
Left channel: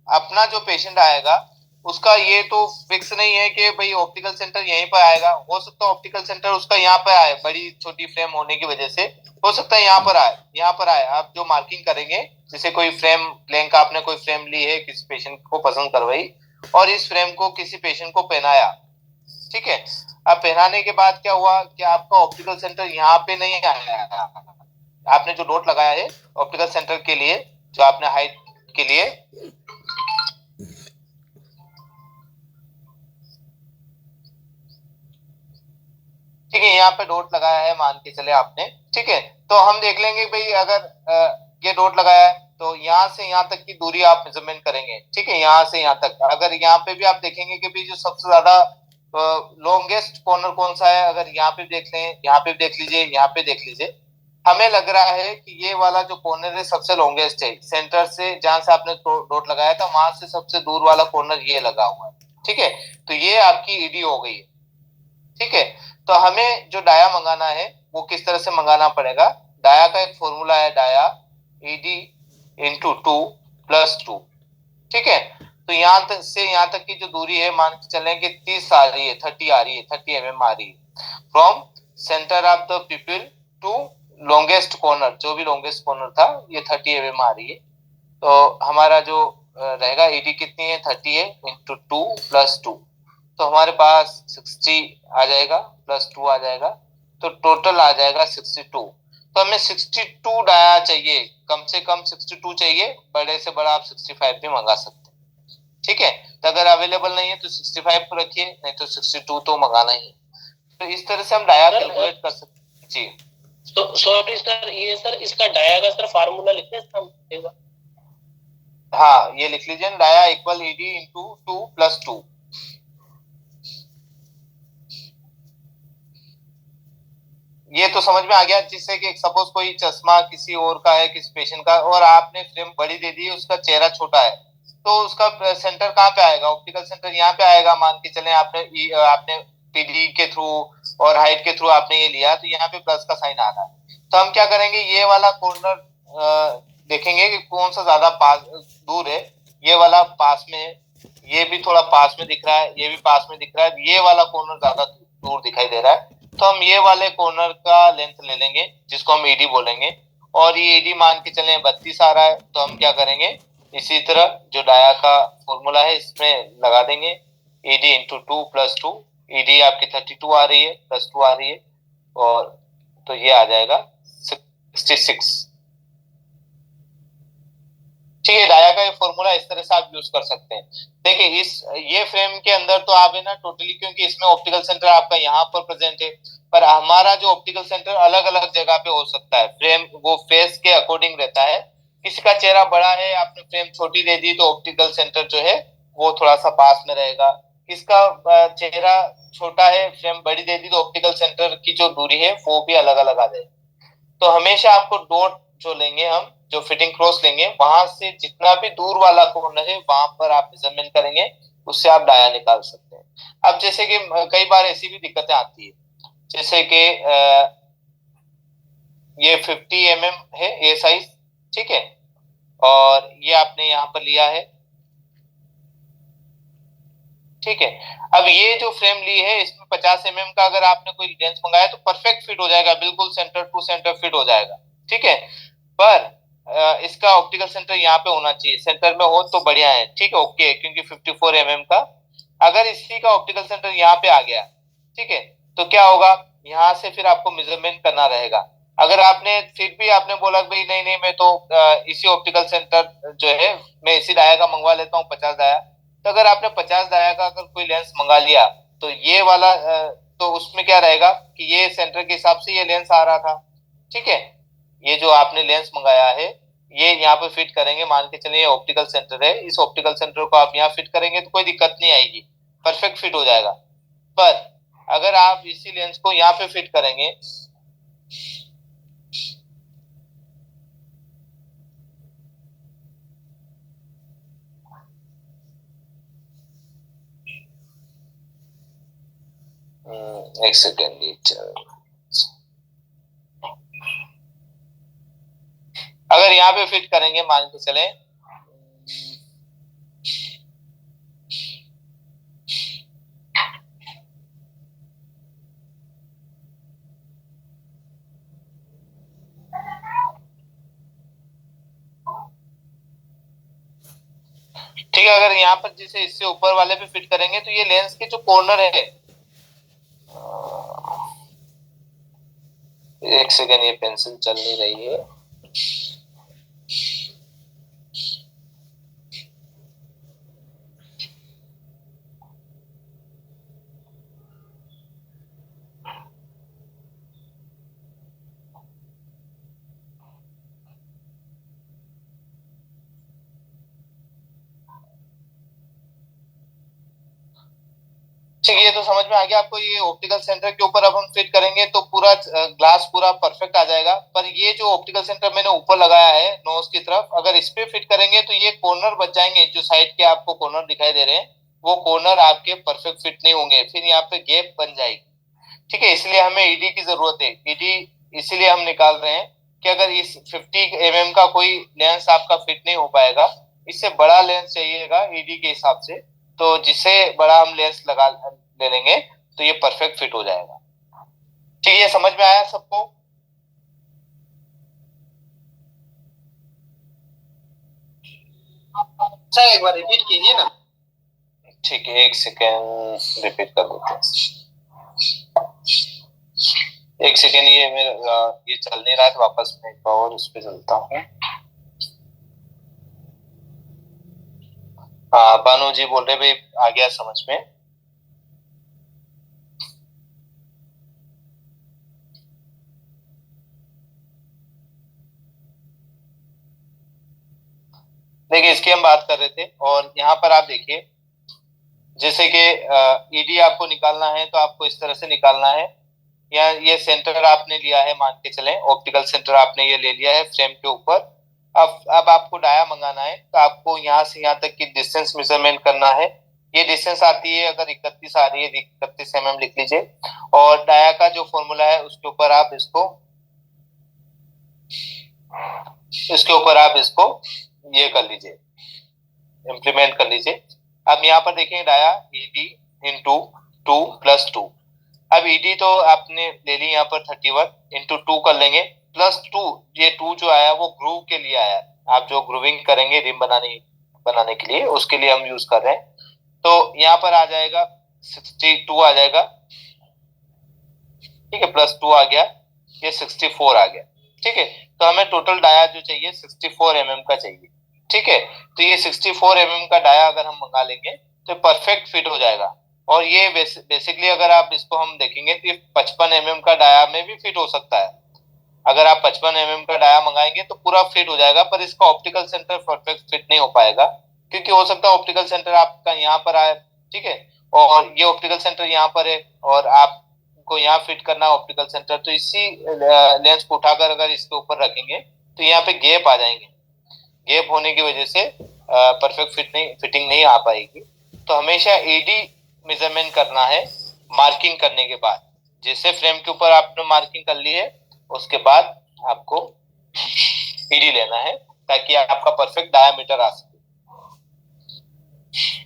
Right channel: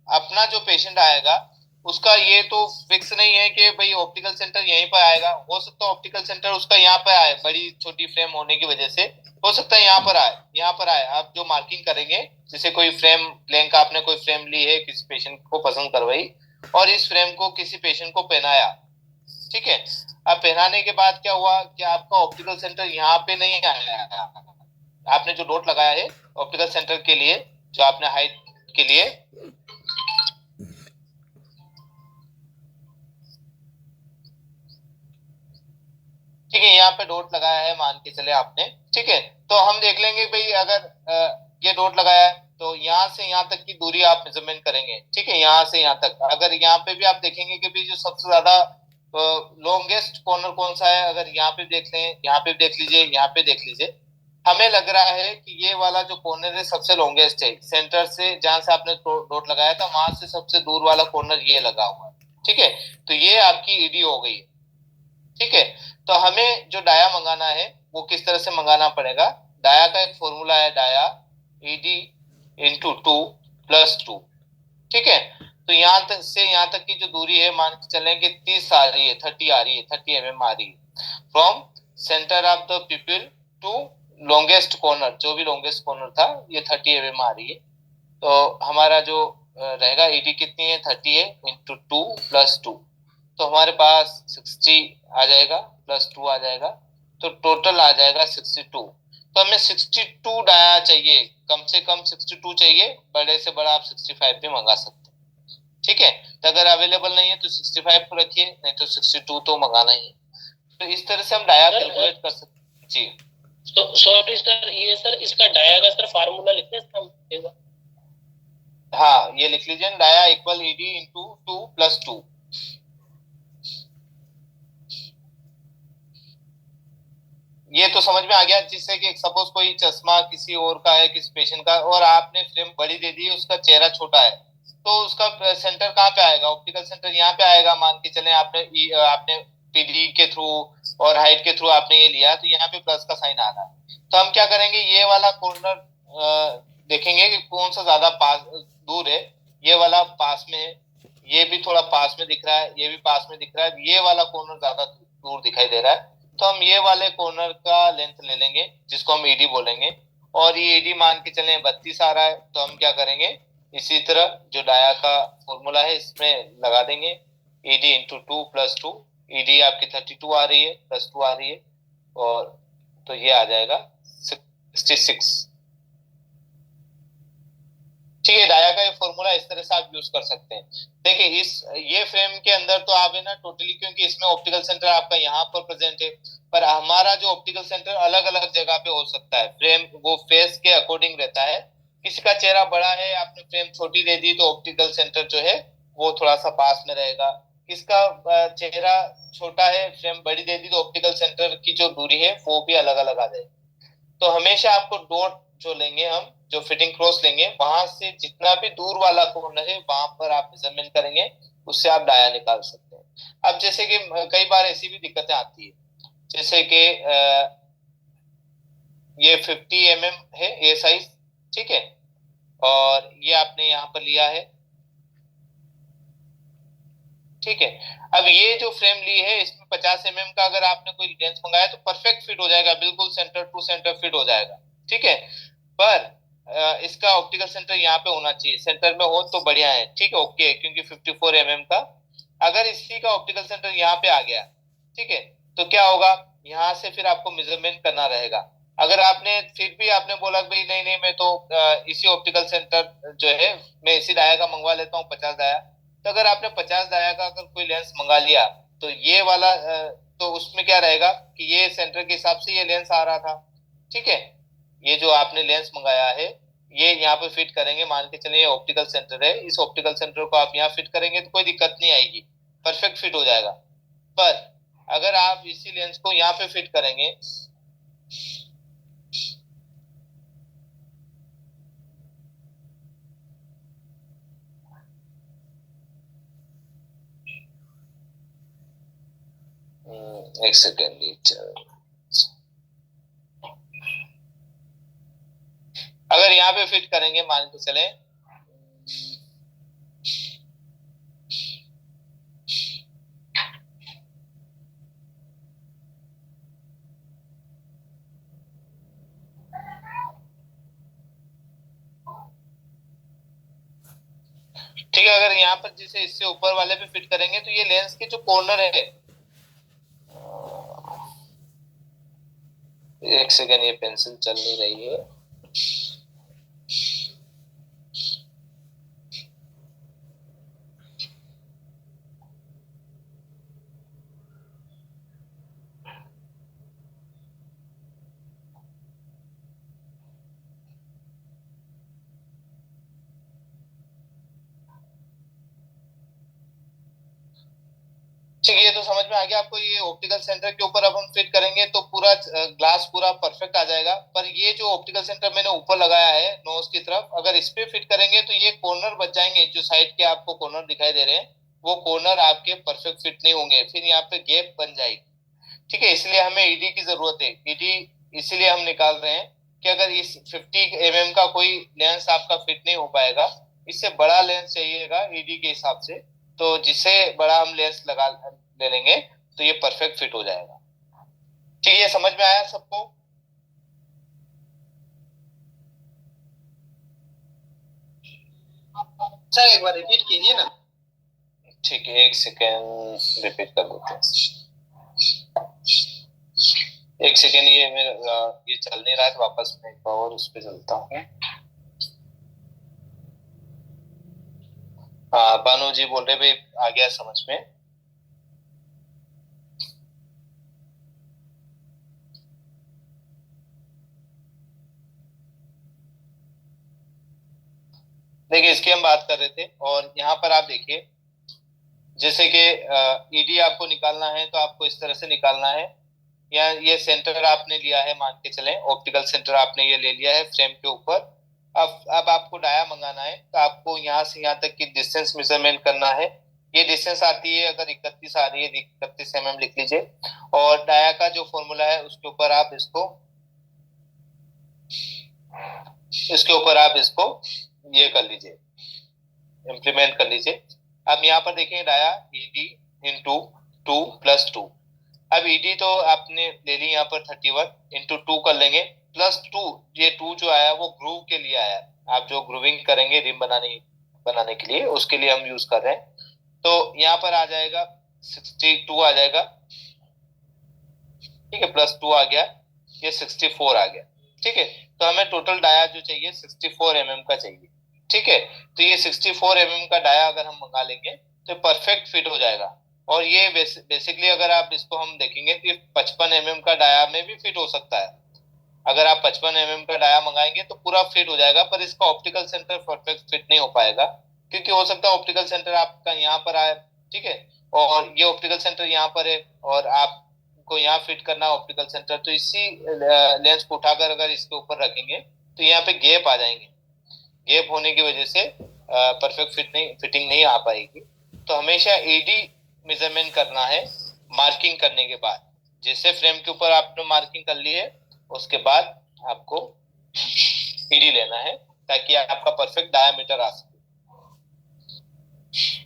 अपना जो पेशेंट आएगा उसका ये तो फिक्स नहीं है कि भाई ऑप्टिकल सेंटर यहीं पर आएगा, हो सकता है ऑप्टिकल सेंटर उसका यहाँ पर आए, बड़ी छोटी फ्रेम होने की वजह से हो सकता है यहाँ पर आए, यहाँ पर आए। आप जो मार्किंग करेंगे, जैसे कोई फ्रेम ब्लैंक आपने कोई फ्रेम ली है, किसी पेशेंट को पसंद करवाई और इस फ्रेम को किसी पेशेंट को पहनाया, ठीक है। अब पहनाने के बाद क्या हुआ कि आपका ऑप्टिकल सेंटर यहाँ पे नहीं आया, आपने जो डॉट लगाया है ऑप्टिकल सेंटर के लिए, जो आपने हाइट के लिए, ठीक है, यहाँ पे डॉट लगाया है मान के चले आपने, ठीक है। तो हम देख लेंगे भाई अगर ये डॉट लगाया है तो यहाँ से यहाँ तक की दूरी आप मेजरमेंट करेंगे, ठीक है, यहाँ से यहाँ तक। अगर यहाँ पे भी आप देखेंगे कि भाई जो सबसे ज्यादा लॉन्गेस्ट कॉर्नर कौन सा है, अगर यहाँ पे देख लें, यहाँ पे देख लीजिए, यहाँ पे देख लीजिए, हमें लग रहा है कि ये वाला जो कॉर्नर है सबसे लॉन्गेस्ट है। सेंटर से जहां से आपने डॉट लगाया था वहां से सबसे दूर वाला कॉर्नर ये लगा हुआ है, ठीक है। तो ये आपकी ईडी हो गई है, ठीक है। तो हमें जो डाया मंगाना है वो किस तरह से मंगाना पड़ेगा, डाया का एक फॉर्मूला है, डाया ईडी इंटू 2 + 2, ठीक है। तो यहाँ तक से यहाँ तक की जो दूरी है मान के चलें कि 30 आ रही है, 30 आ रही है, 30 mm आ रही है from centre of the pupil to longest corner, जो भी लॉन्गेस्ट कॉर्नर था ये 30 mm आ रही है। तो हमारा जो रहेगा ईडी कितनी है, 30 है, इंटू 2 + 2, तो हमारे पास 60 आ जाएगा, +2 आ जाएगा, तो टोटल आ जाएगा 62। तो हमें 62 डाया चाहिए, कम से कम 62 चाहिए, बड़े से बड़ा आप 65 भी मंगा सकते हैं, ठीक है। तो अगर अवेलेबल नहीं है तो 65 को रखिए, नहीं तो 62 तो मंगाना ही। तो इस तरह से हम डाया कैलकुलेट कर सकते हैं जी। तो सॉरी सर, ये सर इसका डाया का सर फार्मूला लिखते हैं। हाँ, ये लिख लीजिए, डाया इक्वल ईडी इंटू 2 + 2। ये तो समझ में आ गया, जिससे कि सपोज कोई चश्मा किसी और का है, किसी पेशेंट का, और आपने फ्रेम बड़ी दे दी, उसका चेहरा छोटा है, तो उसका सेंटर कहाँ पे आएगा, ऑप्टिकल सेंटर यहाँ पे आएगा। मान के चले आपने पीडी के थ्रू और हाइट के थ्रू आपने ये लिया, तो यहाँ पे प्लस का साइन आ रहा है। तो हम क्या करेंगे, ये वाला कॉर्नर देखेंगे कि कौन सा ज्यादा पास दूर है, ये वाला पास में है, ये भी थोड़ा पास में दिख रहा है, ये भी पास में दिख रहा है, ये वाला कॉर्नर ज्यादा दूर दिखाई दे रहा है, तो हम ये वाले कॉर्नर का लेंथ ले लेंगे, जिसको हम ईडी बोलेंगे। और ये ईडी मान के चले 32 आ रहा है, तो हम क्या करेंगे, इसी तरह जो डाया का फॉर्मूला है इसमें लगा देंगे, ईडी इंटू 2 + 2, ईडी आपकी 32 आ रही है, +2 आ रही है, और तो ये आ जाएगा 66, ठीक है। डाया का ये फॉर्मूला इस तरह से आप यूज कर सकते हैं। देखिए ये फ्रेम के अंदर तो आप है ना टोटली, क्योंकि इसमें ऑप्टिकल सेंटर आपका यहाँ पर प्रेजेंट है, पर हमारा जो ऑप्टिकल सेंटर अलग अलग जगह पे हो सकता है, फ्रेम वो फेस के अकॉर्डिंग रहता है। किसी का चेहरा बड़ा है, आपने फ्रेम छोटी दे दी, तो ऑप्टिकल सेंटर जो है वो थोड़ा सा पास में रहेगा। इसका चेहरा छोटा है, फ्रेम बड़ी दे दी, तो ऑप्टिकल सेंटर की जो दूरी है वो भी अलग अलग आ जाएगी। तो हमेशा आपको डॉट जो लेंगे, हम जो फिटिंग क्रॉस लेंगे, वहां से जितना भी दूर वाला कॉर्नर है वहां पर आप मेजरमेंट करेंगे, उससे आप डाया निकाल सकते हैं। अब जैसे कि कई बार ऐसी भी दिक्कतें आती है, जैसे कि ये 50 mm है ये साइज, ठीक है, और ये आपने यहाँ पर लिया है, ठीक है। अब ये जो फ्रेम ली है इसमें 50 का अगर आपने कोई लेंस मंगाया तो परफेक्ट फिट हो जाएगा, बिल्कुल सेंटर टू सेंटर फिट हो जाएगा, ठीक है। पर इसका ऑप्टिकल सेंटर यहाँ पे होना चाहिए, सेंटर में हो तो बढ़िया है, ठीक है, ओके, क्योंकि 54 का अगर इसी का ऑप्टिकल सेंटर यहाँ पे आ गया, ठीक है, तो क्या होगा, यहाँ से फिर आपको मेजरमेंट करना रहेगा। अगर आपने फिर भी आपने बोला भाई नहीं नहीं मैं तो इसी ऑप्टिकल सेंटर जो है मैं इसी डाया का मंगवा लेता हूँ 50 डाया, तो अगर आपने 50 डाया का अगर कोई लेंस मंगा लिया तो ये वाला तो उसमें क्या रहेगा कि ये सेंटर के हिसाब से ये लेंस आ रहा था, ठीक है। ये जो आपने लेंस मंगाया है ये यहाँ पे फिट करेंगे, मान के चलिए ऑप्टिकल सेंटर है, इस ऑप्टिकल सेंटर को आप यहाँ फिट करेंगे तो कोई दिक्कत नहीं आएगी, परफेक्ट फिट हो जाएगा। पर अगर आप इसी लेंस को यहाँ पे फिट करेंगे, एक सेकेंड, अगर यहाँ पे फिट करेंगे मान के चले, ठीक है, अगर यहाँ पर जैसे इससे ऊपर वाले पे फिट करेंगे तो ये लेंस के जो कॉर्नर है, एक सेकेंड, ये पेंसिल चल नहीं रही है, ठीक है, ये तो समझ में आ गया आपको। ये ऑप्टिकल सेंटर के ऊपर अब हम फिट करेंगे तो पूरा ग्लास पूरा परफेक्ट आ जाएगा। पर ये जो ऑप्टिकल सेंटर मैंने ऊपर लगाया है नोज की तरफ, अगर इस पे फिट करेंगे तो ये कॉर्नर बच जाएंगे, जो साइड के आपको कॉर्नर दिखाई दे रहे हैं वो कॉर्नर आपके परफेक्ट फिट नहीं होंगे, फिर यहाँ पे गैप बन जाएगी, ठीक है। इसलिए हमें ईडी की जरूरत है, ईडी इसीलिए हम निकाल रहे हैं कि अगर इस 50 का कोई लेंस आपका फिट नहीं हो पाएगा, इससे बड़ा लेंस चाहिएगा ईडी के हिसाब से, तो जिससे बड़ा हम लेंस लगा ले लेंगे तो ये परफेक्ट फिट हो जाएगा, ठीक है। ये समझ में आया सबको? सर एक बार रिपीट कीजिए ना। ठीक है, एक सेकेंड रिपीट कर देते हैं, एक सेकेंड, ये मेरा ये चल नहीं रहा है तो वापस मैं एक बार और उस पर चलता हूँ। हाँ बानू जी बोल रहे भाई आ गया समझ में। देखिए इसकी हम बात कर रहे थे और यहाँ पर आप देखिए जैसे कि ईडी आपको निकालना है तो आपको इस तरह से निकालना है, या ये सेंटर आपने लिया है, मान के चलें ऑप्टिकल सेंटर आपने ये ले लिया है फ्रेम के ऊपर। अब आपको डाया मंगाना है तो आपको यहाँ से यहाँ तक की डिस्टेंस मेजरमेंट करना है। ये डिस्टेंस आती है अगर 31 आ रही है 31 लिख लीजिए, और डाया का जो फॉर्मूला है उसके ऊपर आप इसको ये कर लीजिए, इम्प्लीमेंट कर लीजिए। अब यहाँ पर देखें डाया ईडी इंटू 2 + 2, अब ईडी तो आपने ले ली यहाँ पर 31 इंटू 2 कर लेंगे प्लस 2, ये 2 जो आया वो ग्रूव के लिए आया, आप जो ग्रूविंग करेंगे रिम बनाने के लिए उसके लिए हम यूज कर रहे हैं। तो यहाँ पर आ जाएगा 62 आ जाएगा, ठीक है, प्लस 2 आ गया, ये 64 आ गया, ठीक है। तो हमें टोटल डाया जो चाहिए 64 का चाहिए, ठीक है। तो ये 64 का डाया अगर हम मंगा लेंगे तो परफेक्ट फिट हो जाएगा। और ये बेसिकली अगर आप इसको हम देखेंगे तो ये 55 का डाया में भी फिट हो सकता है। अगर आप 55 का डाया मंगाएंगे तो पूरा फिट हो जाएगा, पर इसका ऑप्टिकल सेंटर परफेक्ट फिट नहीं हो पाएगा, क्योंकि हो सकता है ऑप्टिकल सेंटर आपका यहाँ पर आए, ठीक है, और ये ऑप्टिकल सेंटर यहाँ पर है और आपको यहाँ फिट करना है ऑप्टिकल सेंटर, तो इसी लेंस को उठाकर अगर इसके ऊपर रखेंगे तो यहाँ पे गैप आ जाएंगे, गैप होने की वजह से परफेक्ट फिटिंग नहीं आ पाएगी। तो हमेशा एडी मेजरमेंट करना है मार्किंग करने के बाद, जैसे फ्रेम के ऊपर आपने मार्किंग कर ली है उसके बाद आपको ईडी लेना है ताकि आपका परफेक्ट डायामीटर आ सके।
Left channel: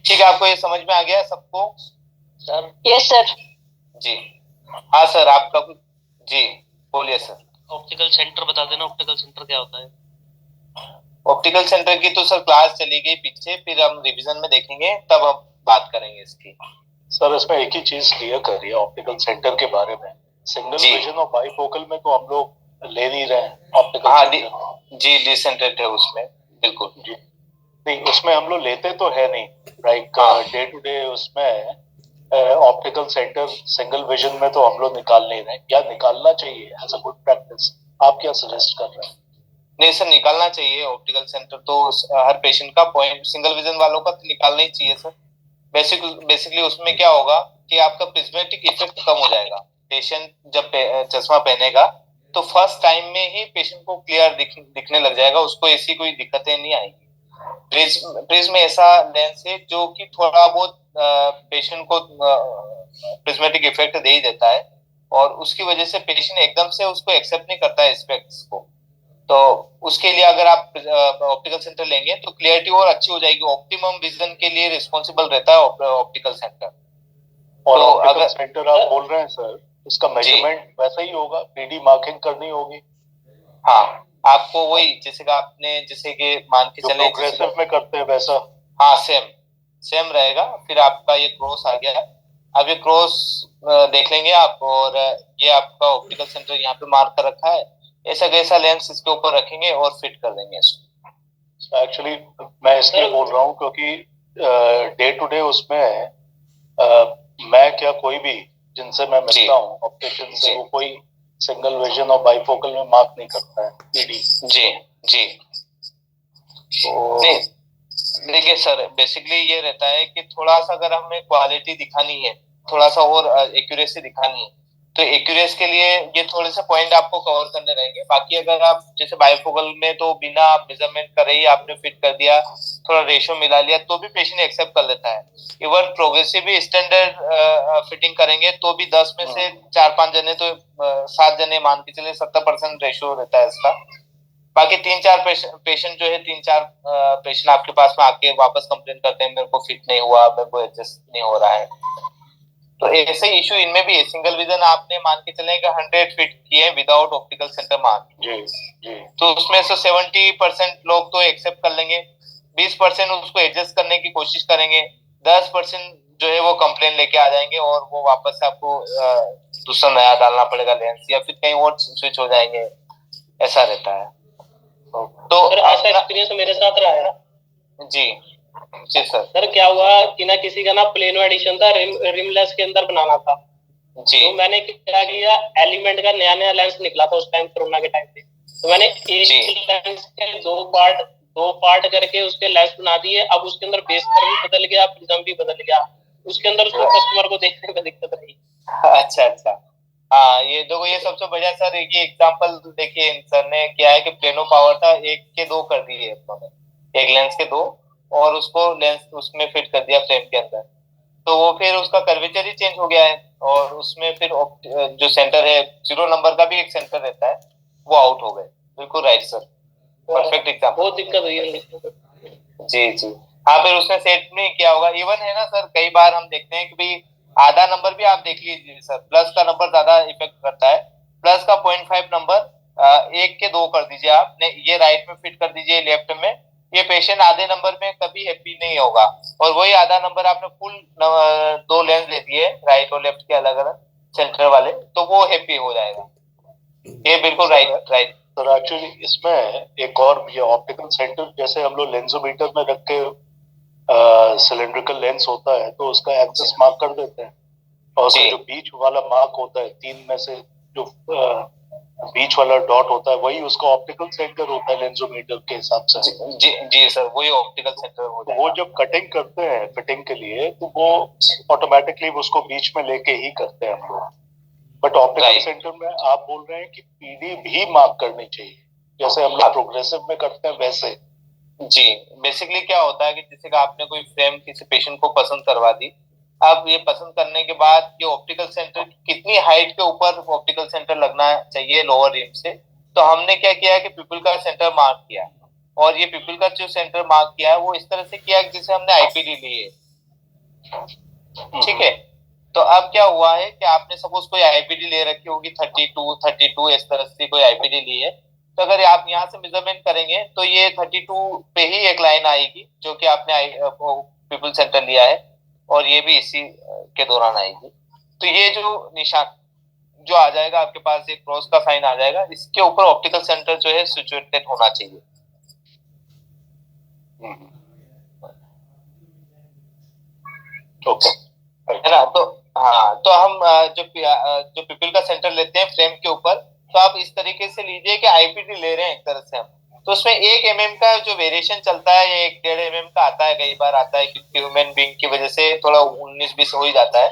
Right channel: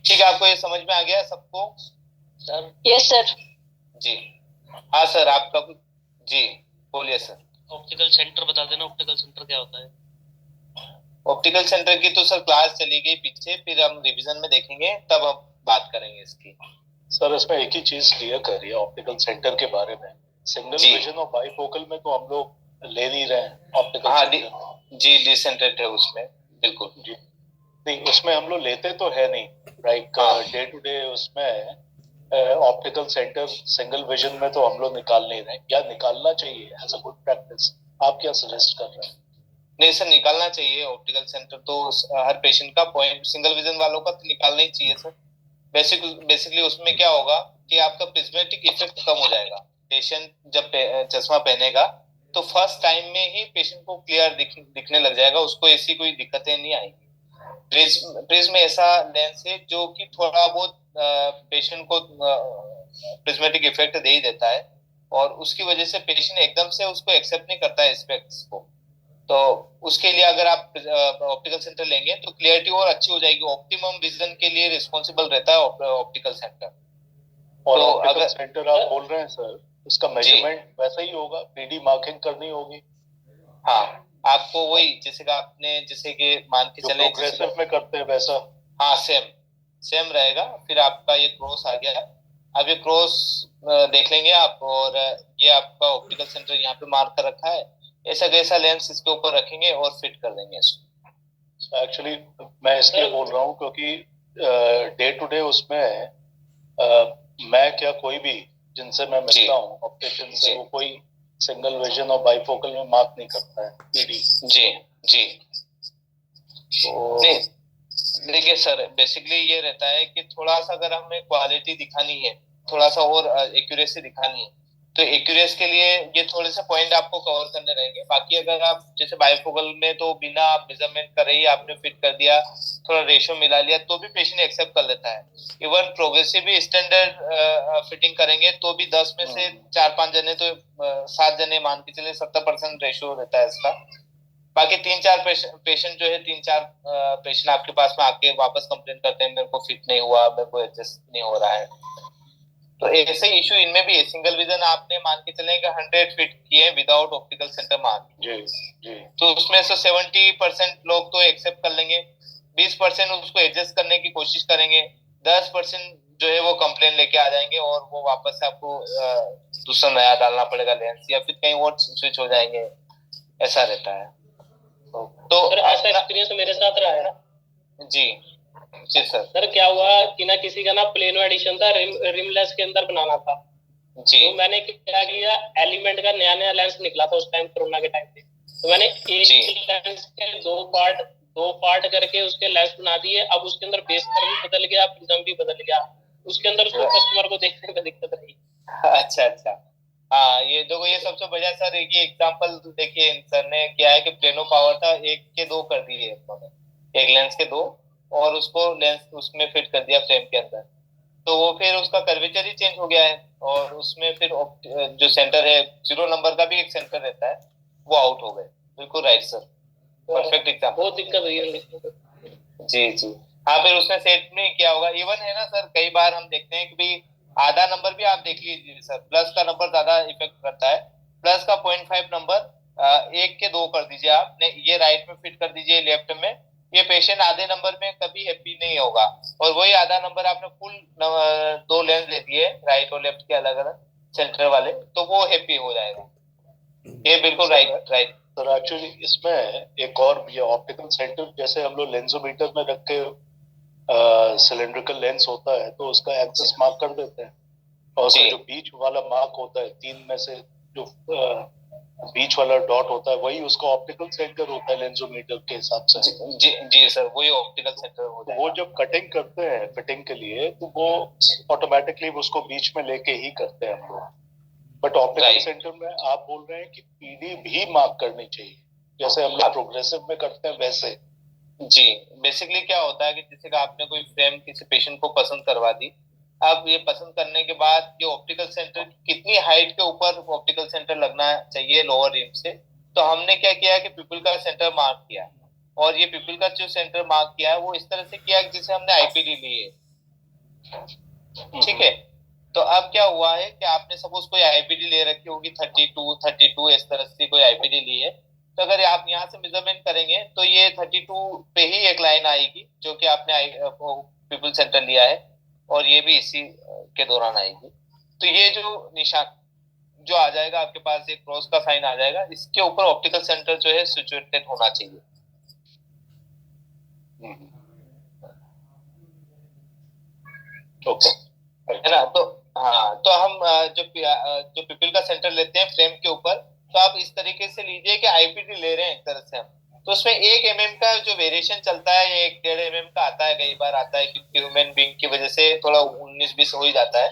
ठीक है, आपको ये समझ में आ गया सबको? Sir yes sir. जी हाँ सर, आपका जी बोलिए सर। ऑप्टिकल सेंटर बता देना, ऑप्टिकल सेंटर क्या होता है? ऑप्टिकल सेंटर की तो सर क्लास चली गई पीछे, फिर हम रिवीजन में देखेंगे, तब हम बात करेंगे इसकी। सर इसमें एक ही चीज क्लियर करिए ऑप्टिकल सेंटर के बारे में, सिंगल विजन और बाइफोकल में तो हम लोग ले नहीं रहे हैं ऑप्टिकल हाँ सेंटर। जी डिसेंट्रेट है उसमें, बिल्कुल जी नहीं, उसमें हम लोग लेते तो है नहीं, लाइक डे टू डे उसमें ऑप्टिकल सेंटर सिंगल विजन में तो हम लोग निकाल नहीं रहे, या निकालना चाहिए एज अ गुड प्रैक्टिस? आप क्या सजेस्ट कर रहे हैं? नहीं सर, निकालना चाहिए ऑप्टिकल सेंटर तो हर पेशेंट का, पॉइंट सिंगल विजन वालों का तो निकालना ही चाहिए सर। बेसिकली उसमें क्या होगा कि आपका प्रिज्मेटिक इफेक्ट कम हो जाएगा। पेशेंट जब चश्मा पहनेगा तो फर्स्ट टाइम में ही पेशेंट को क्लियर दिखने लग जाएगा, उसको ऐसी कोई दिक्कतें नहीं आएगी। प्रिज्म ऐसा लेंस है जो कि थोड़ा बहुत पेशेंट को प्रिज्मेटिक इफेक्ट दे ही देता है, और उसकी वजह से पेशेंट एकदम से उसको एक्सेप्ट नहीं करता है स्पेक्ट्स को। तो उसके लिए अगर आप ऑप्टिकल सेंटर लेंगे तो क्लियरिटी और अच्छी हो जाएगी। ऑप्टिमम विजन के लिए रिस्पॉन्सिबल रहता है ऑप्टिकल सेंटर। और तो ऑप्टिकल अगर सेंटर आप बोल रहे हैं सर, इसका मेजरमेंट वैसा ही होगा, 3D मार्किंग करनी होगी? हाँ, आपको वही जैसे कि आपने जैसे कि मान के जो चले प्रोग्रेसिव में करते हैं वैसा? हाँ सेम रहेगा। फिर आपका ये क्रॉस आ गया, अब ये क्रॉस देख लेंगे आप, और ये आपका ऑप्टिकल सेंटर यहाँ पे मार्क कर रखा है, ऐसा कैसा लेंस इसके ऊपर रखेंगे और फिट कर देंगे इसको। एक्चुअली मैं इसलिए बोल रहा हूँ क्योंकि डे टू डे उसमें मैं क्या कोई भी जिनसे मैं मिलता हूँ ऑप्टिशियन से, वो कोई सिंगल विजन और बाइफोकल में मार्क नहीं करता है पीडी। जी जी नहीं, देखिए सर बेसिकली ये रहता है कि थोड़ा सा अगर हमें क्वालिटी दिखानी है, थोड़ा सा और एक्यूरेसी दिखानी है, तो एक्यूरेसी के लिए ये थोड़े से पॉइंट आपको कवर करने रहेंगे। बाकी अगर आप जैसे बाइफोकल में तो बिना आप मेजरमेंट कर रही आपने फिट कर दिया, थोड़ा रेशियो मिला लिया, तो भी पेशेंट एक्सेप्ट कर लेता है। इवन प्रोग्रेसिव भी स्टैंडर्ड फिटिंग करेंगे तो भी 10 में से 4-5 जने तो 7 जने मान के चले 70% रेशियो रहता है इसका। बाकी 3-4 पेशेंट जो है 3-4 पेशेंट आपके पास में आके वापस कंप्लेन करते हैं मेरे को फिट नहीं हुआ, मेरे को एडजस्ट नहीं हो रहा है। तो ऐसे इशू इनमें भी है। सिंगल विजन आपने मान के चले 100 फिट किए विदाउट ऑप्टिकल सेंटर मार्क, जी तो उसमें से 70% लोग तो एक्सेप्ट कर लेंगे, 20% उसको एडजस्ट करने की कोशिश करेंगे, 10% जो है वो कंप्लेन लेके आ जाएंगे और वो वापस आपको दूसरा नया डालना पड़ेगा लेंस, या फिर कहीं और स्विच हो जाएंगे, ऐसा रहता है। तो ऐसा एक्सपीरियंस मेरे साथ रहा है। जी जी सर क्या हुआ कि ना किसी का ना प्लेनो एडिशन था, रिमलेस के अंदर बनाना था जी। तो मैंने क्या किया, एलिमेंट का नया लेंस निकला था उस टाइम कोरोना के टाइम पे, तो मैंने एक लेंस के दो पार्ट करके उसके लेंस बना दिए। अब उसके अंदर बेस पर भी बदल गया, प्रिज्म भी बदल गया, उसके अंदर उसको कस्टमर को देखने में दिक्कत रही। अच्छा हाँ, ये देखो ये सबसे बढ़िया सर ये एग्जांपल देखिए, सर ने क्या है कि प्लेनो पावर था 1 के 2 कर दिए उन्होंने, एक लेंस के 2, और उसको लेंस उसमें फिट कर दिया फ्रेम के अंदर, तो वो फिर उसका कर्वेचर ही चेंज हो गया है, और उसमें फिर जो सेंटर है 0 नंबर का भी एक सेंटर रहता है, वो आउट हो गए। बिल्कुल राइट सर, परफेक्ट एग्जांपल। बहुत दिक्कत हुई है। जी हाँ, फिर उसने सेट में क्या होगा, इवन है ना सर, कई बार हम देखते हैं कि भाई आधा नंबर भी आप देख लीजिए सर, प्लस का नंबर ज्यादा इफेक्ट करता है, प्लस का 0.5 नंबर 1 के 2 कर दीजिए आप, ये राइट में फिट कर दीजिए लेफ्ट में, ये पेशेंट आधे नंबर में कभी हैप्पी नहीं होगा। और वही आधा नंबर आपने फुल 2 लेंस दे दिए राइट और लेफ्ट के अलग अलग सेंटर वाले, तो वो हैप्पी हो जाएगा। ये बिल्कुल राइट सर। एक्चुअली इसमें एक और ये ऑप्टिकल सेंटर जैसे हम लोग लेंसोमीटर में रख के सिलेंड्रिकल लेंस होता है तो उसका एक्सेस मार्क कर देते हैं, और उसका जो बीच वाला मार्क होता है 3 में से जो बीच वाला डॉट होता है वही उसका ऑप्टिकल सेंटर होता है लेंसोमीटर के हिसाब से। जी सर, वही ऑप्टिकल सेंटर हो जाएगा। वो जब कटिंग करते हैं फिटिंग के लिए तो वो ऑटोमेटिकली उसको बीच में लेके ही करते हैं हम लोग। बट ऑप्टिकल सेंटर में आप बोल रहे हैं कि पीडी भी मार्क करनी चाहिए जैसे हम लोग प्रोग्रेसिव में करते हैं वैसे? जी, बेसिकली क्या होता है कि जैसे कि आपने कोई फ्रेम किसी पेशेंट को पसंद करवा दी, अब ये पसंद करने के बाद ये ऑप्टिकल सेंटर कितनी हाइट के ऊपर ऑप्टिकल सेंटर लगना चाहिए लोअर रिम से, तो हमने क्या किया है कि पिपल का सेंटर मार्क किया, और ये पिपल का जो सेंटर मार्क किया है वो इस तरह से किया जैसे हमने आईपीडी ली है, ठीक है। तो अब क्या हुआ है कि आपने सपोज कोई आईपीडी ले रखी होगी 32 इस तरह से कोई आईपीडी ली है, तो अगर आप यहाँ से मेजरमेंट करेंगे तो ये 32 पे ही एक लाइन आएगी जो कि आपने पीपल सेंटर लिया है, और ये भी इसी के दौरान आएगी। तो ये जो निशान जो आ जाएगा आपके पास, एक क्रॉस का साइन आ जाएगा, इसके ऊपर ऑप्टिकल सेंटर जो है सिचुएटेड होना चाहिए। ओके, है ना। तो हाँ, तो हम जो पीपल का सेंटर लेते हैं फ्रेम के ऊपर, तो आप इस तरीके से लीजिए कि आईपीडी ले रहे हैं एक तरह से हम, तो उसमें 1 mm का जो वेरिएशन चलता है, ये 1.5 mm का आता है, कई बार आता है, क्योंकि ह्यूमन बीइंग की वजह से थोड़ा 19-20 हो ही जाता है।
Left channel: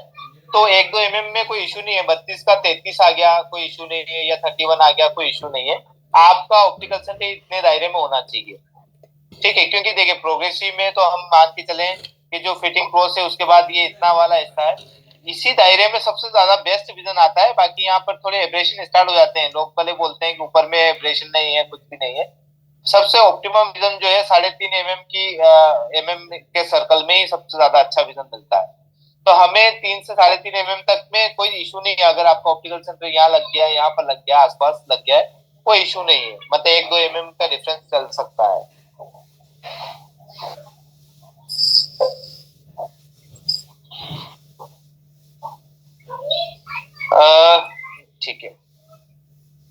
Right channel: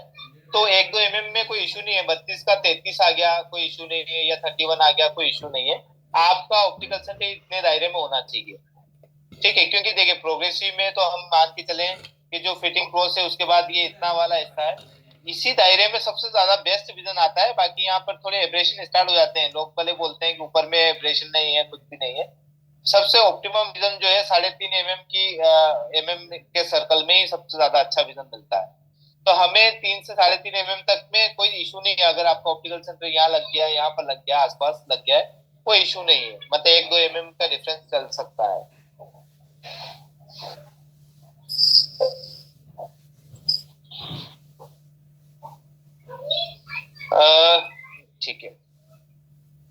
तो 1-2 mm में कोई इशू नहीं है, 32 का 33 आ गया कोई इशू नहीं है, या 31 आ गया कोई इशू नहीं है। आपका ऑप्टिकल सेंटर इतने दायरे में होना चाहिए, ठीक है। क्योंकि देखिए प्रोग्रेसिव में तो हम मान के चले कि जो फिटिंग क्रॉस है उसके बाद ये इतना वाला हिस्सा है, इसी दायरे में सबसे ज्यादा बेस्ट विजन आता है। बाकी यहाँ पर थोड़े एब्रेशन स्टार्ट हो जाते हैं, लोग पहले बोलते हैं कि ऊपर में एब्रेशन नहीं है, कुछ भी नहीं है। सबसे ऑप्टिमम विजन जो है 3.5 mm की mm के सर्कल में ही सबसे ज्यादा अच्छा विजन मिलता है। तो हमें 3 से 3.5 mm तक में कोई इशू नहीं है। अगर आपका ऑप्टिकल सेंटर यहाँ लग गया, यहाँ पर लग गया, आसपास लग गया है, कोई इशू नहीं है। मतलब 1-2 mm का डिफरेंस चल सकता है। ठीक है,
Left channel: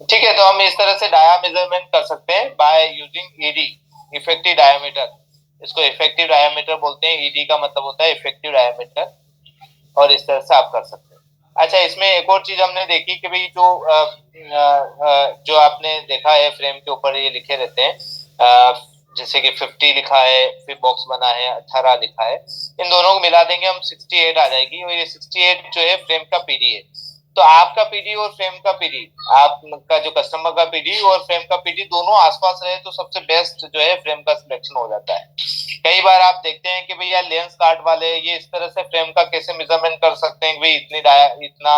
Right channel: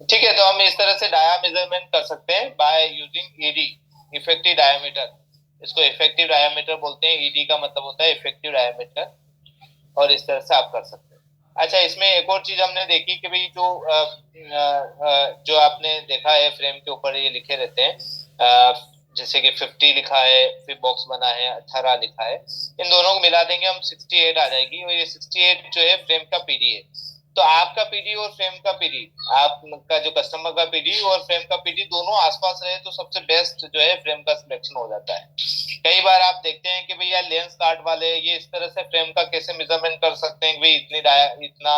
ठीक है। तो हम इस तरह से डाया मेजरमेंट कर सकते हैं by using ED, effective diameter. इसको इफेक्टिव डायमीटर बोलते हैं, ईडी का मतलब होता है इफेक्टिव डायमीटर, और इस तरह से आप कर सकते हैं। अच्छा, इसमें एक और चीज हमने देखी कि भाई जो आपने देखा है फ्रेम के ऊपर ये लिखे रहते हैं, जैसे कि 50 लिखा है, फिर बॉक्स बना है 18 लिखा है, इन दोनों को मिला देंगे हम 68 आ जाएगी, और ये 68 जो है फ्रेम का पीडी है। तो आपका पीडी और फ्रेम का पीडी, आपका जो कस्टमर का पीडी और फ्रेम का पीडी दोनों आसपास रहे तो सबसे बेस्ट जो है फ्रेम का सिलेक्शन हो जाता है। कई बार आप देखते हैं कि भैया लेंस कार्ड वाले ये इस तरह से फ्रेम का कैसे मेजरमेंट कर सकते हैं कि भाई इतना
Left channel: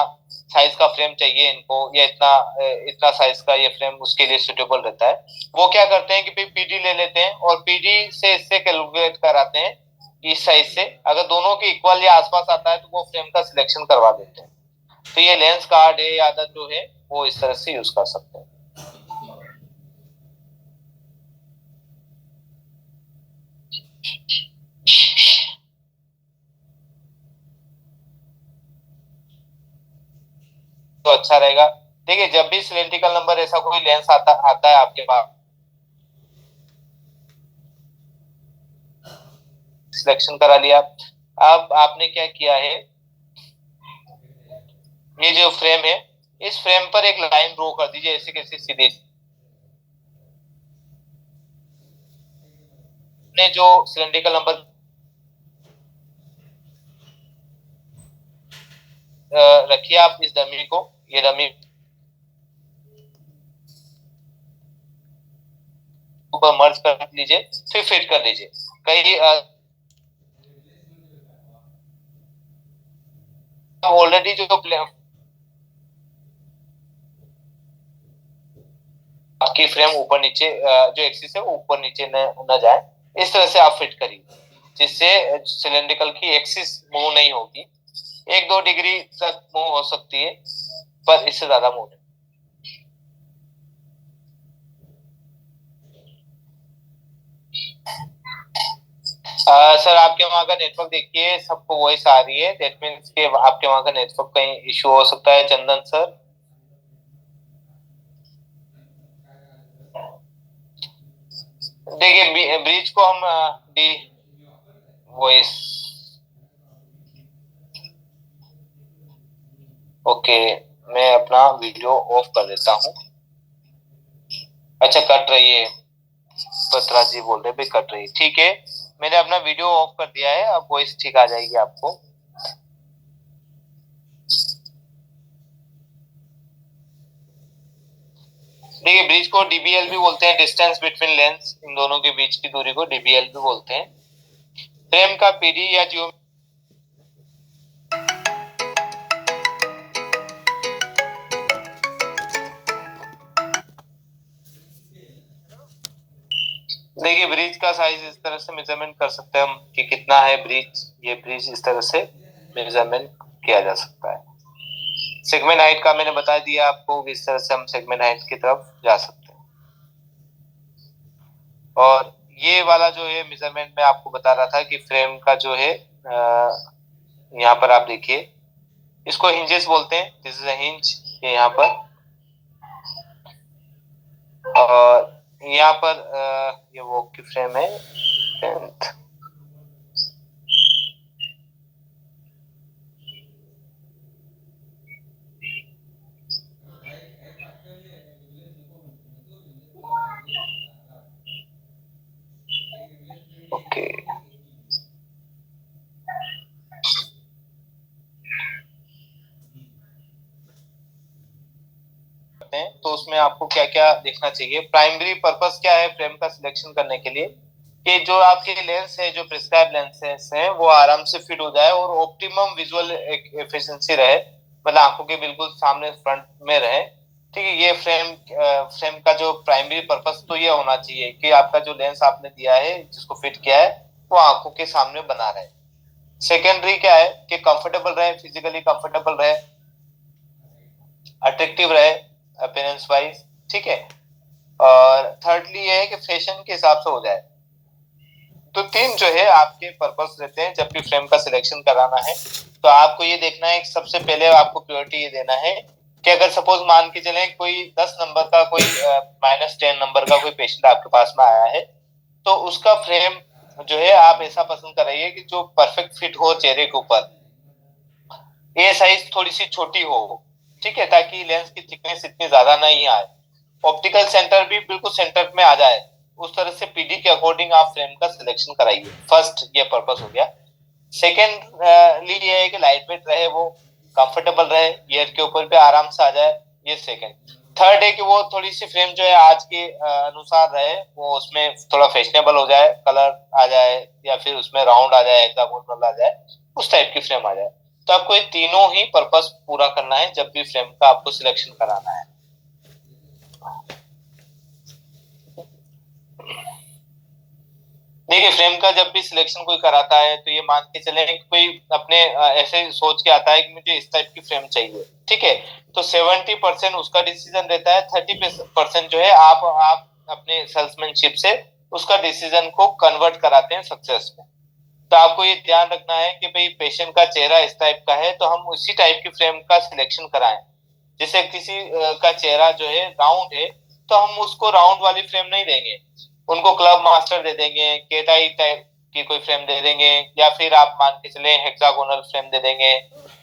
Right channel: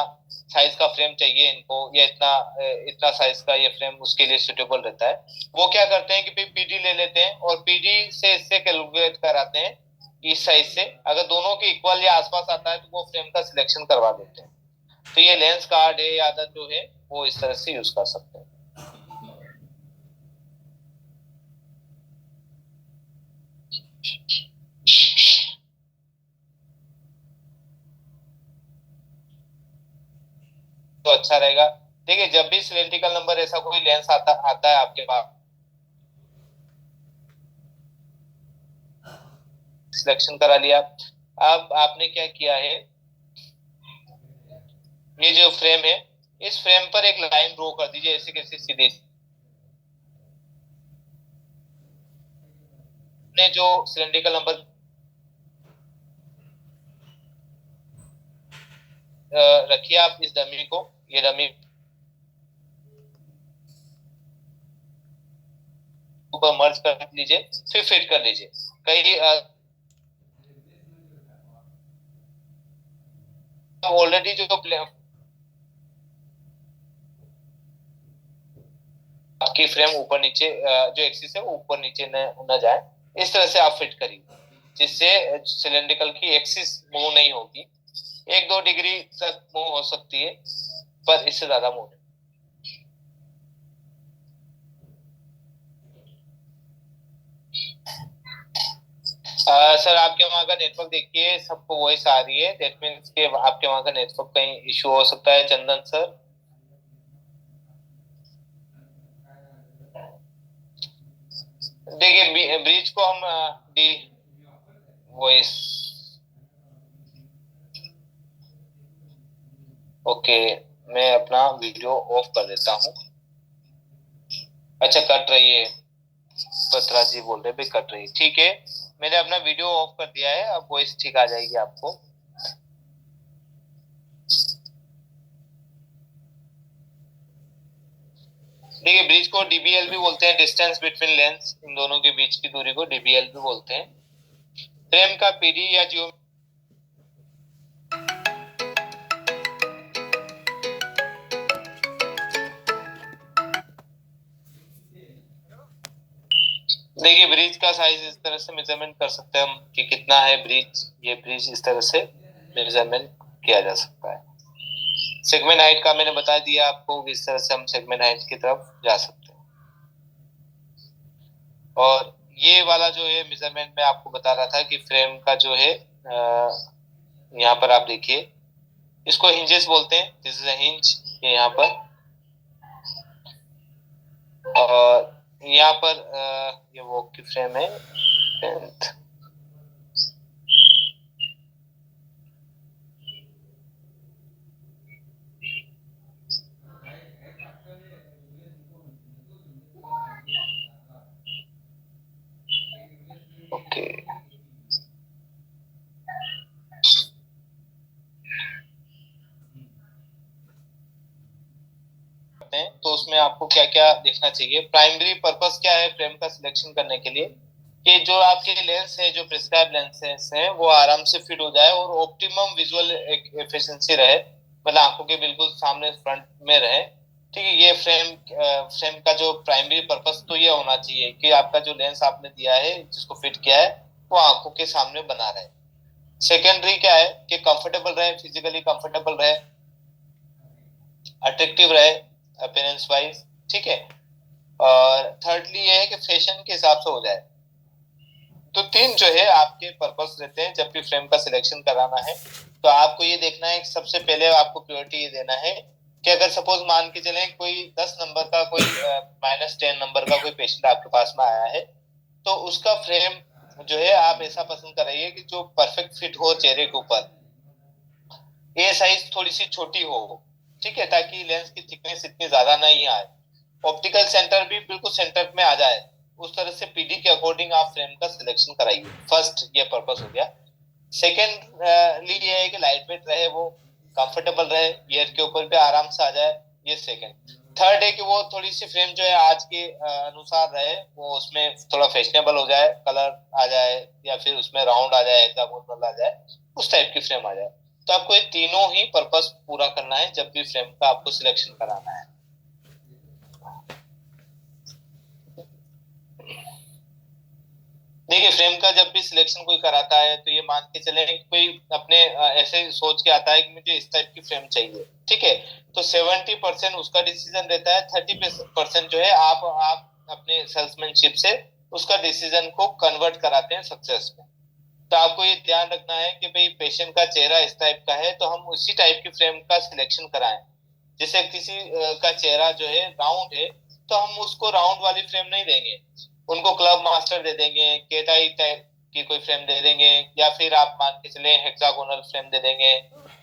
साइज का फ्रेम चाहिए इनको, या इतना साइज का ये फ्रेम उसके लिए सुटेबल रहता है। वो क्या करते हैं कि भाई पीडी ले लेते हैं और पीडी से इससे कैलकुलेट कराते हैं इस साइज से, अगर दोनों के इक्वल या आसपास आता है तो वो फ्रेम का सिलेक्शन करवा देते हैं। तो ये लेंस कार्ड है या आदत जो है वो इस तरह से यूज कर सकते हैं। तो अच्छा रहेगा। देखिए जब भी सिलेंड्रिकल नंबर ऐसा कोई लेंस आता है आपके पास, सिलेक्शन करा लिया। अब आपने क्या किया है, ये जो फ्रेम है इस फ्रेम पर एक लाइन ड्रॉ कर दीजिए, ऐसे कैसे सीधी। ने जो सिलेंड्रिकल नंबर रखिए आप इस डमी को, ये डमी ऊपर मर्ज कर लीजिए, फिर फिट कर लीजिए। कई ऑलरेडी जो आपकी फ्रेम ऊपर नीचे जो एक्सिस है वो ऊपर नीचे न जाए, इस तरह से आप फिट करिए, जिससे सिलेंड्रिकल की एक्सिस मूव नहीं होगी। 1-2 डिग्री तक मूव हो सकती है, पर इससे ज्यादा मूव नहीं। सर आपके वहां का नेटवर्क देखिए, सबको वॉइस आ रही है, दैट मीन्स के आपके वहां का नेटवर्क कहीं इशू हो सकता है। चंदन सर, देखिए ब्रिज को हम डी वॉइस, ओके, मैं अपना वीडियो ऑफ कर देता हूँ। अच्छा कट रही है, पत्रा जी बोल रहे भाई कट रही है, ठीक है, मैंने अपना वीडियो ऑफ कर दिया है, अब वॉइस ठीक आ जाएगी आपको। देखिए ब्रिज को डीबीएल भी बोलते हैं, डिस्टेंस बिटवीन लेंस, इन दोनों के बीच की दूरी को डीबीएल भी बोलते हैं। फ्रेम का पीडी या जियो देखिए ब्रिज का साइज इस तरह से मेजरमेंट कर सकते हैं हम कि कितना है ब्रिज, ये ब्रिज इस तरह से मेजरमेंट किया जा सकता है। सेगमेंट हाइट का मैंने बता दिया आपको, इस तरह से हम सेगमेंट हाइट की तरफ जा सकते हैं। और ये वाला जो है मेजरमेंट में आपको बता रहा था कि फ्रेम का जो है यहाँ पर आप देखिए, इसको हिंजेस बोलते हैं, दिस इज अ हिंज यहाँ पर। और यहाँ पर ये वॉक की फ्रेम है 10th। ओके तो उसमें आपको क्या क्या देखना चाहिए। प्राइमरी पर्पस क्या है फ्रेम का सिलेक्शन करने के लिए, कि जो आपके लेंस है, जो प्रिस्क्राइब लेंसेस हैं, वो आराम से फिट हो जाए और ऑप्टिमम विजुअल एफिशिएंसी रहे, मतलब आंखों के बिल्कुल सामने फ्रंट में रहे। ठीक है, ये फ्रेम का जो प्राइमरी पर्पस तो ये होना चाहिए कि आपका जो लेंस आपने दिया है, जिसको फिट किया है, वो आंखों के सामने बना रहे। सेकेंडरी क्या है कि कंफर्टेबल रहे, फिजिकली कंफर्टेबल रहे, अट्रैक्टिव रहे अपीयरेंस वाइज। ठीक है, और थर्डली ये है कि फैशन के हिसाब से हो जाए। तो तीन जो है आपके पर्पस रहते हैं जब भी फ्रेम का सिलेक्शन कराना है। तो आपको ये देखना है, सबसे पहले आपको प्रायोरिटी ये देना है कि अगर सपोज मान के चलें कोई 10 नंबर का, कोई -10 नंबर का कोई पेशेंट आपके पास में आया है, तो उसका फ्रेम जो है आप ऐसा पसंद कराइए कि जो परफेक्ट फिट हो चेहरे के ऊपर, ये साइज थोड़ी सी छोटी हो। ठीक है, ताकि लेंस की थिकनेस इतनी ज्यादा नहीं आए, ऑप्टिकल सेंटर भी बिल्कुल सेंटर में आ जाए, उस तरह से पीडी के अकॉर्डिंग आप फ्रेम का सिलेक्शन कराइए। फर्स्ट ये पर्पस हो गया। सेकेंड ये है कि लाइट वेट रहे, वो कंफर्टेबल रहे, ईयर के ऊपर भी आराम से आ जाए, ये सेकेंड। थर्ड है कि वो थोड़ी सी फ्रेम जो है आज के अनुसार रहे, वो उसमें थोड़ा फैशनेबल हो जाए, कलर आ जाए, या फिर उसमें राउंड आ जाए, हेक्सागोनल आ जाए, उस टाइप की फ्रेम आ जाए। तो आपको ये तीनों ही पर्पस पूरा करना है जब भी फ्रेम का आपको सिलेक्शन कराना है। देखिए फ्रेम का जब भी सिलेक्शन कोई कराता है, तो ये मान के चले कोई अपने ऐसे सोच के आता है कि मुझे इस टाइप की फ्रेम चाहिए। ठीक है, तो 70% उसका डिसीजन रहता है, 30% जो है आप अपने सेल्समैनशिप से उसका डिसीजन को कन्वर्ट कराते हैं सक्सेस में। तो आपको ये ध्यान रखना है कि भाई पेशेंट का चेहरा इस टाइप का है, तो हम उसी टाइप की फ्रेम का सिलेक्शन कराएं। जैसे किसी का चेहरा जो है राउंड है, तो हम उसको राउंड वाली फ्रेम नहीं देंगे, उनको क्लब मास्टर दे देंगे, केटाई टाइप की कोई फ्रेम दे देंगे, या फिर आप मान के चले हेक्सागोनल फ्रेम दे देंगे।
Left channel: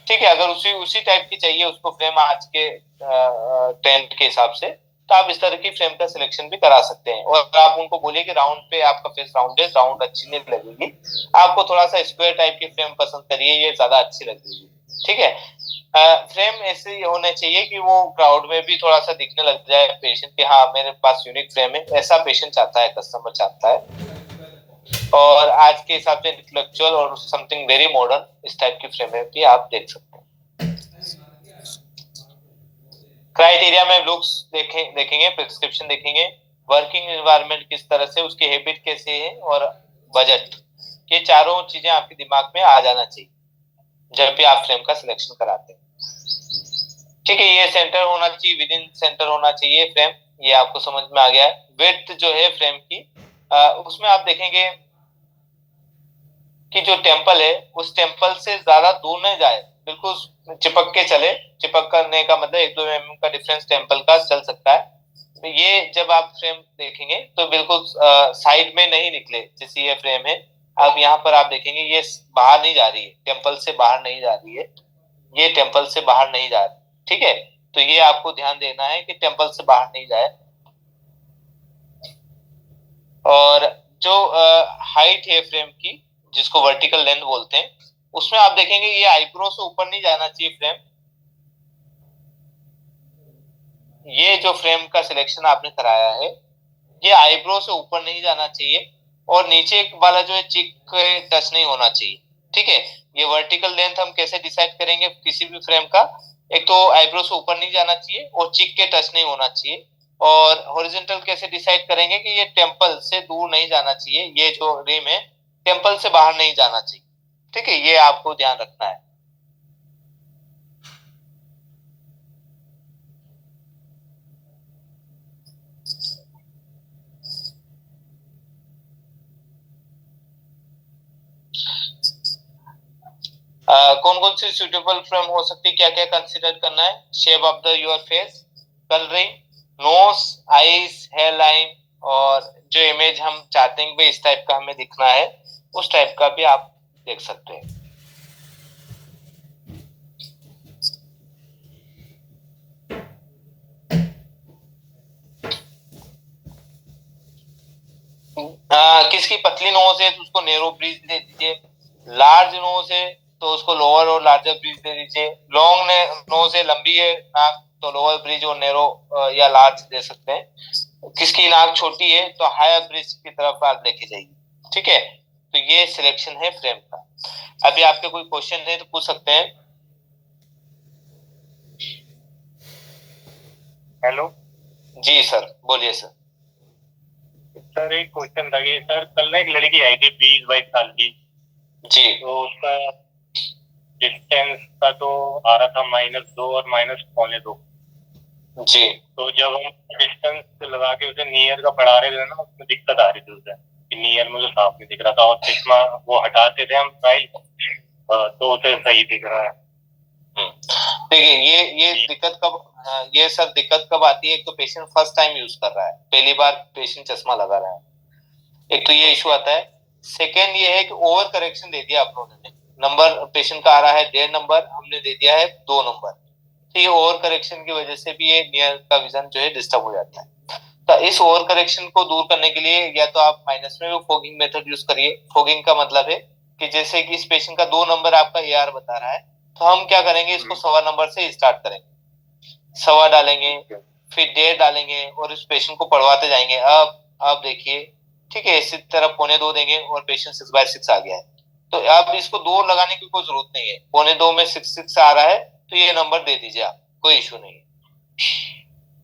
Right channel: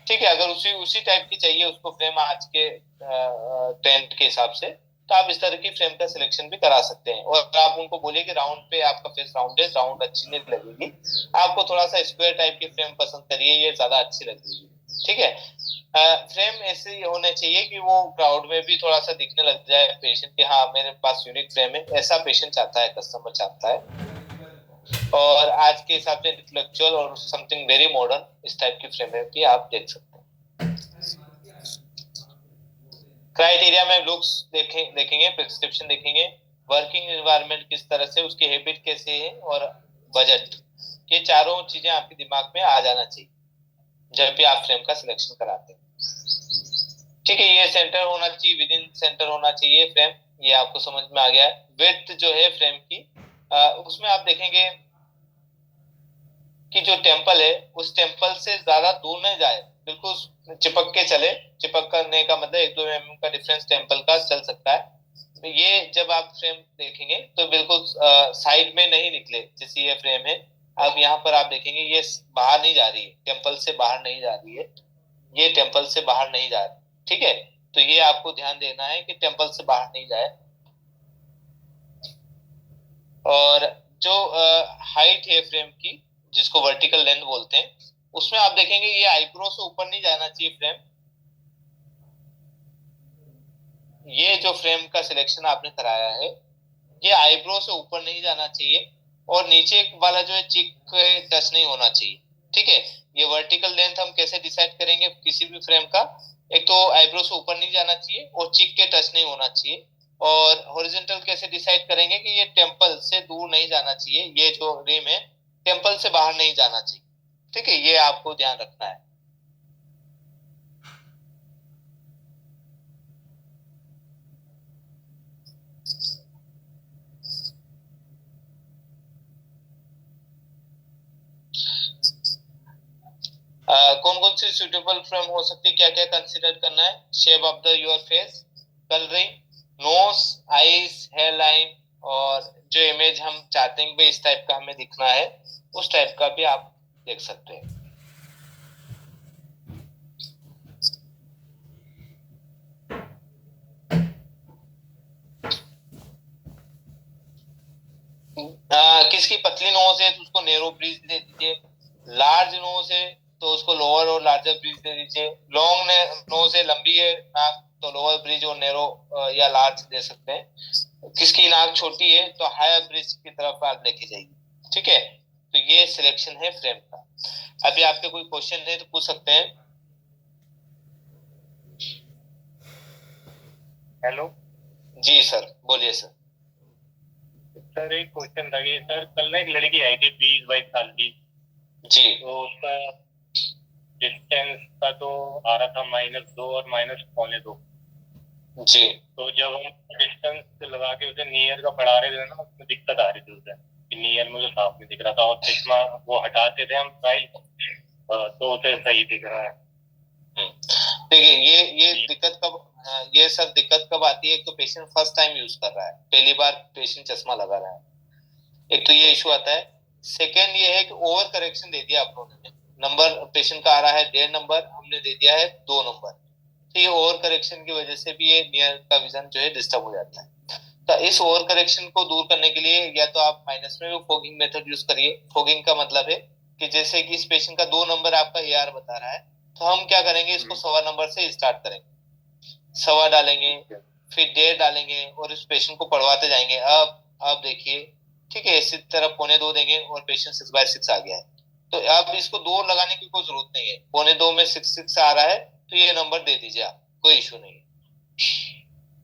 ठीक है, अगर उसी उसी टाइप की चाहिए उसको फ्रेम आज के ट्रेंड के हिसाब से, तो आप इस तरह की फ्रेम का सिलेक्शन भी करा सकते हैं। और आप उनको बोलिए कि राउंड पे आपका फेस राउंड है, राउंड अच्छी नहीं लगेगी, आपको थोड़ा सा स्क्वायर टाइप की फ्रेम पसंद करिए, ये ज्यादा अच्छी लगेगी। ठीक है, फ्रेम ऐसे होने चाहिए कि वो क्राउड में भी थोड़ा सा दिखने लग जाए पेशेंट के, हाँ मेरे पास यूनिक फ्रेम है, ऐसा पेशेंट चाहता है, कस्टमर चाहता है। और आज के हिसाब से इंटेलेक्चुअल और समथिंग वेरी मॉडर्न, इस टाइप की फ्रेम भी आप देख सकते हैं। क्राइटेरिया में लुक्स देखेंगे, प्रिस्क्रिप्शन देखेंगे, वर्किंग एनवायरनमेंट किस तरह से, उसकी हैबिट कैसे है, और बजट, ये चारों चीजें आपके दिमाग में आ जाना चाहिए जब भी आप फ्रेम का सिलेक्शन कराते हैं। ठीक है, ये सेंटर होना चाहिए, विद इन सेंटर होना चाहिए फ्रेम, ये आपको समझ में आ गया है। विड्थ जो है फ्रेम की, उसमें आप देखेंगे कि जो टेम्पल है उस टेम्पल से ज्यादा दूर नहीं जाए, बिल्कुल चिपक के चले। चिपक करने का मतलब 1-2 mm का डिफरेंस टेम्पल का चल सकता है। तो ये जब आप फ्रेम देखेंगे तो बिल्कुल साइड में नहीं निकले, जैसे ये फ्रेम है, अब यहाँ पर आप देखेंगे ये बाहर नहीं जा रही है, टेम्पल से बाहर नहीं जा रही है, ये टेम्पल से बाहर नहीं जा रही। ठीक है, तो ये आपको ध्यान देना है कि टेम्पल से बाहर नहीं जाए। और जो हाइट है फ्रेम की, जिसको वर्टिकल लेंथ बोलते हैं, उसमें आप देखेंगे ये आईब्रो से ऊपर नहीं जाना चाहिए फ्रेम। ये जो फ्रेम का सिलेक्शन आपने कराया है, ये आईब्रो से ऊपर नहीं जाना चाहिए, और नीचे वाला जो है चिक टच नहीं होना चाहिए। ठीक है, ये वर्टिकल लेंथ हम कैसे डिसाइड करेंगे किसी भी फ्रेम का, एक तो आईब्रो से ऊपर नहीं जाना चाहिए और चिक के टच नहीं होना चाहिए, और हॉरिजॉन्टल कैसे डिसाइड करेंगे कि ये टेम्पल से दूर नहीं जाना चाहिए, ये जो रिम है टेम्पल से बाहर नहीं जाना चाहिए। ठीक है, ये आपको ध्यान रखना है। कौन कौन सी सुटेबल फ्रेम हो सकती है, क्या क्या कंसीडर करना है? Shape of the your face, colouring, nose, eyes, hair line, और जो इमेज हम चाहते हैं कि इस टाइप का हमें दिखना है उस टाइप का भी आप देख सकते हैं। किसकी पतली नोज है तो उसको नैरो ब्रीज दे दीजिए, लार्ज नोज है तो उसको लोअर और लार्जर ब्रीज दे दीजिए, लॉन्ग नोज है, लंबी है नाक, तो लोअर ब्रिज और नैरो या लार्ज दे सकते हैं। किसकी नाक छोटी है तो हायर ब्रिज की तरफ आप लेके जाइए। ठीक है, तो ये सिलेक्शन है फ्रेम का। अभी आपके कोई क्वेश्चन है तो पूछ सकते हैं। हेलो जी सर, बोलिए सर। सर, एक क्वेश्चन था कि सर कल ना एक लड़की आई थी 20-22 साल की, जी तो उसका डिस्टेंस का तो आ रहा था -2 और -2.25। जी तो जब हम डिस्टेंस लगा के उसे नियर का पढ़ा रहे थे ना, उसमें दिक्कत आ रही थी उसे कि नियर मुझे साफ नहीं दिख रहा था, और चश्मा वो हटाते थे हम स्टाइल तो उसे सही दिख रहा है। देखिए ये दिक्कत कब, ये सब दिक्कत कब आती है? एक तो पेशेंट फर्स्ट टाइम यूज कर रहा है, पहली बार पेशेंट चश्मा लगा रहा है, एक तो ये इशू आता है। सेकेंड ये है कि ओवर करेक्शन दे दिया आप लोगों ने, नंबर पेशेंट का आ रहा है 1.5 नंबर, हमने दे दिया है 2 नंबर। तो ये ओवर करेक्शन की वजह से भी ये नियर का विजन जो है डिस्टर्ब हो जाता है। तो इस ओवर करेक्शन को दूर करने के लिए या तो आप माइनस में भी फोगिंग मेथड यूज करिए। फोगिंग का मतलब है कि जैसे कि इस पेशेंट का 2 नंबर आपका AR बता रहा है, तो हम क्या करेंगे, इसको 1.25 नंबर से स्टार्ट करेंगे, 1.25 डालेंगे, फिर 1.5 डालेंगे और इस पेशेंट को पढ़वाते जाएंगे। अब देखिए, ठीक है, इसी तरह 2.25 देंगे और पेशेंट 6/6 आ गया है, तो अब इसको 2 लगाने की कोई जरूरत नहीं है। 2.25 में 6 आ रहा है तो ये नंबर दे दीजिए आप, कोई इशू नहीं है।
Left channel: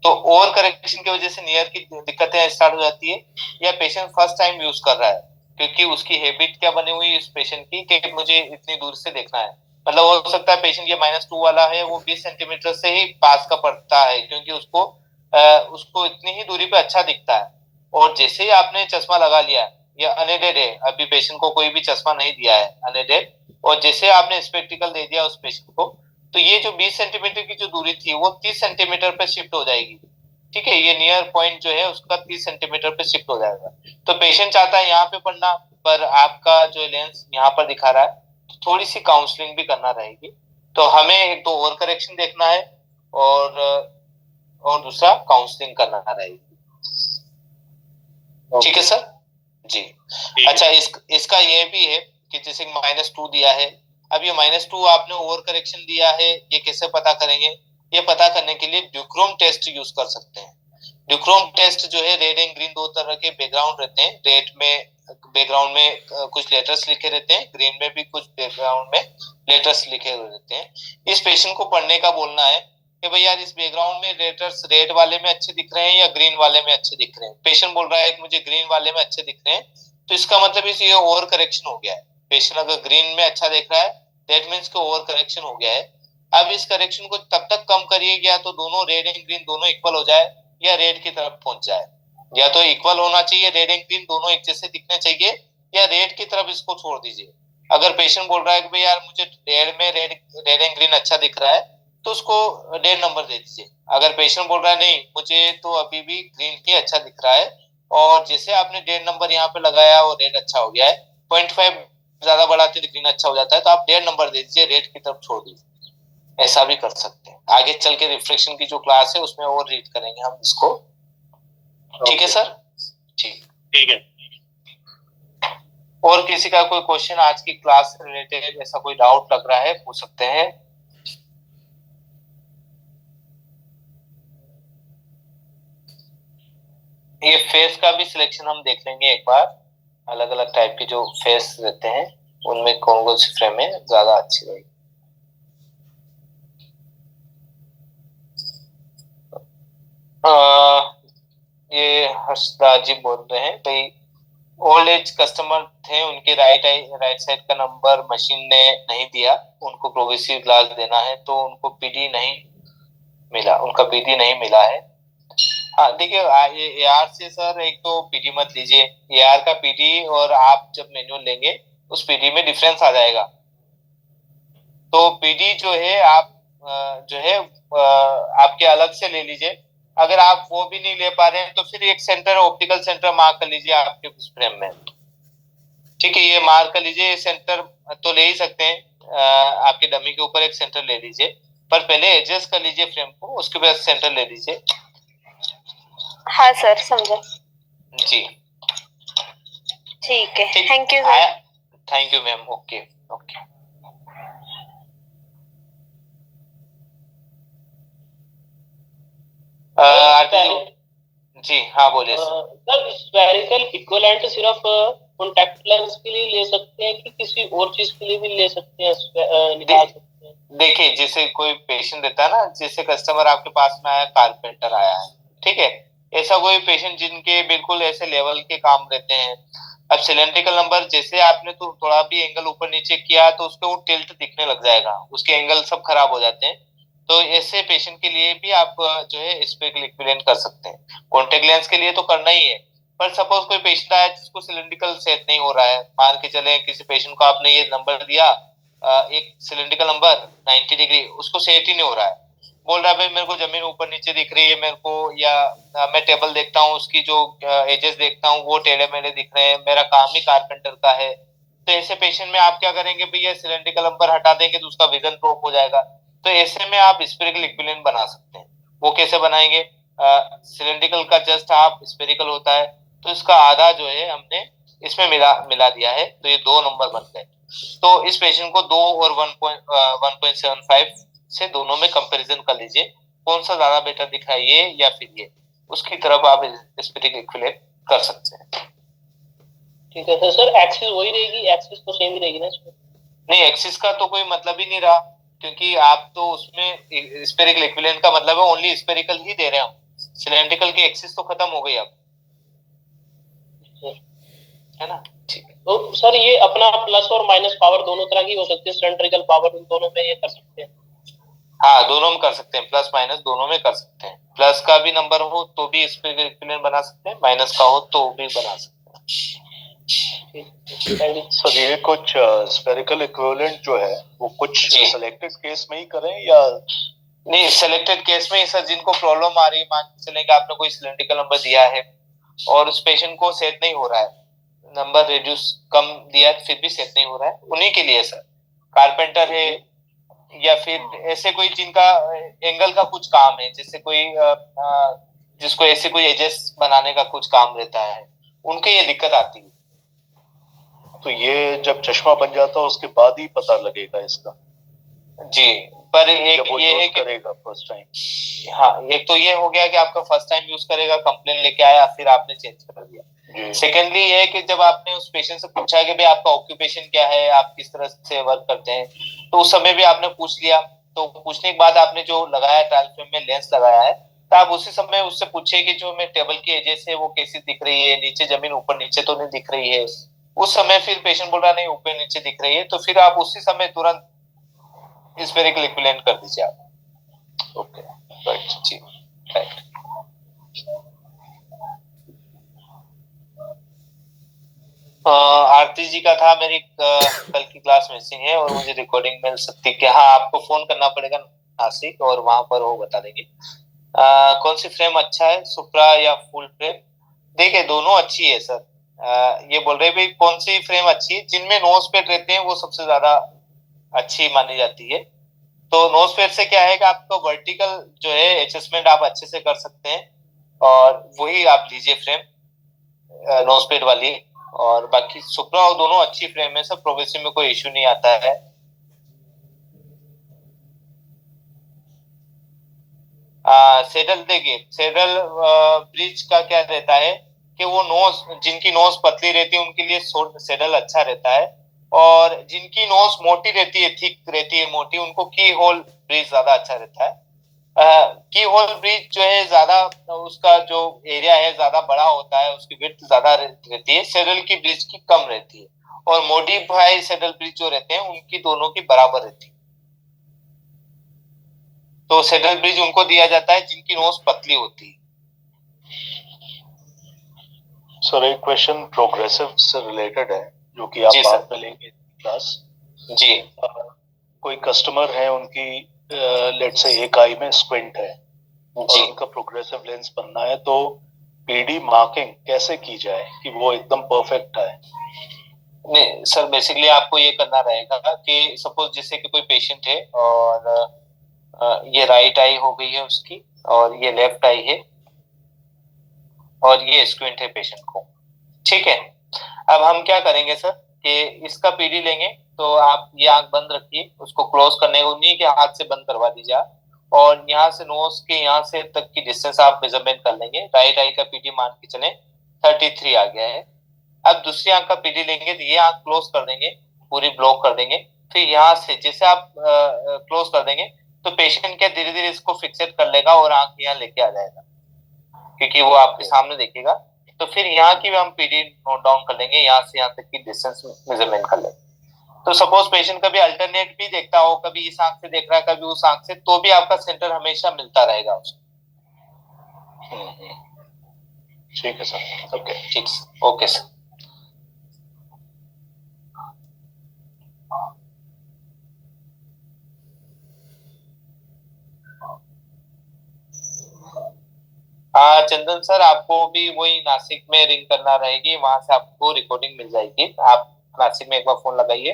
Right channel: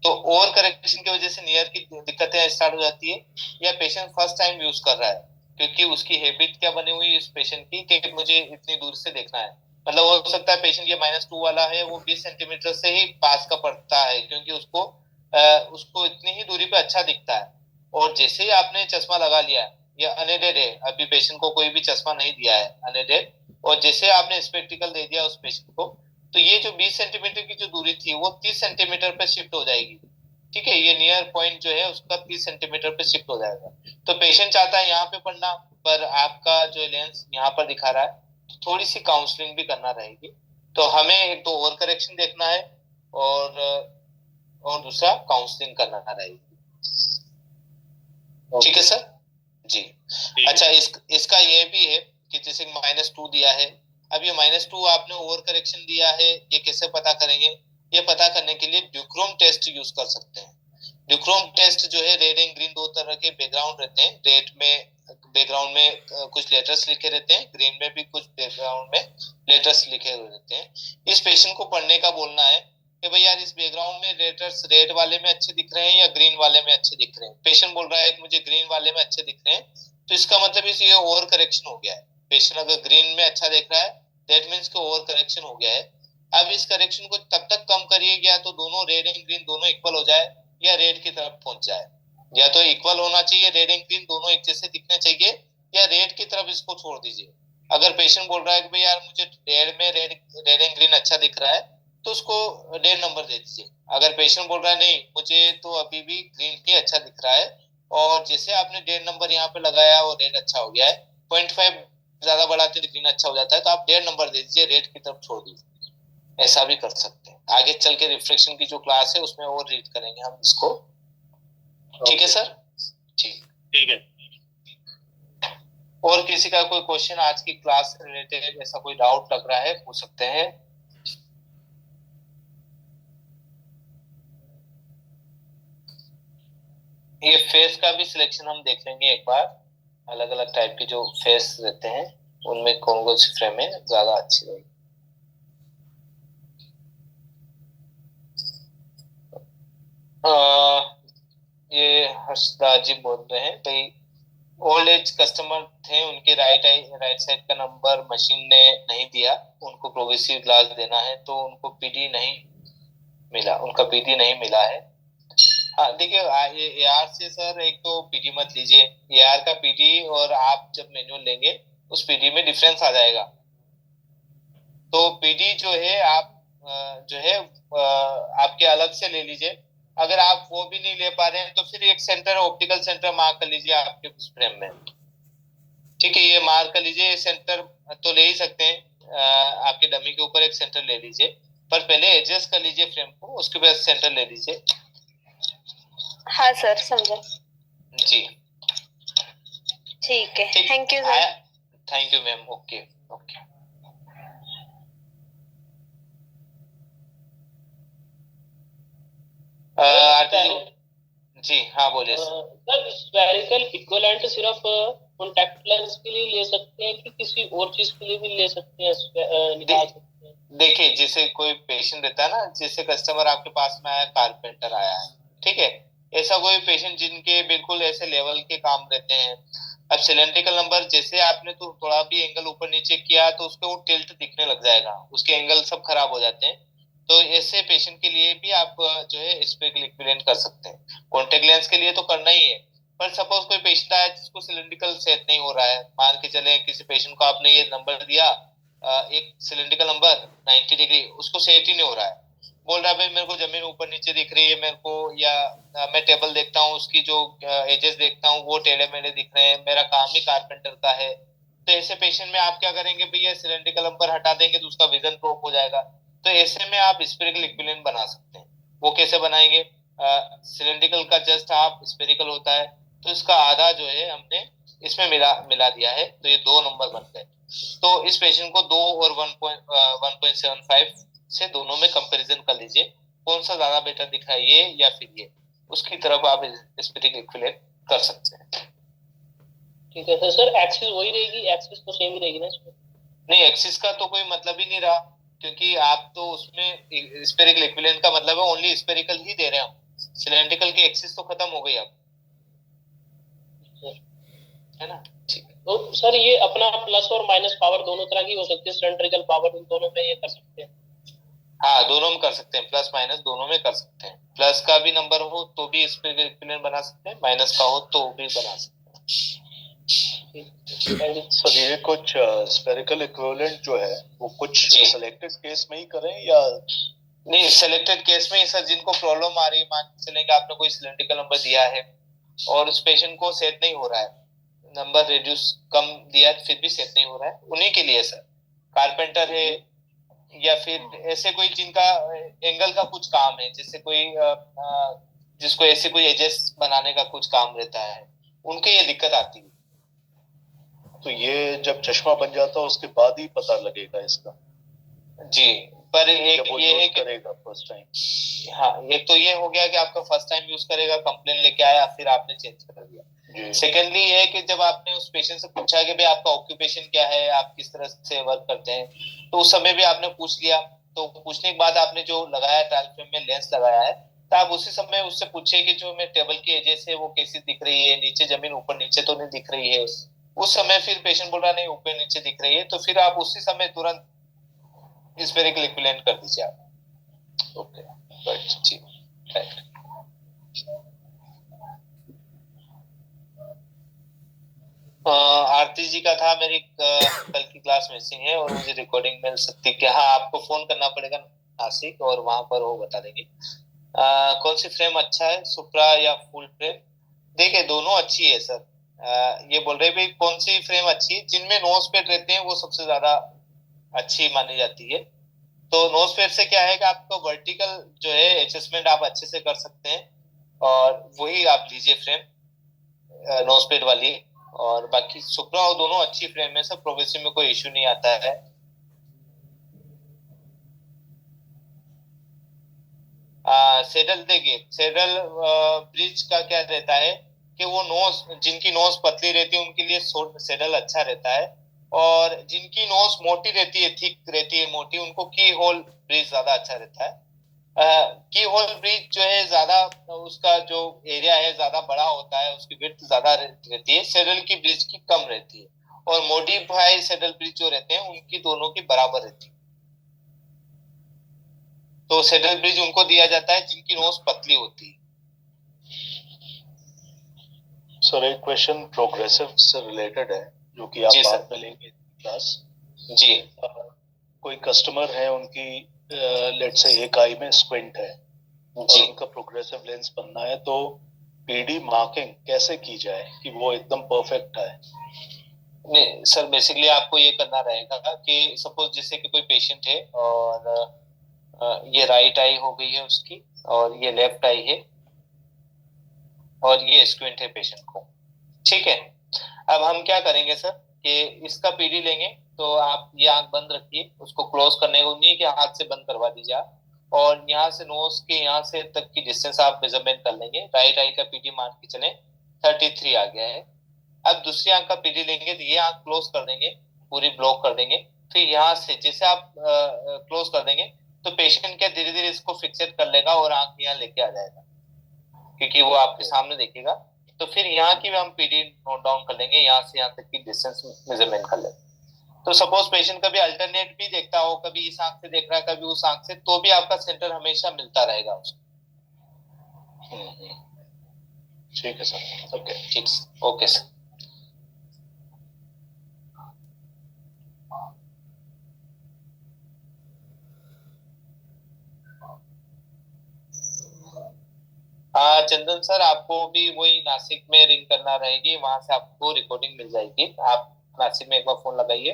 तो ओवर करेक्शन की वजह से नियर की दिक्कतें स्टार्ट हो जाती है, या पेशेंट फर्स्ट टाइम यूज कर रहा है क्योंकि उसकी हैबिट क्या बनी हुई है इस पेशेंट की कि मुझे इतनी दूर से देखना है। मतलब हो सकता है पेशेंट ये -2 वाला है, वो 20 सेंटीमीटर से ही पास का पड़ता है क्योंकि उसको इतनी ही दूरी पे अच्छा दिखता है। और जैसे ही आपने चश्मा लगा लिया, या अनएडेड है, अभी पेशेंट को कोई भी चश्मा नहीं दिया है, अनएडेड, और जैसे आपने स्पेक्टिकल दे दिया उस पेशेंट को, तो ये जो 20 सेंटीमीटर की जो दूरी थी वो 30 सेंटीमीटर पे शिफ्ट हो जाएगी। ठीक है, ये नियर पॉइंट जो है उसका 30 सेंटीमीटर पे शिफ्ट हो जाएगा। तो पेशेंट चाहता है यहाँ पे पढ़ना, पर आपका जो लेंस यहाँ पर दिखा रहा है, तो थोड़ी सी काउंसलिंग भी करना रहेगी। तो हमें एक तो ओवर करेक्शन देखना है और दूसरा काउंसलिंग करना रहेगी। ठीक है सर जी। अच्छा, इसका ये भी है कि जैसे -2 दिया है, अब ये -2 आपने ओवर करेक्शन दिया है, ये कैसे पता करेंगे? ये पता करने के लिए ड्यूक्रोम टेस्ट यूज कर सकते हैं। ड्यूक्रोम टेस्ट जो है, रेड एंड ग्रीन 2 तरह के बैकग्राउंड रहते हैं। रेड में बैकग्राउंड में कुछ लेटर्स लिखे रहते हैं, ग्रीन में भी कुछ बैकग्राउंड में लेटर्स लिखे हुए रहते हैं। इस पेशेंट को पढ़ने का बोलना है कि भाई यार, इस बैकग्राउंड में लेटर्स रेड वाले में अच्छे दिख रहे हैं या ग्रीन वाले में अच्छे दिख रहे हैं। पेशेंट बोल रहा है कि मुझे ग्रीन वाले में अच्छे दिख रहे हैं, तो इसका मतलब ये ओवर करेक्शन हो गया है। पेशेंट अगर ग्रीन में अच्छा देख रहा है, दैट मीन्स कि ओवर करेक्शन हो गया है। अब इस करेक्शन को तब तक कम करिए या तो दोनों रेड एंड ग्रीन दोनों इक्वल हो जाए, या रेड की तरफ पहुंच जाए। या तो इक्वल होना चाहिए, रेड एंड ग्रीन दोनों एक जैसे दिखने चाहिए, या रेड की तरफ इसको छोड़ दीजिए। अगर पेशेंट बोल रहा है कि भाई यार मुझे रेड एंड ग्रीन अच्छा दिख रहा है, तो उसको 1.5 नंबर दे दीजिए। अगर पेशेंट बोल रहा है नहीं, मुझे तो अभी भी ग्रीन ही अच्छा दिख रहा है, और जैसे आपने 1.5 नंबर यहाँ पे लगाया और रेड अच्छा हो गया है, 0.5 ज्यादा बढ़ाते तो ग्रीन अच्छा हो जाता है, तो आप 1.5 नंबर दे दीजिए, रेड की तरफ छोड़ दीजिए। ऐसा भी कर सकते हैं। आगे चल के रिफ्लेक्शन की जो क्लास है उसमें और रीड करेंगे हम इसको। ठीक है सर? ठीक है। और किसी का कोई क्वेश्चन आज की क्लास से रिलेटेड, ऐसा कोई डाउट लग रहा है, पूछ सकते हैं। ये फेस का भी सिलेक्शन हम देख लेंगे एक बार, अलग अलग टाइप के जो फेस रहते हैं उनमें कौन कौन सी फ्रेम है ज्यादा अच्छी रहेगी। हर्षदास जी बोल रहे हैं भाई, ओल्ड एज कस्टमर थे, उनके राइट साइड का नंबर मशीन ने नहीं दिया, उनको प्रोग्रेसिव ग्लास देना है तो उनको पीडी नहीं मिला, उनका पीडी नहीं मिला है। हाँ देखिए, एआर से सर एक तो पीडी मत लीजिए, एआर का पीडी और आप जब मैनुअल लेंगे उस पीडी में डिफरेंस आ जाएगा। तो पीडी जो है आप जो है आपके अलग से ले लीजिए। अगर आप वो भी नहीं ले पा रहे हैं तो फिर एक सेंटर, ऑप्टिकल सेंटर मार्क कर लीजिए आपके उस फ्रेम में। ठीक है, ये मार्क कर लीजिए, सेंटर तो ले ही सकते हैं, आपके डमी के ऊपर एक सेंटर ले लीजिए, पर पहले एडजस्ट कर लीजिए फ्रेम को, उसके बाद सेंटर ले लीजिए। हाँ सर, समझा। जी ठीक है, thank you sir. Thank you ma'am. Okay okay. जी हाँ बोलिए सर। स्फेरिकल इक्विवेलेंट सिर्फ कॉन्टैक्ट लेंस के लिए ले सकते हैं कि किसी और चीज के लिए भी ले सकते हैं, निकाल सकते हैं? देखिए, जैसे कोई पेशेंट रहता है ना, जैसे कस्टमर आपके पास में आया, कारपेंटर आया है, ठीक है, ऐसा कोई पेशेंट जिनके बिल्कुल ऐसे लेवल के काम रहते हैं, अब सिलेंड्रिकल नंबर जैसे आपने तो थोड़ा भी एंगल ऊपर नीचे किया तो उसके वो टिल्ट दिखने लग जाएगा, उसके एंगल सब खराब हो जाते हैं। तो ऐसे पेशेंट के लिए भी आप जो है स्पेरिकल इक्विवेलेंट कर सकते हैं। कॉन्टेक्ट लेंस के लिए तो करना ही है, पर सपोज कोई पेशेंट आया जिसको सिलेंड्रिकल सेट नहीं हो रहा है, मान के चले किसी पेशेंट को आपने ये नंबर दिया, एक सिलेंड्रिकल नंबर 90 डिग्री, उसको सेट ही नहीं हो रहा है, बोल रहा है भाई मेरे को जमीन ऊपर नीचे दिख रही है मेरे को, या मैं टेबल देखता हूँ उसकी जो एजेस देखता हूँ वो टेढ़े मेढ़े दिख रहे हैं, मेरा काम ही कारपेंटर का है। तो ऐसे पेशेंट में आप क्या करेंगे भैया, सिलेंड्रिकल नंबर हटा देंगे तो उसका विजन ड्रॉप हो जाएगा। तो ऐसे में आप स्पेरिकल इक्विवेलेंट बना सकते हैं। वो कैसे बनाएंगे, सिलेंड्रिकल का जस्ट हाफ स्पेरिकल होता है, तो इसका आधा जो है हमने इसमें मिला दिया है, तो ये 2 नंबर बन गए। तो इस पेशेंट को 2 और 1.75 से दोनों में कंपैरिजन कर लीजिए, कौन सा ज्यादा बेटर दिख रहा है, ये या फिर ये, उसकी तरफ आप स्पेरिकल इक्विवेलेंट कर सकते हैं। ठीक है सर। सर एक्सिस वही रहेगी, एक्सिस तो सेम ही रहेगी ना इसमें? नहीं, एक्सिस का तो कोई मतलब ही नहीं रहा, क्योंकि आप तो उसमें स्पेरिकल इक्विवेलेंट का मतलब है ओनली स्पेरिकल ही दे रहे हैं हम, सिलेंड्रिकल की एक्सिस तो खत्म हो गई अब, है ना। ठीक है, तो सर ये अपना प्लस और माइनस पावर दोनों तरह की हो सकती है, सिलेंड्रिकल पावर उन दोनों में ये कर सकते हैं? हाँ दोनों में कर सकते हैं, प्लस माइनस दोनों में कर सकते हैं। प्लस का भी नंबर हो तो भी स्पेरिकल इक्विवेलेंट बना सकते हैं, माइनस का हो तो भी बना सकते हैं। सर ये कुछ स्पेरिकल इक्विवेलेंट जो है वो कुछ सिलेक्टेड केस में ही करें या नहीं? सिलेक्टेड केस में सर, जिनको प्रॉब्लम आ रही है, मान के चलें कि आपने कोई सिलेंड्रिकल नंबर दिया है और उस पेशेंट को सेट नहीं हो रहा है, नंबर रिड्यूस कम दिया फिर भी सेट नहीं हो रहा है, उन्हीं के लिए सर, कारपेंटर है या फिर ऐसे कोई जिनका एंगल का कुछ काम है, जैसे कोई जिसको ऐसे कोई एजेस बनाने का कुछ काम रहता है, उनके ये दिक्कत आती है। तो ये जब चश्मा बन जाता है उसके बाद ही पता लगेगा इसका? जी, पर एक ये है कि करेगा फर्स्ट टाइम। हाँ, एक तो ये हो गया कि आपका फर्स्ट टाइम यूज करेगा, कंप्लेन लेके आया, फिर आपने चेंज कर दिया। सेकेंडली ये है कि जब आपने उस पेशेंट से पूछा कि भाई आपका ऑक्यूपेशन क्या है, आप किस तरह से वर्क करते हैं, तो उस समय भी आपने पूछ लिया, तो पूछने के बाद आपने जो लगाया ट्रायल फ्रेम में लेंस लगाया है, तो आप उसी समय उससे पूछे कि जो मैं टेबल की एजेस है वो कैसी दिख रही है, नीचे जमीन ऊपर नीचे तो नहीं दिख रही है। उस समय फिर पेशेंट बोल रहा नहीं ऊपर नीचे दिख रही है, तो फिर आप उसी समय तुरंत स्पेरिकल इक्विवेलेंट कर दीजिए आप। ओके, राइट जी, राइट। आरती जी का था, मेरी कल की क्लास मिसिंग है और मुझे रिकॉर्डिंग मिल सकती है। हाँ, आपको फोन करना पड़ेगा नासिक और वहां पर वो बता देंगे। कौन सी फ्रेम अच्छा है, सुप्रा या फुल फ्रेम? देखिए दोनों अच्छी है सर। ये बोल रहे भाई कौन सी फ्रेम अच्छी है, जिनमें नोज पेड रहते हैं वो सबसे ज्यादा अच्छी मानी जाती है। तो नोज पेड से क्या है कि आपका वर्टिकल जो है एडजस्टमेंट आप अच्छे से कर सकते हैं, और वही आप लीजिए फ्रेम नोज पेड वाली। और बाकी सुप्रा और दोनों अच्छी फ्रेम है, सब प्रोग्रेसिव में कोई इश्यू नहीं आता है। सेडल देखिए, सेडल ब्रिज का क्या रहता है कि वो नोज, जिनकी नोज पतली रहती है उनके लिए सेडल अच्छा रहता है, और जिनकी नोज मोटी रहती है, थिक रहती है, मोटी, उनको की होल ब्रिज ज्यादा अच्छा रहता है। की होल ब्रिज जो है ज्यादा, उसका जो एरिया है ज्यादा बड़ा होता है, उसकी विड्थ ज्यादा रहती है, सैडल की ब्रिज की कम रहती है, और मॉडिफाई सैडल ब्रिज जो रहते हैं उनकी दोनों की बराबर रहती है। तो सैडल ब्रिज उनको दिया जाता है जिनकी नोज पतली होती है। सर एक क्वेश्चन प्रोग्रेसिव से रिलेटेड है जो कि आप बाद में लेंगे क्लास। जी। कोई कस्टमर है, उनकी लेट्स से एक आई में स्क्विंट है और उनका प्रोग्रेसिव लेंस बनना है, तो पीडी मार्किंग कैसे की जाए कि वो एकदम परफेक्ट आए? नहीं सर, बेसिकली आपको ये करना रहेगा कि सपोज जैसे कि कोई पेशेंट है और ये राइट आई हो गई है उसकी, और ये लेफ्ट आई है, और ये स्क्विंट है पेशेंट को, ठीक है। अब हम क्या करेंगे सर कि इसका पीडी लेंगे, तो आप ये आंख बंद रखिए, उसको क्लोज करने को उन्हीं के हाथ से बंद करवा दीजिए आप, और यहाँ से नोज के यहाँ से तक की डिस्टेंस आप मेजरमेंट कर लेंगे। राइट आई का पीडी मान के चले 33 आ गया है। अब दूसरी आंख का पीडी लेंगे तो ये आंख क्लोज कर देंगे, पूरी ब्लॉक कर देंगे, फिर यहाँ से जैसे आप क्लोज कर देंगे तो पेशेंट क्या धीरे धीरे इसको फिक्सेट कर लेगा और आंख यहाँ लेके आ जाएगा, क्योंकि वो आपके सामने देखेगा। तो फिर यहाँ की भी हम पीडी नोट डाउन कर लेंगे, यहाँ से यहाँ तक की डिस्टेंस मेजरमेंट कर लेंगे। तो सपोज पेशेंट कभी अल्टरनेट भी देखता हो, कभी इस आंख से देख रहा है कभी उस आंख से, तो भी आपका सेंटर हमेशा मिलता रहेगा उसको। ठीक है सर, ओके। ठीक, ओके सर। हाँ चंदन सर, आपको भी वही नासिक में रिंग करना रहेगी, वहां से आपको रिकॉर्डिंग मिल जाएगी। आप नासिक में एक बार फोन लगाइए।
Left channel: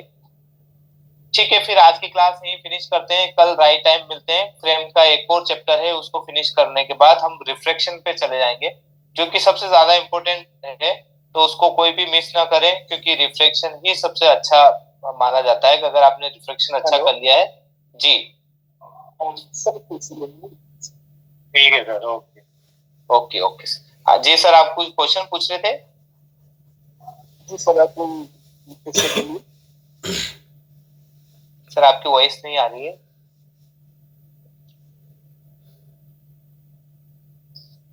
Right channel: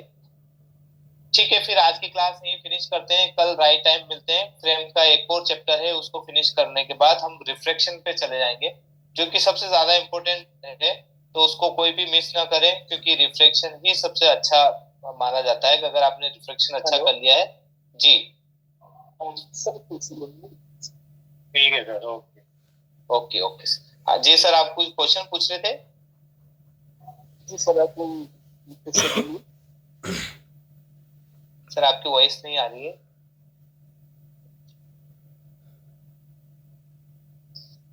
ठीक है, फिर आज की क्लास यहीं फिनिश करते हैं, कल राइट टाइम मिलते हैं। फ्रेम का एक और चैप्टर है, उसको फिनिश करने के बाद हम रिफ्रैक्शन पे चले जाएंगे, जो कि सबसे ज्यादा इम्पोर्टेंट है, तो उसको कोई भी मिस ना करें, क्योंकि रिफ्रैक्शन ही सबसे अच्छा माना जाता है कि अगर आपने रिफ्रैक्शन अच्छा कर लिया है। जी ठीक है sir, okay okay okay sir. हाँ जी सर, आप कुछ क्वेश्चन पूछ रहे थे? जी सर, आप सर आपकी वॉइस नहीं आ रही है,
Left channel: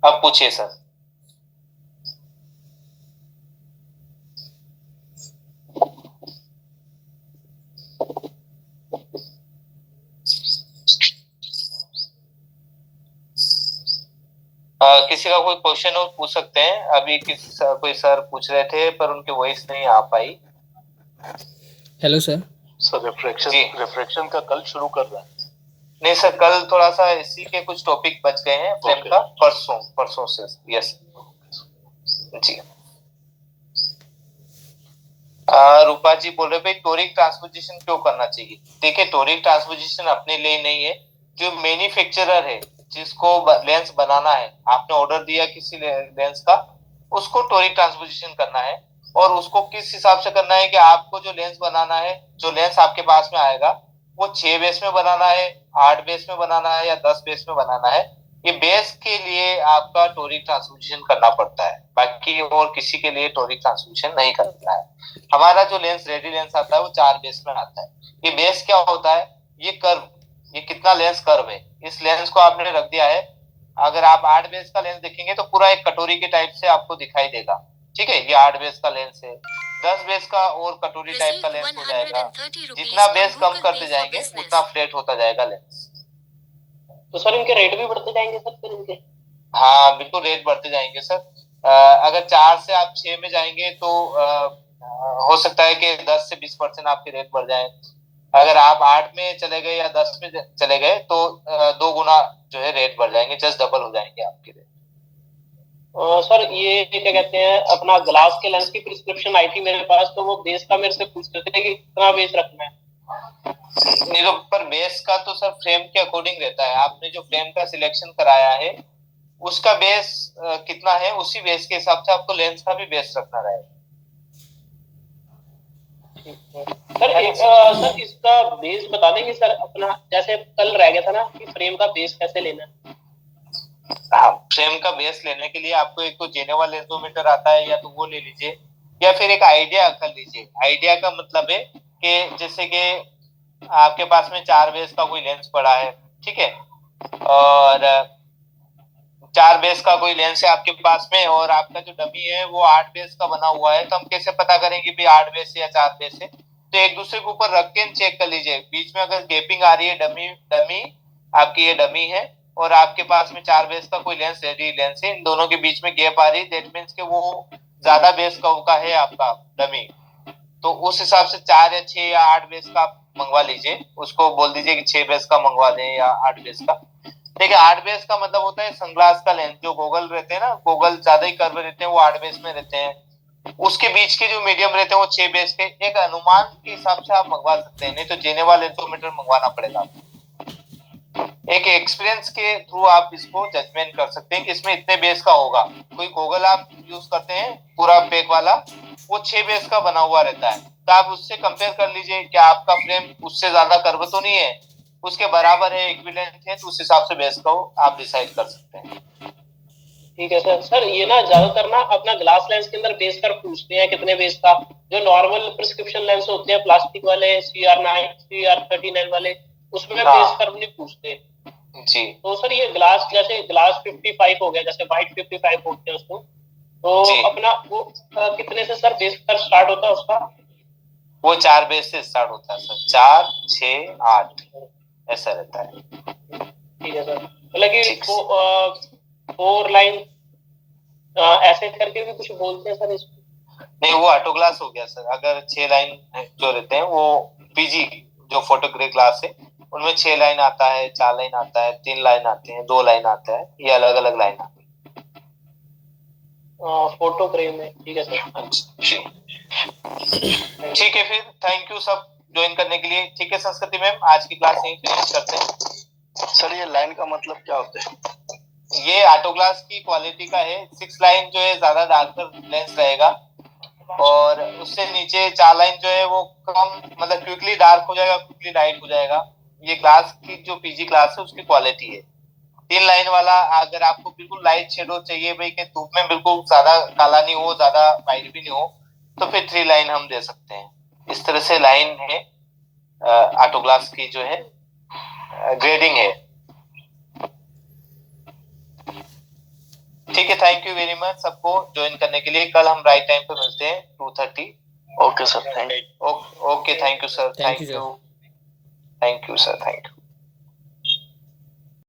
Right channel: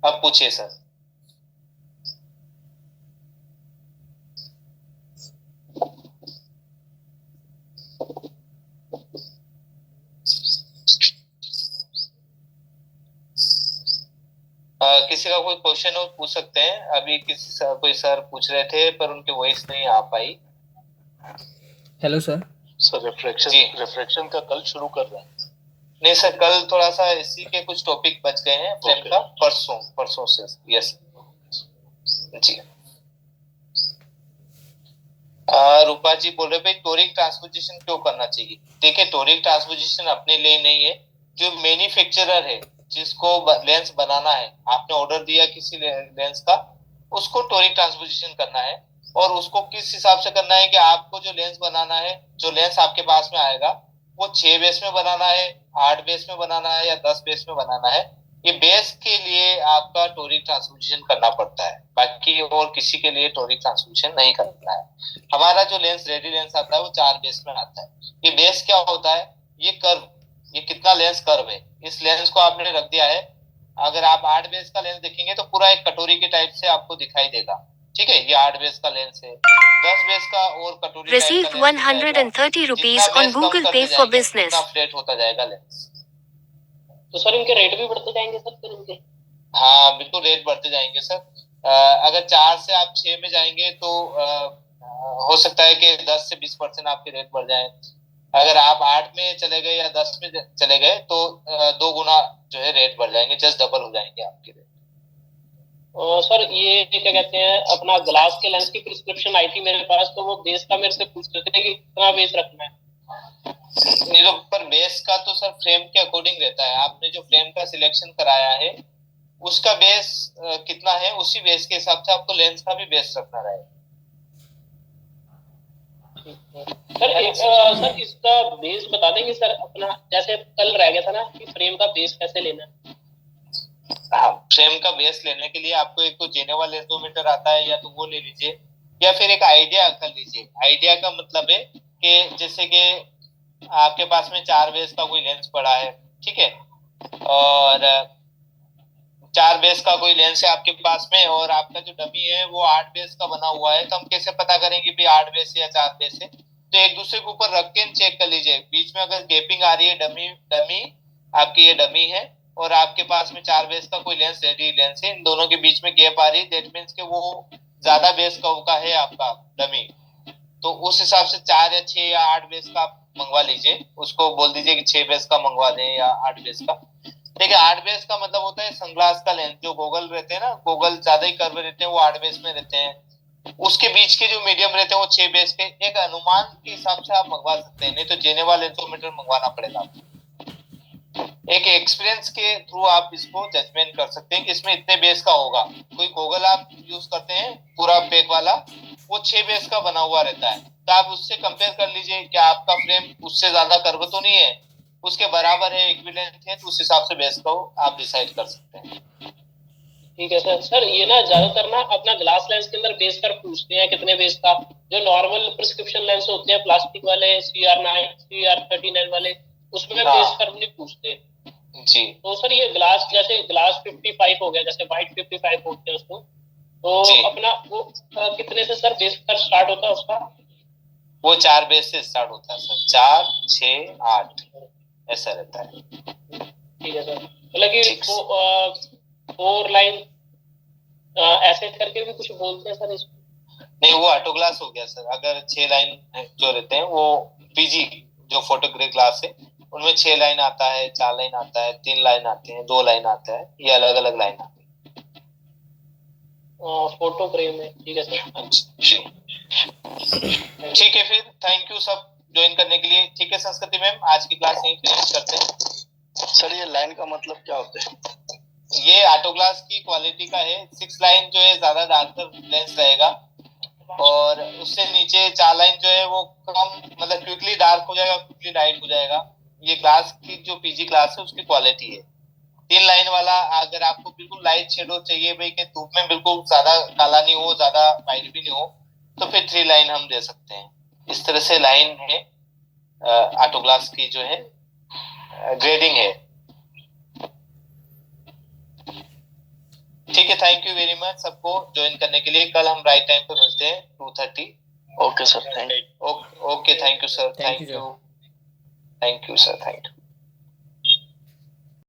अब पूछिए सर। किसी का कोई क्वेश्चन हो पूछ सकते हैं। अभी कोई सर पूछ रहे थे पर उनकी वॉइस नहीं आ पाई। Hello sir. सर रिफ्रैक्शन का कल शुरू कर रहे हैं? नहीं सर, कल थोड़ा सा इसी के कुछ टॉपिक बच गए हैं फ्रेम का, परसों से। यस जी। रूपा जी बोल रहे भाई टोरिक ट्रांसपोजिशन क्यों करना चाहिए? देखिए, टोरिक ट्रांसपोजिशन अपने लिए नहीं है, जो मैन्युफैक्चरर है जिसको लेंस बनाना है, आपने ऑर्डर दिया किसी लेंस का, उसको टोरिक ट्रांसपोजिशन करना है। और उसको किस हिसाब से करना है कि आपको जो लेंस बनाना है, जो लेंस आपके पास में आएगा, वो 6 बेस में बनाना है, 8 बेस में बनाना है या 10 बेस में बनाना है। ये बेस के लिए आपका टोरिक ट्रांसपोजिशन करना पड़ता है, बाकी और किसी के लिए टोरिक ट्रांसपोजिशन नहीं करना है। हमारा जो लेंस रेडी लेंस आता है वो 4 बेस में आता है। ये बेस क्या होता है? ये कर्व, ये कितना लेंस कर्व है, इस लेंस को आपने रख दिया है। अगर आप 8 बेस का लेंस देखेंगे तो पूरा एक कटोरी के टाइप से आपको दिखाई देगा, ठीक है। ये 8 बेस का लेंस है, 10 बेस का और कटोरी टाइप का लेंस है। 130 rupees on Google Pay for business. उतना फ्लैट होता जाएगा लेंस। तो सर इनके रेट भी बढ़ते जाएंगे सर फिर इनके? हाँ बिल्कुल, रेट बढ़ते जाएंगे सर। अगर 4 से आप 6 में जाएंगे तो हो सकता है कि 10 से 20% आपके रेट बढ़ जाए। अगर आप 8 में चले गए या 10 में चले गए तो 2 गुना जो है रेट बढ़ जाएंगे, जस्ट डबल हो जाएंगे आपके रेट। सर ये क्या कहते हैं, अपना ग्लास के लेंस की प्रिस्क्रिप्शन आई थी मेरे पास, तो वो बेस का मेरे से पूछ रहे थे कि कितना बेस रखना है। नहीं तो पर बेस का तो सर फ्रेम के अकॉर्डिंग रहता है। आपने जो फ्रेम का सिलेक्शन कराया है उसका बेस कितना है, उसी बेस के हिसाब से आपको लेंस का भी बेस रखना रहेगा। सर इसका बेस बता देंगे सर अपना, जैसे कल रह गया था ना कि फ्रेम का बेस कैसे लेना है? हाँ, फ्रेम का बेस लेने के लिए आपको एक तो जेनेवा लेंसोमीटर आता है, या तो वो ले लीजिए, या फिर एक आइडिया कर लीजिए। आइडिया का मतलब है कि जैसे कि आपके पास में 4 बेस का कोई लेंस पड़ा है, ठीक है, और 4 बेस का कोई लेंस है आपके पास में और आपका जो डमी है वो 8 बेस का बना हुआ है, तो हम कैसे पता करेंगे भी 8 बेस है या 4 बेस है? तो एक दूसरे के ऊपर रख के चेक कर लीजिए, बीच में अगर गैपिंग आ रही है, डमी आपकी ये डमी है और आपके पास में 4 बेस का कोई लेंस रेडी लेंस है, इन दोनों के बीच में गैप आ रही है, दैट मीन्स के वो ज्यादा बेस का है आपका डमी। तो उस हिसाब से 4 या 6 या 8 बेस का आप मंगवा लीजिए, उसको बोल दीजिए कि 6 बेस का मंगवा दें या 8 बेस का। देखिए 8 बेस का मतलब होता है सनग्लास का लेंस, जो गोगल रहते हैं ना, गोगल ज्यादा ही कर्व रहते हैं, वो 8 बेस में रहते हैं। उसके बीच के जो मीडियम रहते हैं वो 6 बेस के। एक अनुमान के हिसाब से आप मंगवा सकते हैं, नहीं तो जेनेवा लेंसोमीटर मंगवाना पड़ेगा आपको। एक एक्सपीरियंस के थ्रू आप इसको जजमेंट कर सकते हैं कि इसमें इतने बेस का होगा। कोई गोगल आप यूज करते हैं पूरा पैक वाला, वो 6 बेस का बना हुआ रहता है, तो आप उससे कंपेयर कर लीजिए कि आपका फ्रेम उससे ज्यादा कर्व तो नहीं है, उसके बराबर है, इक्विवेलेंट है, तो उस हिसाब से बेस को आप डिसाइड कर सकते हैं। ठीक है सर। सर ये ना ज्यादातर ना अपना ग्लास लेंस के अंदर बेस कर्व पूछते हैं कितने बेस का। जो नॉर्मल प्रिस्क्रिप्शन लेंस होते हैं प्लास्टिक वाले, CR9 CR39 वाले, उसमें बेस कर्व नहीं पूछते जी। तो सर ये ग्लास, जैसे ग्लास 55 हो गया, जैसे व्हाइट 55 बोलते हैं उसको, तो अपना वो कितने से सर बेस कर्व स्टार्ट होता है उसका? वो 4 बेस से स्टार्ट होता है सर, 4 6 8 ऐसा रहता है। ठीक है सर। मतलब कि 4 लाइन ऐसे करके भी कुछ बोलते हैं सर इसको? नहीं, वो ऑटो ग्लास हो गया सर। अगर 6 लाइन जो रहते हैं वो पीजी जो फोटोग्राफ ग्लास है, उनमें 6 लाइन आता है, 4 लाइन आता है, 3 लाइन आते हैं, 2 लाइन आता है, ये अलग अलग लाइन आती है फोटो फ्रेम में। ठीक है सर। ठीक है, फिर थैंक यू सब ज्वाइन करने के लिए। ठीक है संस्कृति मैम, आज की क्लास यहीं फिनिश करते हैं। सर ये लाइन का मतलब क्या होता है? ये ऑटो ग्लास की क्वालिटी का है। 6 लाइन जो है ज्यादा डार्कर लेंस रहेगा और उससे नीचे 4 लाइन जो है वो कम, मतलब क्विकली डार्क हो जाएगा, क्विकली लाइट हो जाएगा। ये ग्लास की जो पीजी ग्लास है उसकी क्वालिटी है। 3 लाइन वाला अगर आपको बिल्कुल लाइट शेडो चाहिए भाई, कि धूप में बिल्कुल ज्यादा काला नहीं हो, ज्यादा वाइट भी नहीं हो, तो फिर 3 लाइन हम दे सकते हैं। इस तरह से लाइन है ऑटो ग्लास की जो है ग्रेडिंग है। ठीक है, थैंक यू वेरी मच सबको ज्वाइन करने के लिए। कल हम राइट टाइम पे मिलते हैं 2:30। Okay sir, thank you. Okay, thank you sir, thank you sir, thank you.